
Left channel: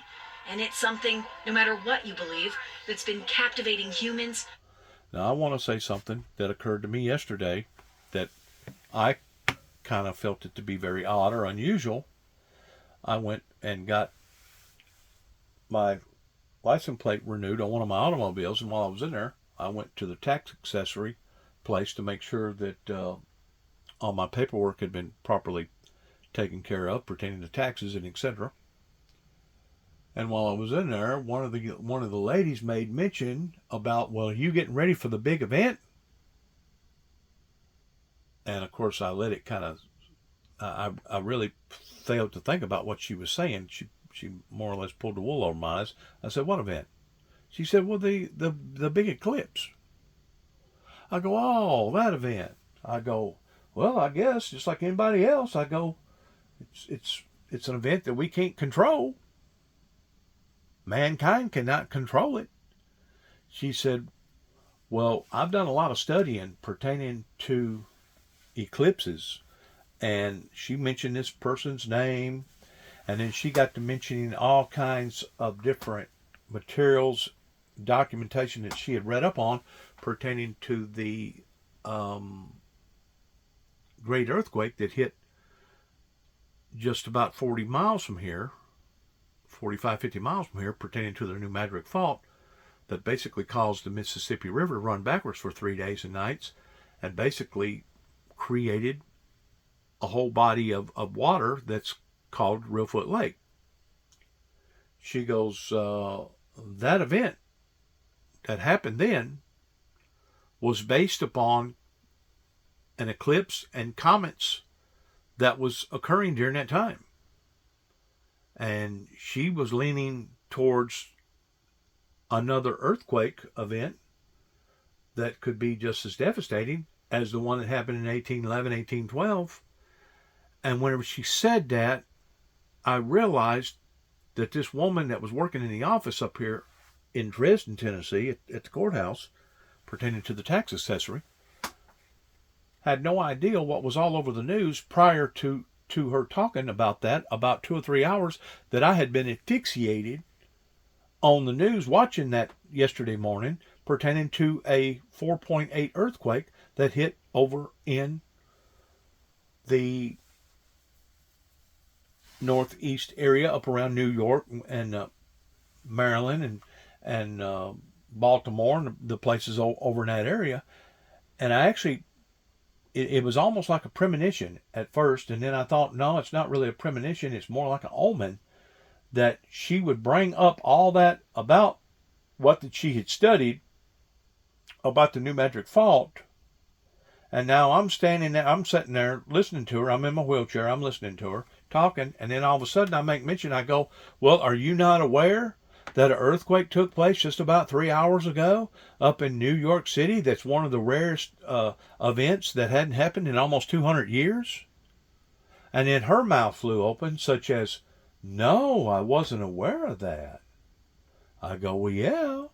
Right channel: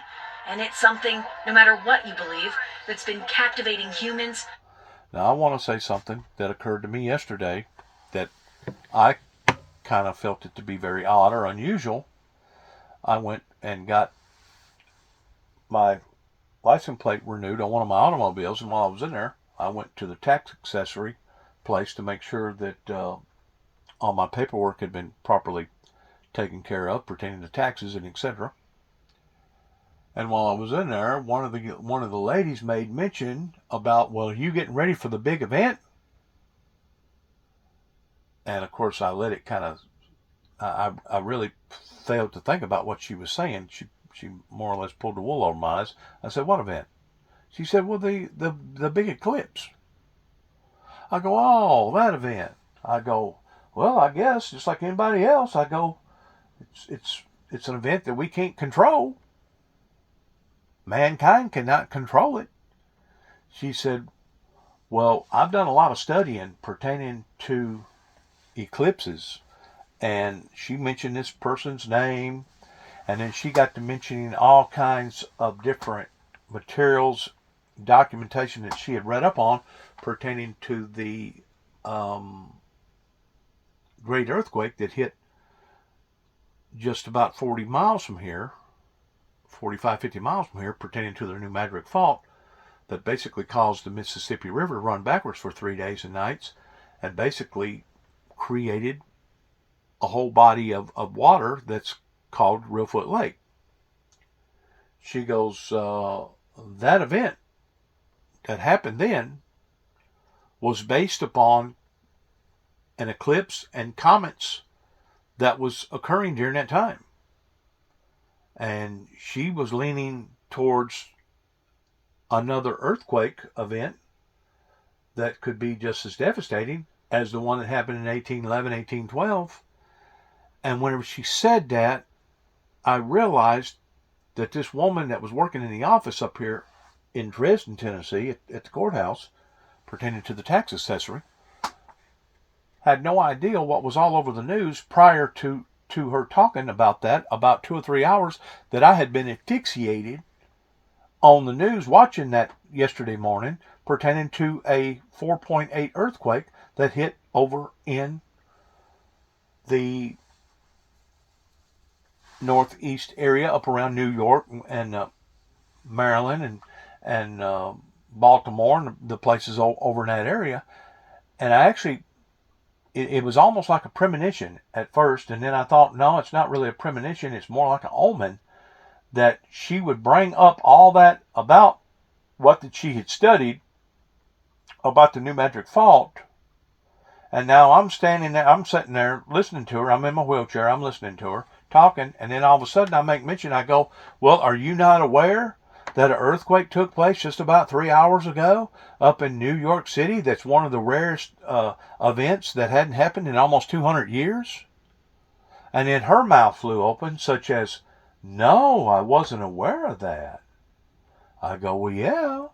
And it's something, no matter what you believe, that's been captivating humans. Now, I want to say something that occurred to me yesterday that I kind of felt it to be very odd or unusual. I went and got my license plate renewed on one of my automobiles, and while I was in there, I went to the tax accessory place to make sure that all my paperwork had been properly taken care of pertaining to taxes and etc. And while I was in there, one of the ladies made mention about, well, are you getting ready for the big event? And of course, I let it kind of. I really failed to think about what she was saying. She more or less pulled the wool over my eyes. I said, "What event?" She said, "Well, the big eclipse." I go, "Oh, that event." I go, "Well, I guess just like anybody else." I go, "It's an event that we can't control. Mankind cannot control it." She said, "Well, I've done a lot of studying pertaining to eclipses." And she mentioned this person's name, and then she got to mentioning all kinds of different materials, documentation that she had read up on pertaining to the great earthquake that hit just about 40 miles from here, 45, 50 miles from here, pertaining to the New Madrid Fault, that basically caused the Mississippi River to run backwards for 3 days and nights, and basically created a whole body of water that's called Reelfoot Lake. She goes, that event that happened then was based upon an eclipse and comets that was occurring during that time. And she was leaning towards another earthquake event that could be just as devastating as the one that happened in 1811, 1812. And whenever she said that, I realized that this woman that was working in the office up here in Dresden, Tennessee, at the courthouse, pertaining to the tax assessory, had no idea what was all over the news prior to her talking about that, about 2 or 3 hours that I had been asphyxiated on the news watching that yesterday morning, pertaining to a 4.8 earthquake that hit over in the northeast area up around New York and Maryland and Baltimore and the places over in that area. And I actually, it was almost like a premonition at first, and then I thought, no, it's not really a premonition, it's more like an omen, that she would bring up all that about what that she had studied about the New Madrid Fault. And now I'm standing there, I'm sitting there listening to her. I'm in my wheelchair, I'm listening to her, talking, and then all of a sudden I make mention, I go, well, are you not aware that an earthquake took place just about 3 hours ago up in New York City? That's one of the rarest events that hadn't happened in almost 200 years. And then her mouth flew open, such as, no, I wasn't aware of that. I go, well, yeah.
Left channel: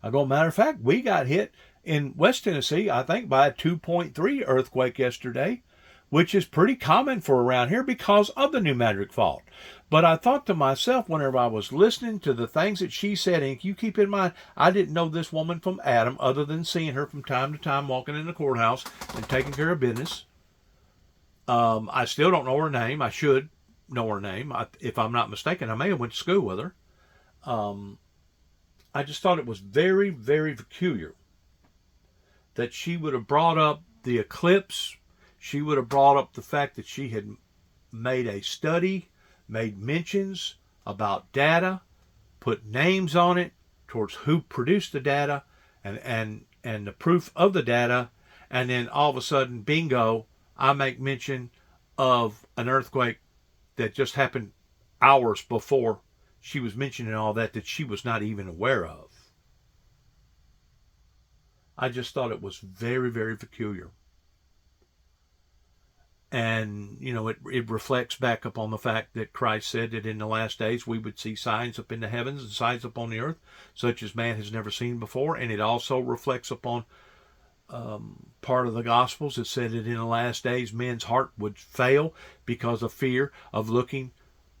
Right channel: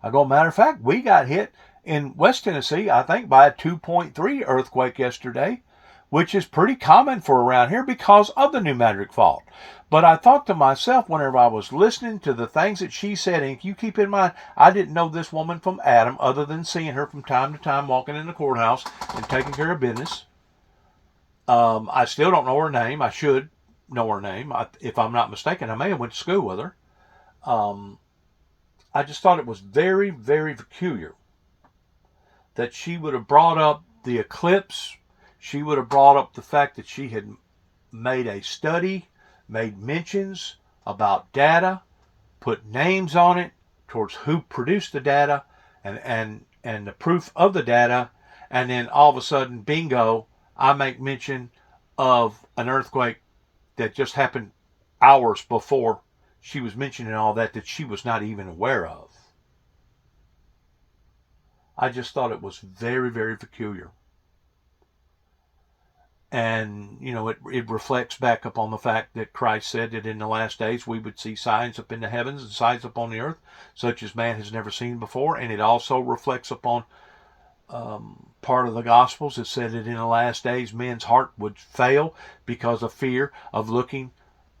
I go, matter of fact, we got hit in West Tennessee, I think, by a 2.3 earthquake yesterday, which is pretty common for around here because of the New Madrid Fault. But I thought to myself, whenever I was listening to the things that she said, and you keep in mind, I didn't know this woman from Adam other than seeing her from time to time walking in the courthouse and taking care of business. I still don't know her name. I should know her name. If I'm not mistaken, I may have went to school with her. I just thought it was very, very peculiar that she would have brought up the eclipse. She would have brought up the fact that she had made a study, made mentions about data, put names on it towards who produced the data and the proof of the data, and then all of a sudden, bingo, I make mention of an earthquake that just happened hours before she was mentioning all that she was not even aware of. I just thought it was very, very peculiar. And, it reflects back upon the fact that Christ said that in the last days we would see signs up in the heavens and signs upon the earth, such as man has never seen before. And it also reflects upon part of the Gospels that said that in the last days men's heart would fail because of fear of looking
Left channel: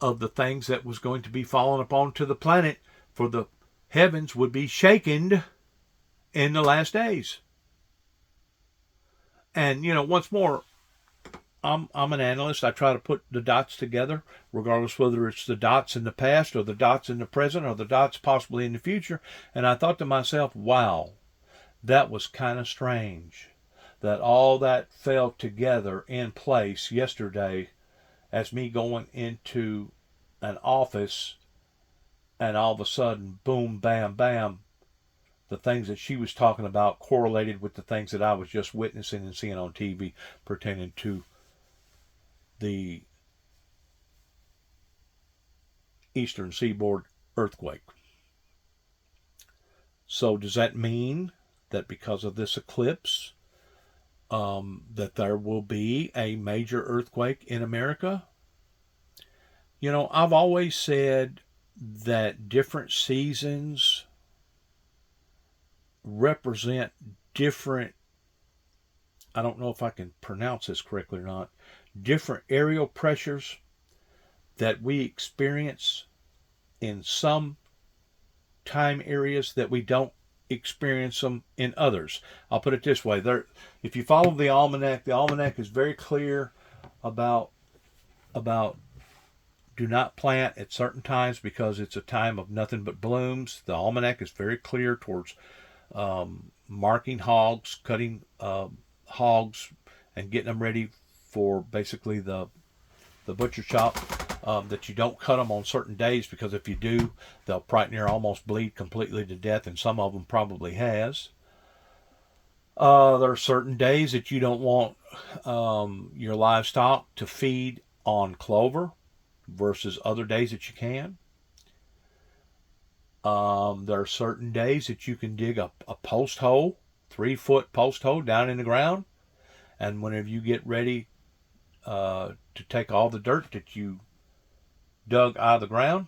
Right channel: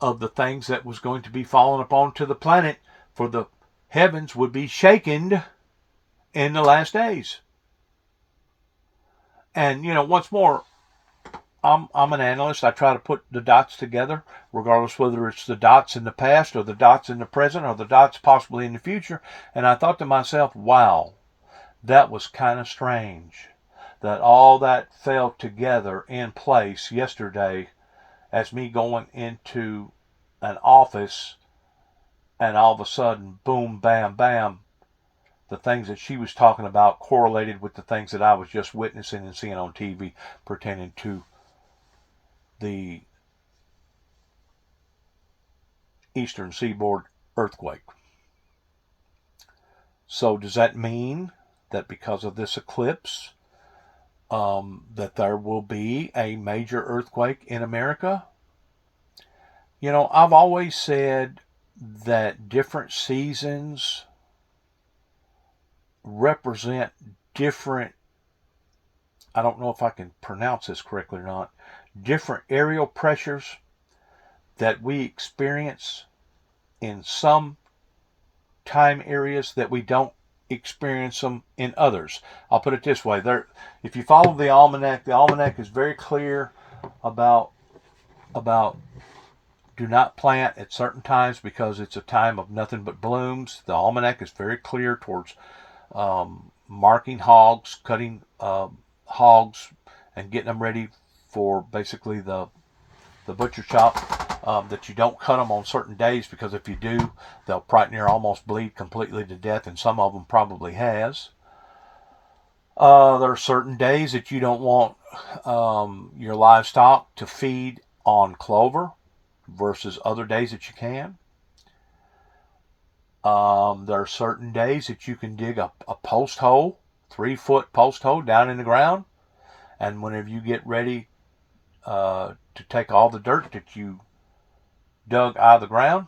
of the things that was going to be fallen upon to the planet, for the heavens would be shaken in the last days. And, once more, I'm an analyst. I try to put the dots together, regardless whether it's the dots in the past or the dots in the present or the dots possibly in the future. And I thought to myself, wow, that was kind of strange that all that fell together in place yesterday as me going into an office, and all of a sudden, boom, bam, bam, the things that she was talking about correlated with the things that I was just witnessing and seeing on TV pertaining to the Eastern Seaboard earthquake. So does that mean that because of this eclipse, that there will be a major earthquake in America? I've always said that different seasons represent different, I don't know if I can pronounce this correctly or not, different aerial pressures that we experience in some time areas that we don't experience them in others. I'll put it this way. If you follow the almanac is very clear about do not plant at certain times because it's a time of nothing but blooms. The almanac is very clear towards marking hogs, cutting hogs, and getting them ready for basically the butcher shop. That you don't cut them on certain days, because if you do, they'll probably near almost bleed completely to death, and some of them probably has. There are certain days that you don't want your livestock to feed on clover versus other days that you can. There are certain days that you can dig a post hole, 3-foot post hole down in the ground, and whenever you get ready to take all the dirt that you dug out of the ground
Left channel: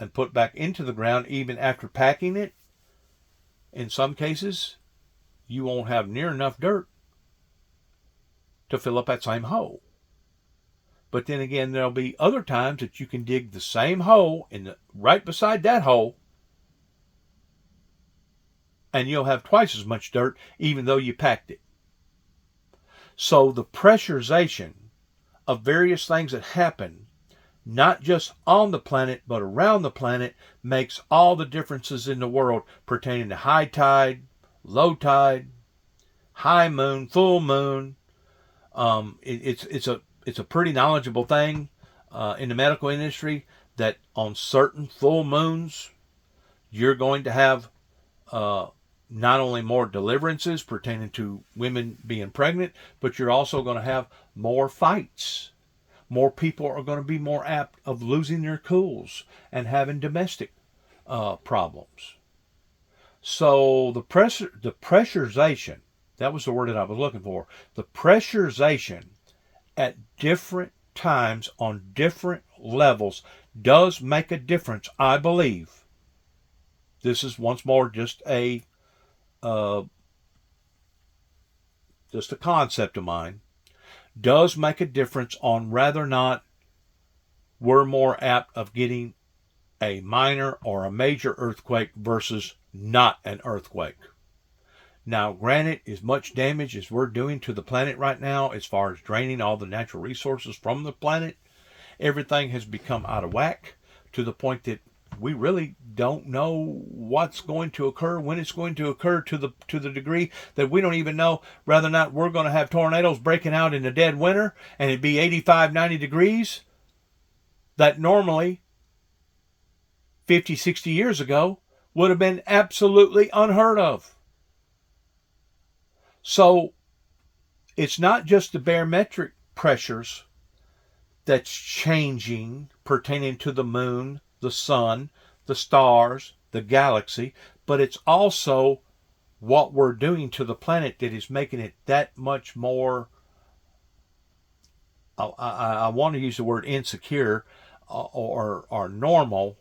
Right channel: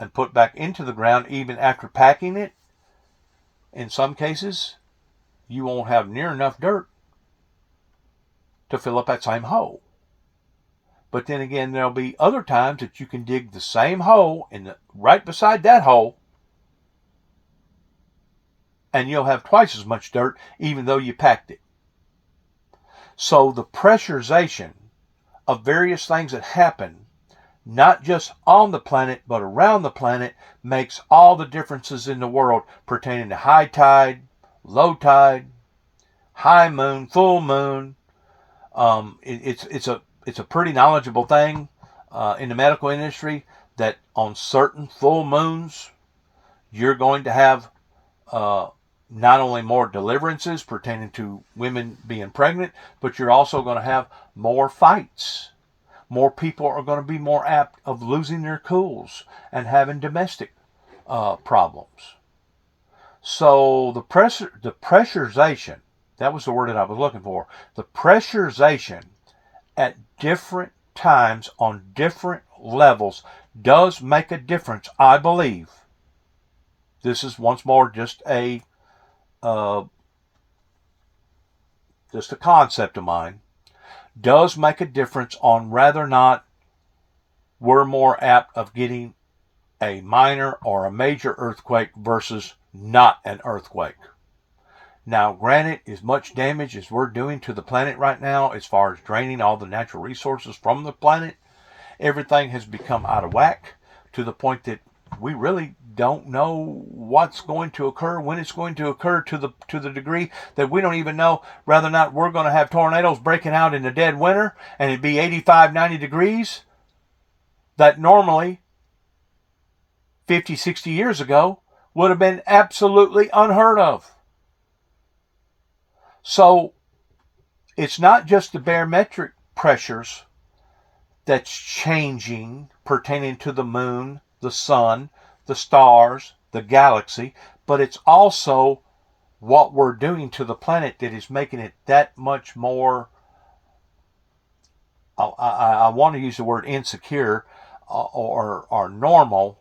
and put back into the ground, even after packing it, in some cases you won't have near enough dirt to fill up that same hole. But then again, there'll be other times that you can dig the same hole right beside that hole, and you'll have twice as much dirt even though you packed it. So the pressurization of various things that happen, not just on the planet, but around the planet, makes all the differences in the world pertaining to high tide, low tide, high moon, full moon. It's a pretty knowledgeable thing in the medical industry that on certain full moons, you're going to have not only more deliverances pertaining to women being pregnant, but you're also going to have more fights. More people are going to be more apt of losing their cools and having domestic problems. So the pressurization, that was the word that I was looking for. The pressurization at different times on different levels does make a difference, I believe. This is once more just a concept of mine. Does make a difference on whether or not we're more apt of getting a minor or a major earthquake versus not an earthquake. Now, granted, as much damage as we're doing to the planet right now, as far as draining all the natural resources from the planet, everything has become out of whack to the point that we really don't know what's going to occur, when it's going to occur, to the degree that we don't even know whether or not we're going to have tornadoes breaking out in the dead winter and it'd be 85, 90 degrees. That normally 50, 60 years ago would have been absolutely unheard of. So it's not just the barometric pressures that's changing pertaining to the moon, the sun, the stars, the galaxy, but it's also what we're doing to the planet that is making it that much more, I want to use the word insecure or normal,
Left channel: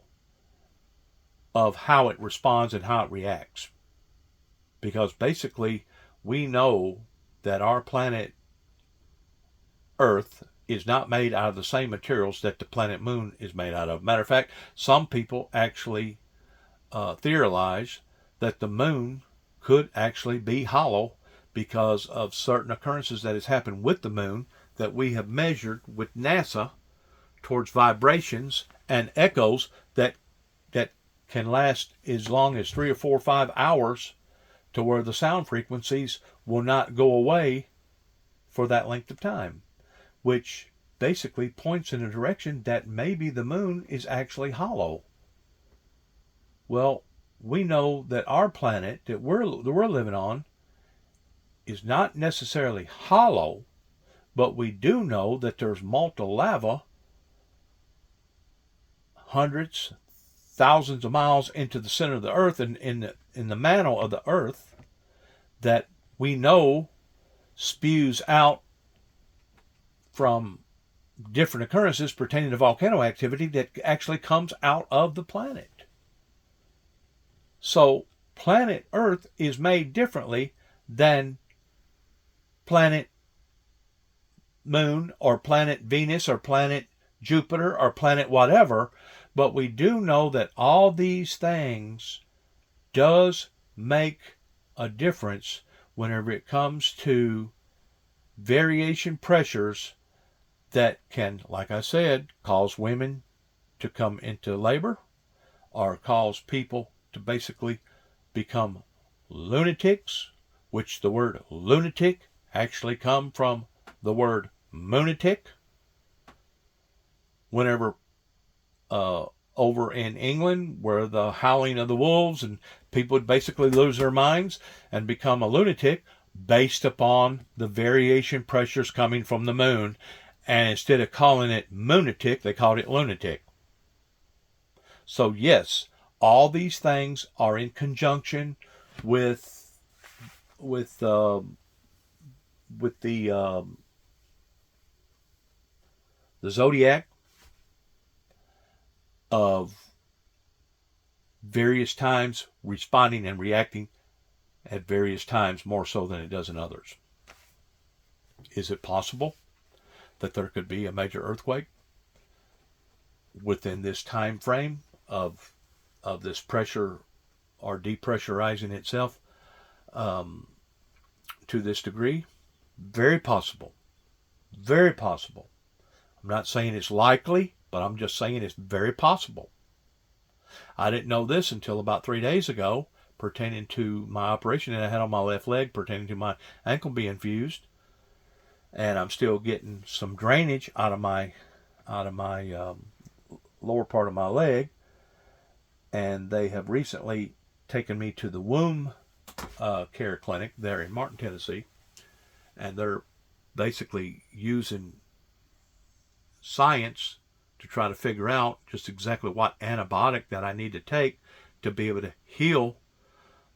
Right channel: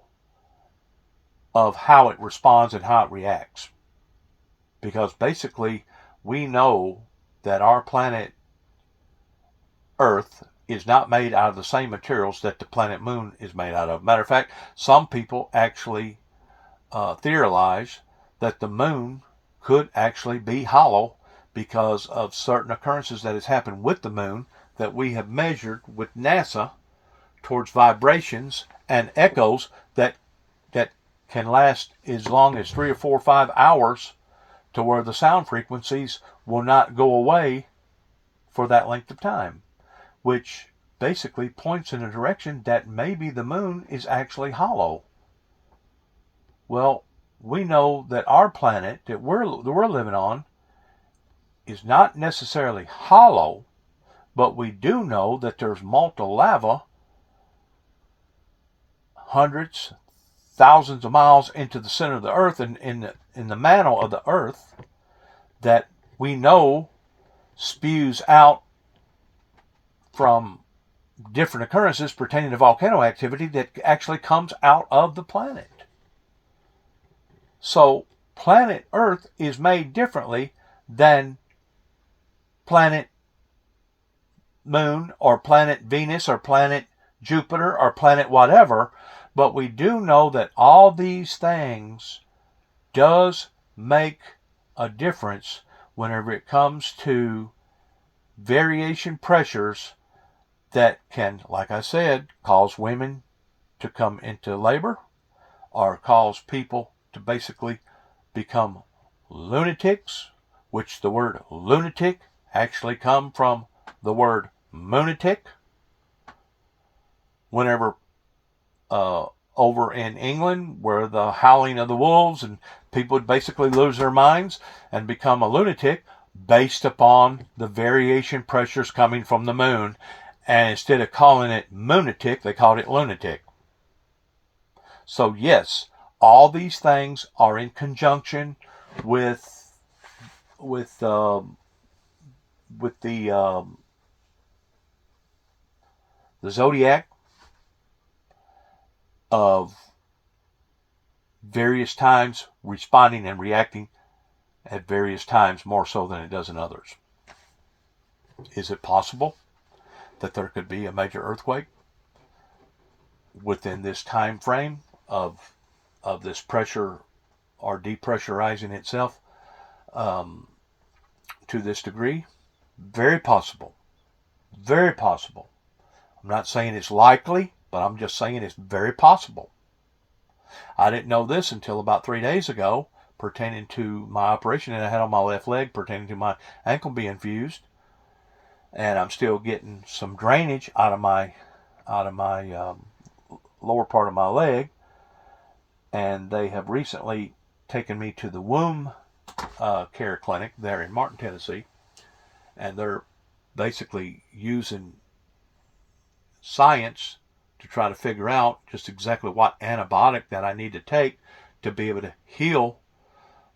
of how it responds and how it reacts. Because basically, we know that our planet Earth is not made out of the same materials that the planet Moon is made out of. Matter of fact, some people actually theorize that the Moon could actually be hollow because of certain occurrences that has happened with the Moon that we have measured with NASA towards vibrations and echoes that can last as long as 3 or 4 or 5 hours, to where the sound frequencies will not go away for that length of time, which basically points in a direction that maybe the moon is actually hollow. Well, we know that our planet that we're living on is not necessarily hollow, but we do know that there's molten lava hundreds, thousands of miles into the center of the earth and in the mantle of the earth that we know spews out from different occurrences pertaining to volcano activity that actually comes out of the planet. So planet Earth is made differently than planet Moon or planet Venus or planet Jupiter or planet whatever, but we do know that all these things does make a difference whenever it comes to variation pressures that can, like I said, cause women to come into labor or cause people to basically become lunatics, which the word lunatic actually come from the word moonatic. Whenever over in England, where the howling of the wolves and people would basically lose their minds and become a lunatic based upon the variation pressures coming from the moon. And instead of calling it moonatic, they called it lunatic. So yes, all these things are in conjunction with the zodiac of various times responding and reacting at various times more so than it does in others. Is it possible that there could be a major earthquake within this time frame of this pressure or depressurizing itself to this degree? Very possible. Very possible. I'm not saying it's likely, but I'm just saying it's very possible. I didn't know this until about 3 days ago, pertaining to my operation that I had on my left leg, pertaining to my ankle being fused, and I'm still getting some drainage out of my lower part of my leg. And they have recently taken me to the womb care clinic there in Martin, Tennessee, and they're basically using science to try to figure out just exactly what antibiotic that I need to take to be able to heal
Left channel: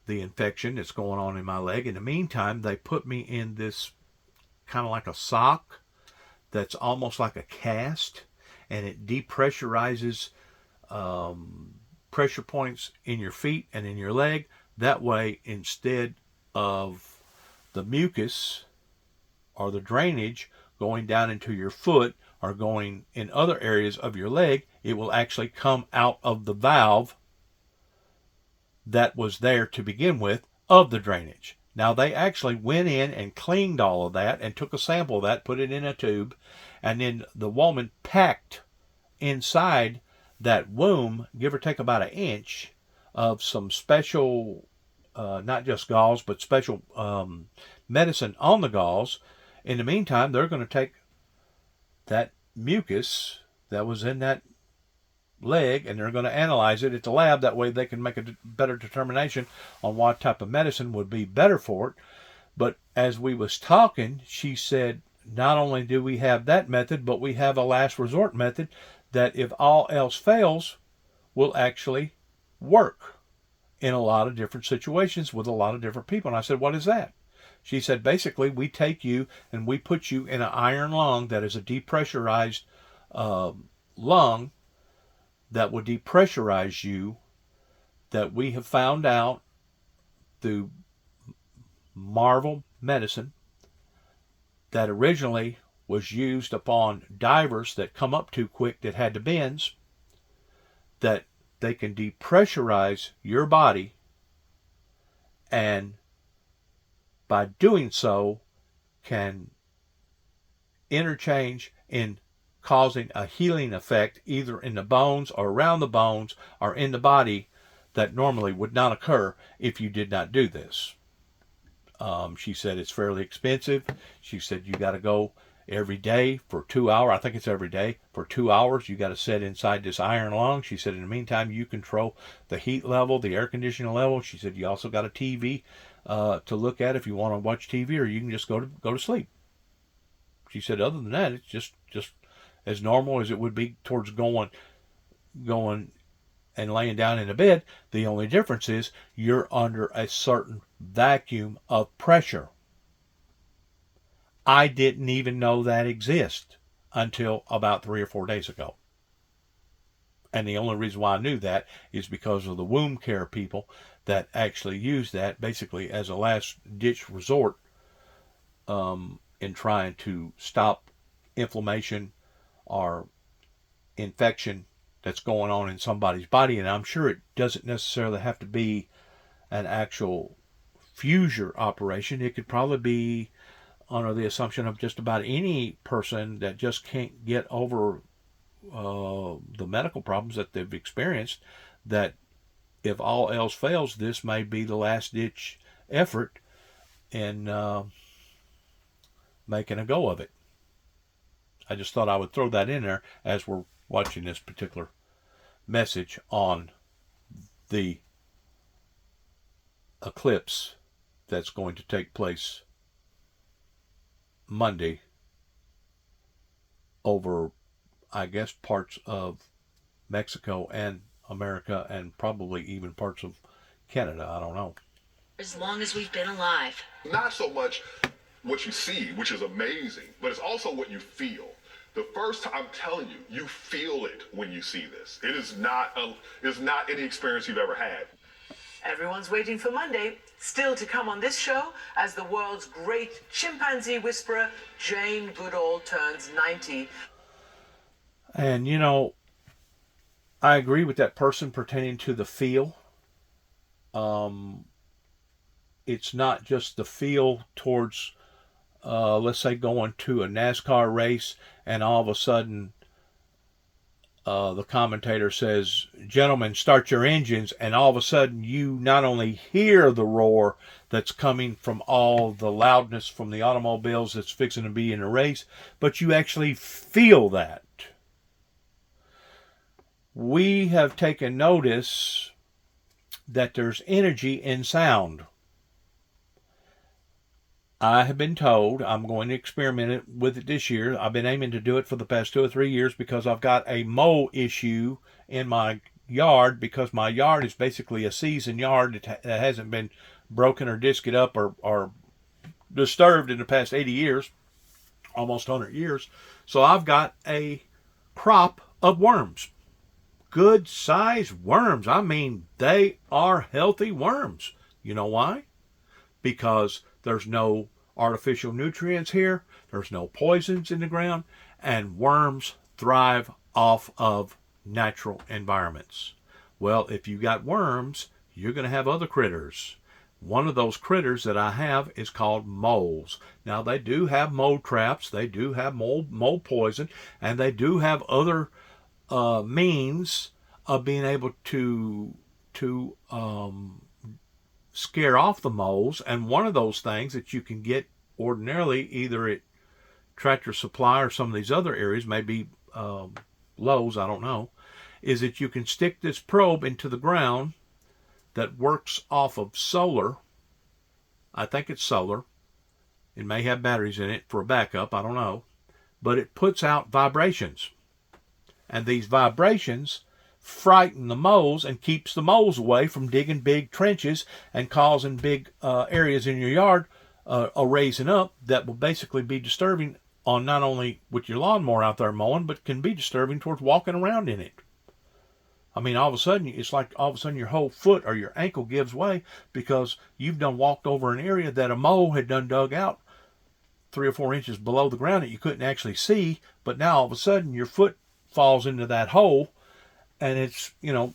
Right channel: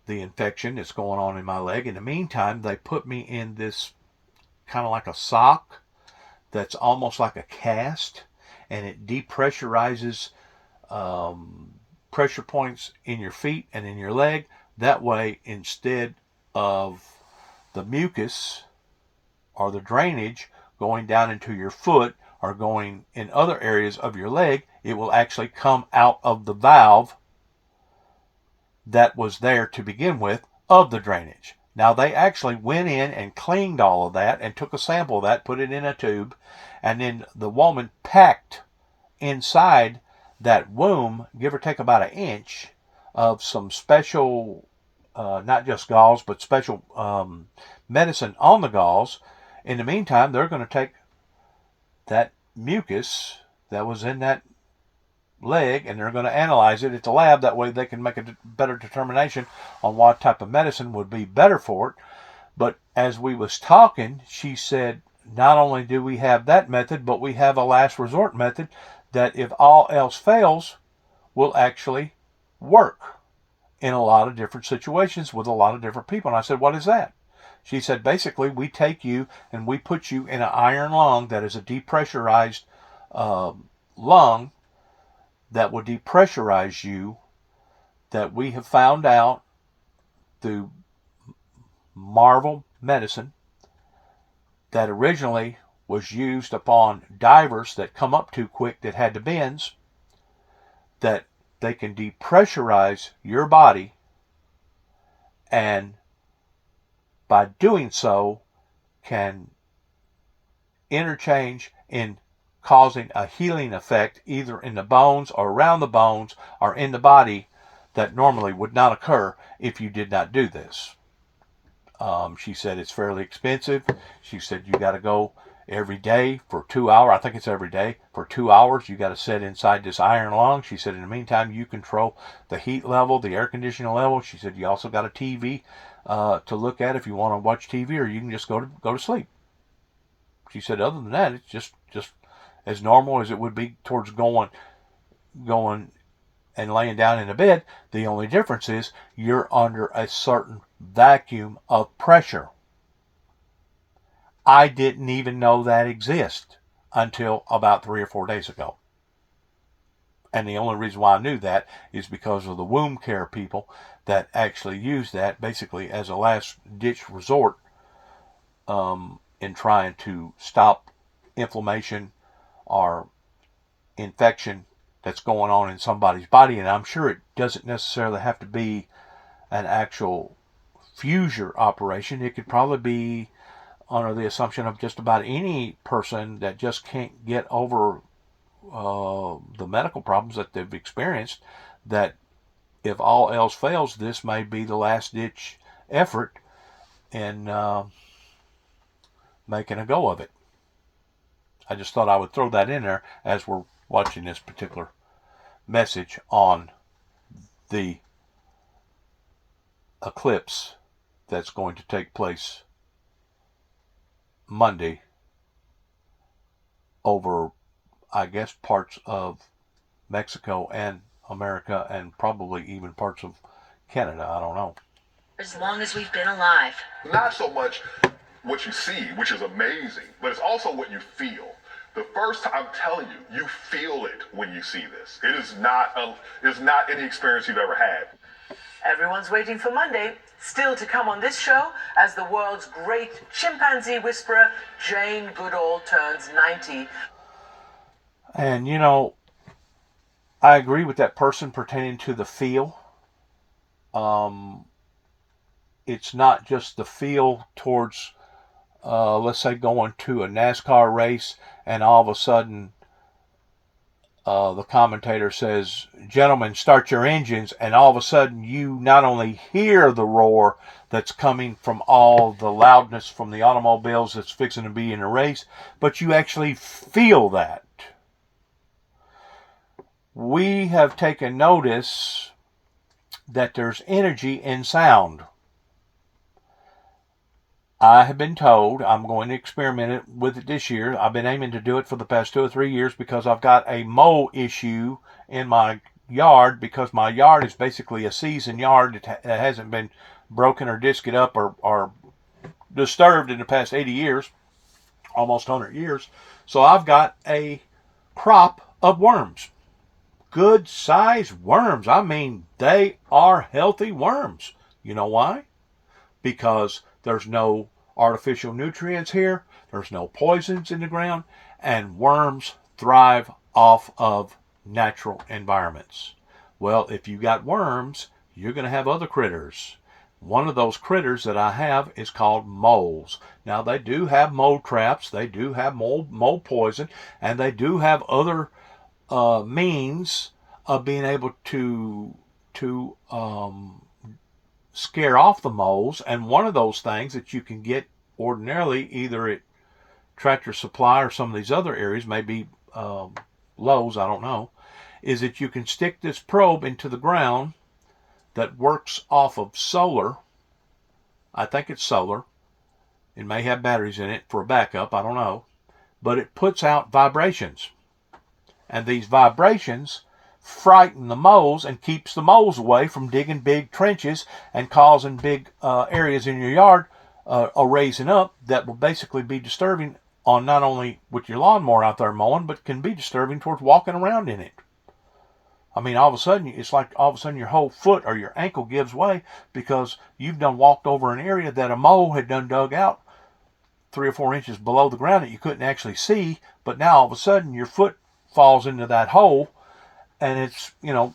the infection that's going on in my leg. In the meantime, they put me in this kind of like a sock that's almost like a cast, and it depressurizes pressure points in your feet and in your leg. That way, instead of the mucus or the drainage going down into your foot or going in other areas of your leg, it will actually come out of the valve that was there to begin with of the drainage. Now, they actually went in and cleaned all of that and took a sample of that, put it in a tube, and then the woman packed inside that womb, give or take about 1 inch, of some special, not just gauze, but special medicine on the gauze. In the meantime, they're going to take that mucus that was in that leg, and they're going to analyze it at the lab. That way they can make a better determination on what type of medicine would be better for it. But as we was talking, she said, not only do we have that method, but we have a last resort method that, if all else fails, will actually work in a lot of different situations with a lot of different people. And I said, what is that? She said, basically, we take you and we put you in an iron lung that is a depressurized lung that will depressurize you, that we have found out through Marvel medicine that originally was used upon divers that come up too quick that had to bends, that they can depressurize your body, and by doing so can interchange in causing a healing effect either in the bones or around the bones or in the body that normally would not occur if you did not do this. She said it's fairly expensive. She said you got to go every day for 2 hours. I think it's every day for 2 hours. You got to sit inside this iron lung. She said in the meantime you control the heat level, the air conditioning level. She said you also got a TV to look at if you want to watch TV, or you can just go to sleep. She said other than that, it's just as normal as it would be towards going and laying down in a bed. The only difference is you're under a certain vacuum of pressure. I didn't even know that exists until about 3 or 4 days ago. And the only reason why I knew that is because of the womb care people that actually use that basically as a last ditch resort in trying to stop inflammation or infection that's going on in somebody's body. And I'm sure it doesn't necessarily have to be an actual fusure operation. It could probably be under the assumption of just about any person that just can't get over the medical problems that they've experienced, that if all else fails, this may be the last ditch effort in making a go of it. I just thought I would throw that in there as we're watching this particular message on the eclipse that's going to take place Monday over, I guess, parts of Mexico and America and probably even parts of Canada. I don't know. As long as we've been alive. Not so much what you see, which is amazing, but it's also what you feel. The first time, I'm telling you, you feel it when you see this. It is not any experience you've ever had. Everyone's waiting for Monday. Still to come on this show, as the world's great chimpanzee whisperer, Jane Goodall, turns 90. And, you know, I agree with that person pertaining to the feel. It's not just the feel towards, let's say, going to a NASCAR race and all of a sudden the commentator says, gentlemen, start your engines, and all of a sudden you not only hear the roar that's coming from all the loudness from the automobiles that's fixing to be in a race, but you actually feel that. We have taken notice that there's energy in sound. I have been told I'm going to experiment with it this year. I've been aiming to do it for the past 2 or 3 years because I've got a mole issue in my yard, because my yard is basically a seasoned yard that hasn't been broken or disced up or disturbed in the past 80 years, almost 100 years. So I've got a crop of worms. Good sized worms. I mean, they are healthy worms. You know why? Because there's no artificial nutrients here, there's no poisons in the ground, and worms thrive off of natural environments. Well, if you got worms, you're going to have other critters. One of those critters that I have is called moles. Now, they do have mole traps, they do have mole poison, and they do have other means of being able to scare off the moles. And one of those things that you can get ordinarily either at Tractor Supply or some of these other areas, maybe Lowe's, I don't know, is that you can stick this probe into the ground that works off of solar. I think it's solar. It may have batteries in it for a backup, I don't know. But it puts out vibrations. And these vibrations frighten the moles and keeps the moles away from digging big trenches and causing big areas in your yard raising up that will basically be disturbing on not only with your lawnmower out there mowing, but can be disturbing towards walking around in it. I mean, all of a sudden, it's like all of a sudden your whole foot or your ankle gives way because you've done walked over an area that a mole had done dug out 3 or 4 inches below the ground that you couldn't actually see, but now all of a sudden your foot falls into that hole, and it's, you know,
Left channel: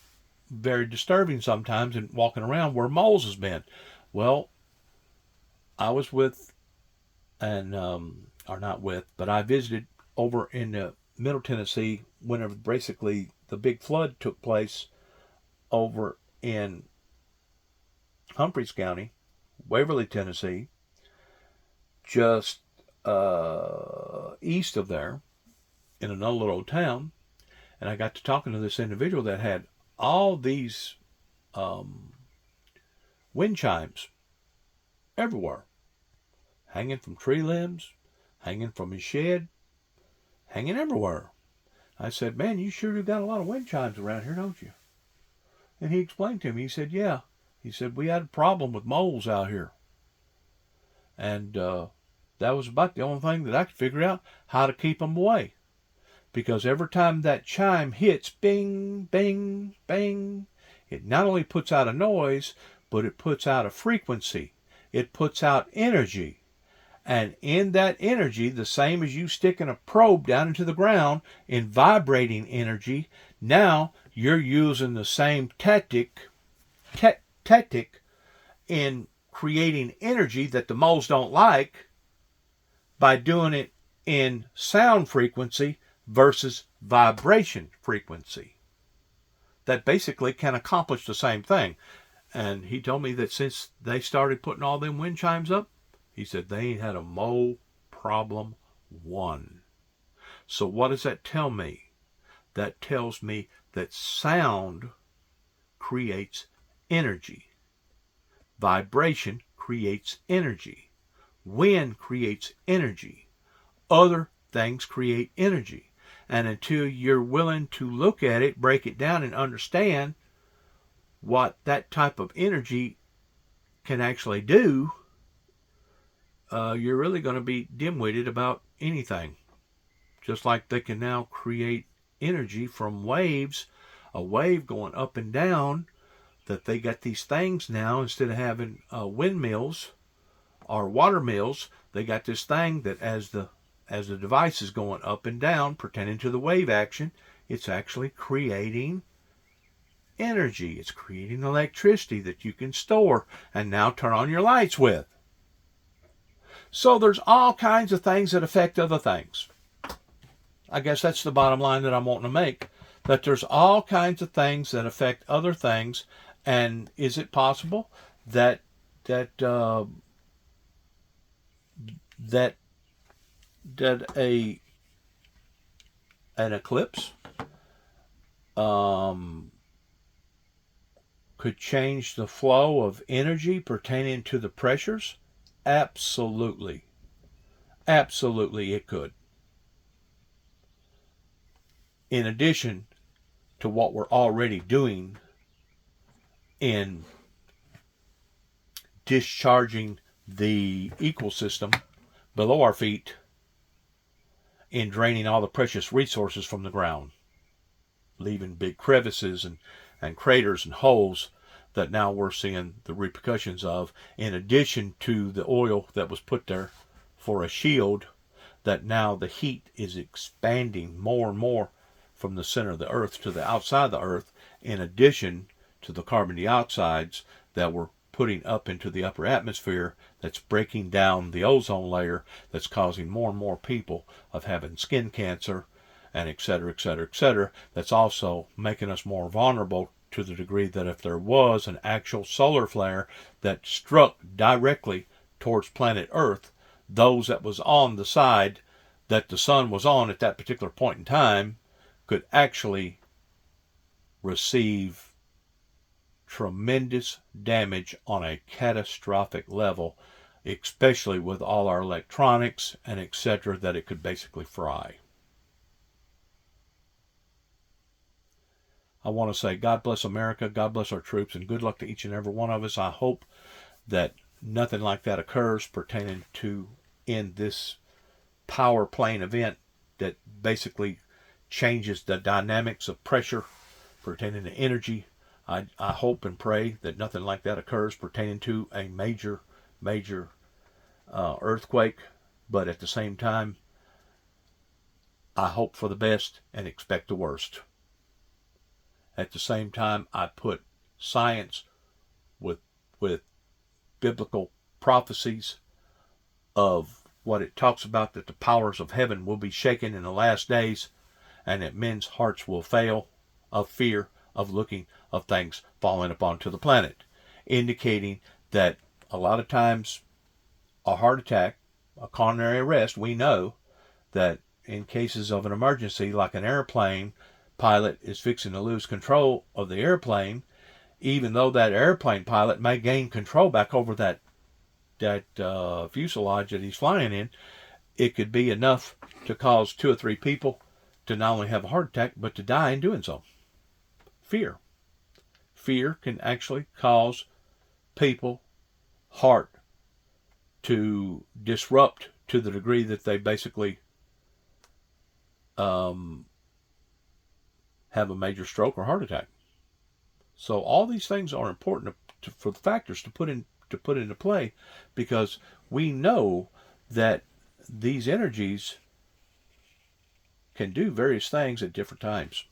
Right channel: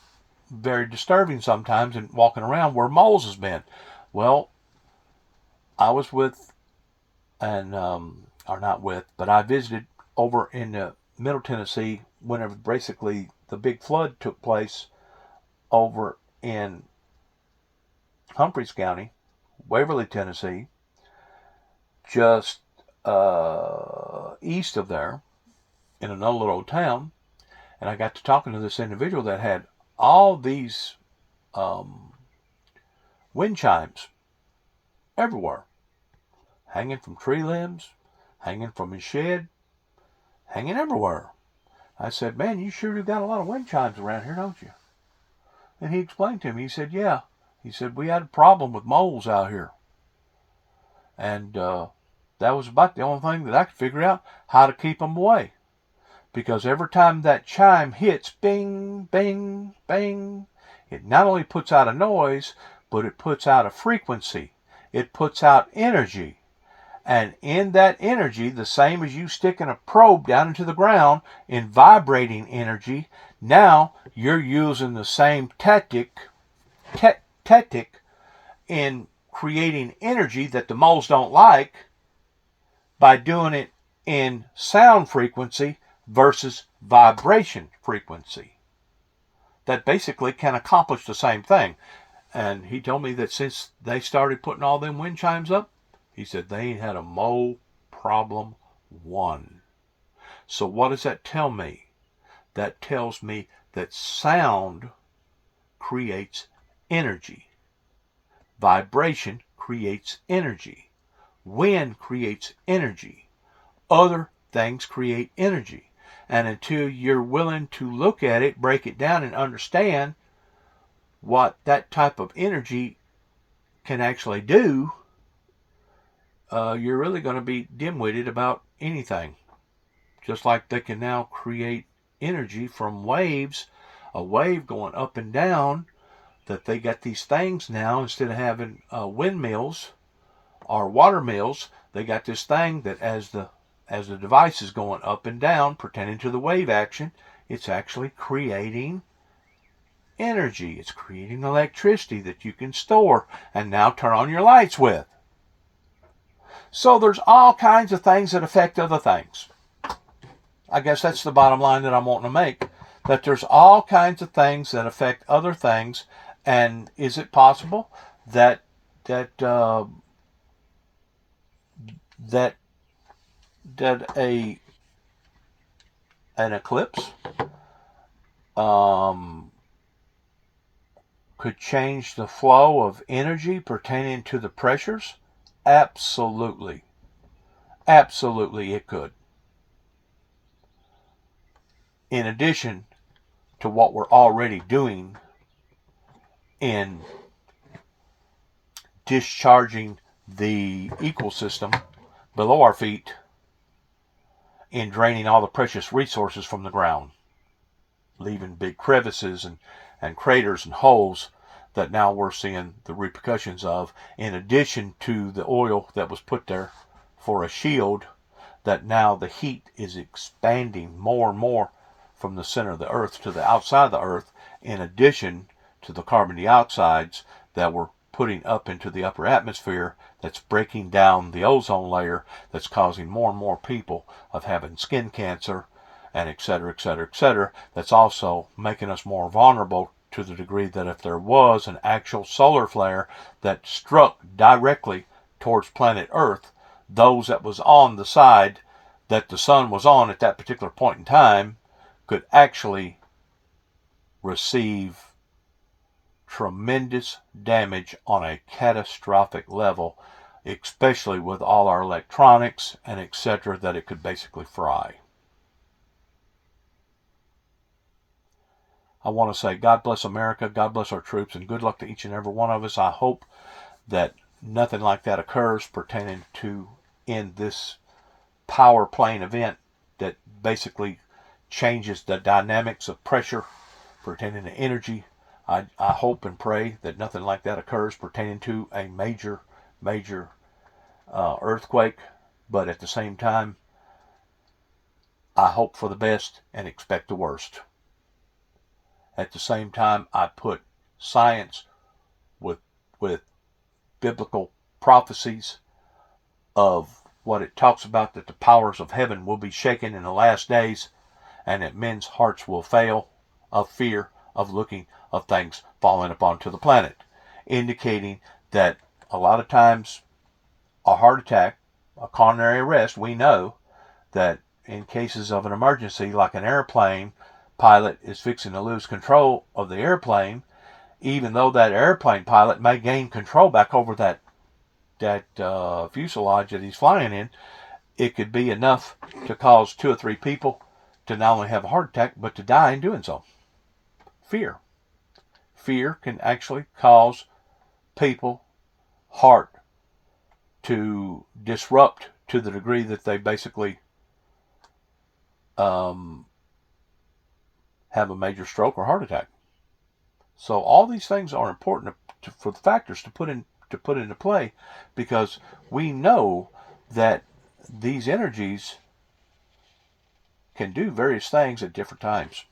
very disturbing sometimes in walking around where moles has been. Well, I was with, and or not with, but I visited over in Middle Tennessee whenever basically the big flood took place over in Humphreys County, Waverly, Tennessee, just east of there, in another little town. And I got to talking to this individual that had all these wind chimes everywhere, hanging from tree limbs, hanging from his shed, hanging everywhere. I said, man, you sure you got a lot of wind chimes around here, don't you? And he explained to me, he said, yeah. He said, we had a problem with moles out here. And that was about the only thing that I could figure out, how to keep them away. Because every time that chime hits, bing, bing, bing, it not only puts out a noise, but it puts out a frequency. It puts out energy. And in that energy, the same as you sticking a probe down into the ground in vibrating energy, now you're using the same tactic in creating energy that the moles don't like by doing it in sound frequency versus vibration frequency. That basically can accomplish the same thing. And he told me that since they started putting all them wind chimes up, he said they ain't had a mole problem one. So what does that tell me? That tells me that sound creates energy. Vibration creates energy. Wind creates energy. Other things create energy. And until you're willing to look at it, break it down, and understand what that type of energy can actually do, you're really going to be dim-witted about anything. Just like they can now create energy from waves, a wave going up and down, that they got these things now, instead of having windmills or water mills, they got this thing that as the device is going up and down, pertaining to the wave action, it's actually creating energy. It's creating electricity that you can store and now turn on your lights with. So there's all kinds of things that affect other things. I guess that's the bottom line that I'm wanting to make, that there's all kinds of things that affect other things. And is it possible that an eclipse could change the flow of energy pertaining to the pressures? Absolutely. Absolutely it could. In addition to what we're already doing in discharging the ecosystem below our feet, in draining all the precious resources from the ground, leaving big crevices and craters and holes that now we're seeing the repercussions of, in addition to the oil that was put there for a shield, that now the heat is expanding more and more from the center of the earth to the outside of the earth, in addition to the carbon dioxides that we're putting up into the upper atmosphere, that's breaking down the ozone layer, that's causing more and more people of having skin cancer, and et cetera, et cetera, et cetera. That's also making us more vulnerable to the degree that if there was an actual solar flare that struck directly towards planet Earth, those that was on the side that the sun was on at that particular point in time could actually receive tremendous damage on a catastrophic level, especially with all our electronics and etc., that it could basically fry. I want to say God bless America, God bless our troops, and good luck to each and every one of us. I hope that nothing like that occurs pertaining to in this power plane event that basically changes the dynamics of pressure pertaining to energy. I hope and pray that nothing like that occurs pertaining to a major earthquake, but at the same time, I hope for the best and expect the worst. At the same time, I put science with biblical prophecies of what it talks about, that the powers of heaven will be shaken in the last days, and that men's hearts will fail of fear of looking of things falling upon to the planet, indicating that a lot of times a heart attack, a coronary arrest, we know that in cases of an emergency, like an airplane pilot is fixing to lose control of the airplane, even though that airplane pilot may gain control back over that fuselage that he's flying in, it could be enough to cause 2 or 3 people to not only have a heart attack, but to die in doing so. Fear. Fear can actually cause people heart to disrupt to the degree that they basically have a major stroke or heart attack. So all these things are important for the factors to put into play, because we know that these energies can do various things at different times.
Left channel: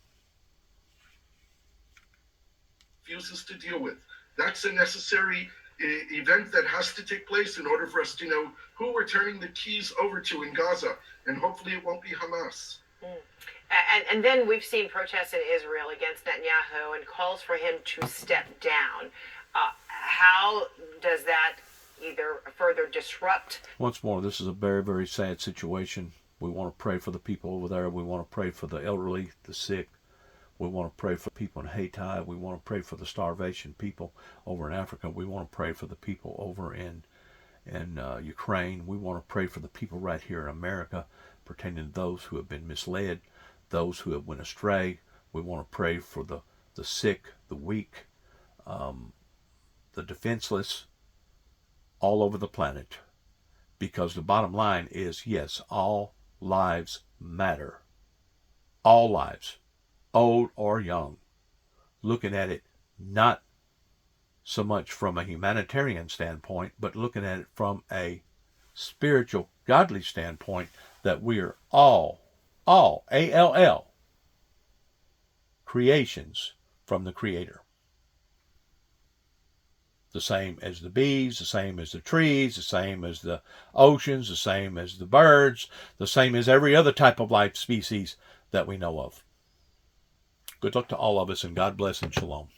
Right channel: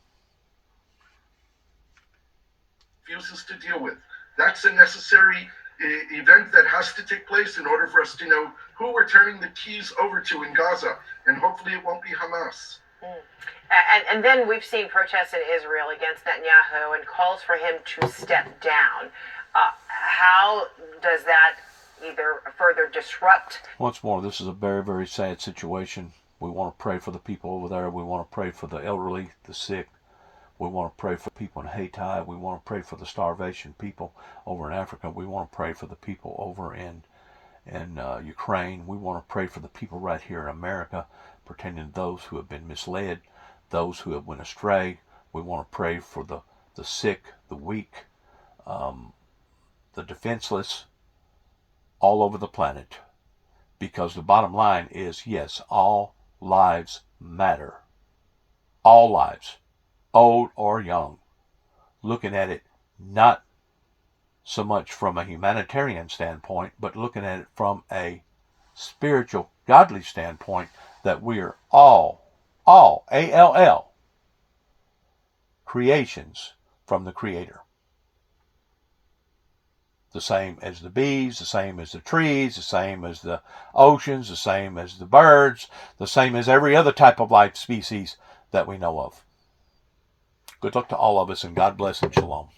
Refuses to deal with. That's a necessary event that has to take place in order for us to know who we're turning the keys over to in Gaza, and hopefully it won't be Hamas. And then we've seen protests in Israel against Netanyahu and calls for him to step down. How does that either further disrupt? Once more, this is a very, very sad situation. We want to pray for the people over there. We want to pray for the elderly, the sick. We want to pray for people in Haiti. We want to pray for the starvation people over in Africa. We want to pray for the people over in Ukraine. We want to pray for the people right here in America, pertaining to those who have been misled, those who have went astray. We want to pray for the sick, the weak, the defenseless, all over the planet. Because the bottom line is, yes, all lives matter. All lives, old or young. Looking at it not so much from a humanitarian standpoint, but looking at it from a spiritual, godly standpoint, that we are all, A-L-L, creations from the Creator. The same as the bees, the same as the trees, the same as the oceans, the same as the birds, the same as every other type of life species that we know of. Good luck to all of us, and God bless and shalom.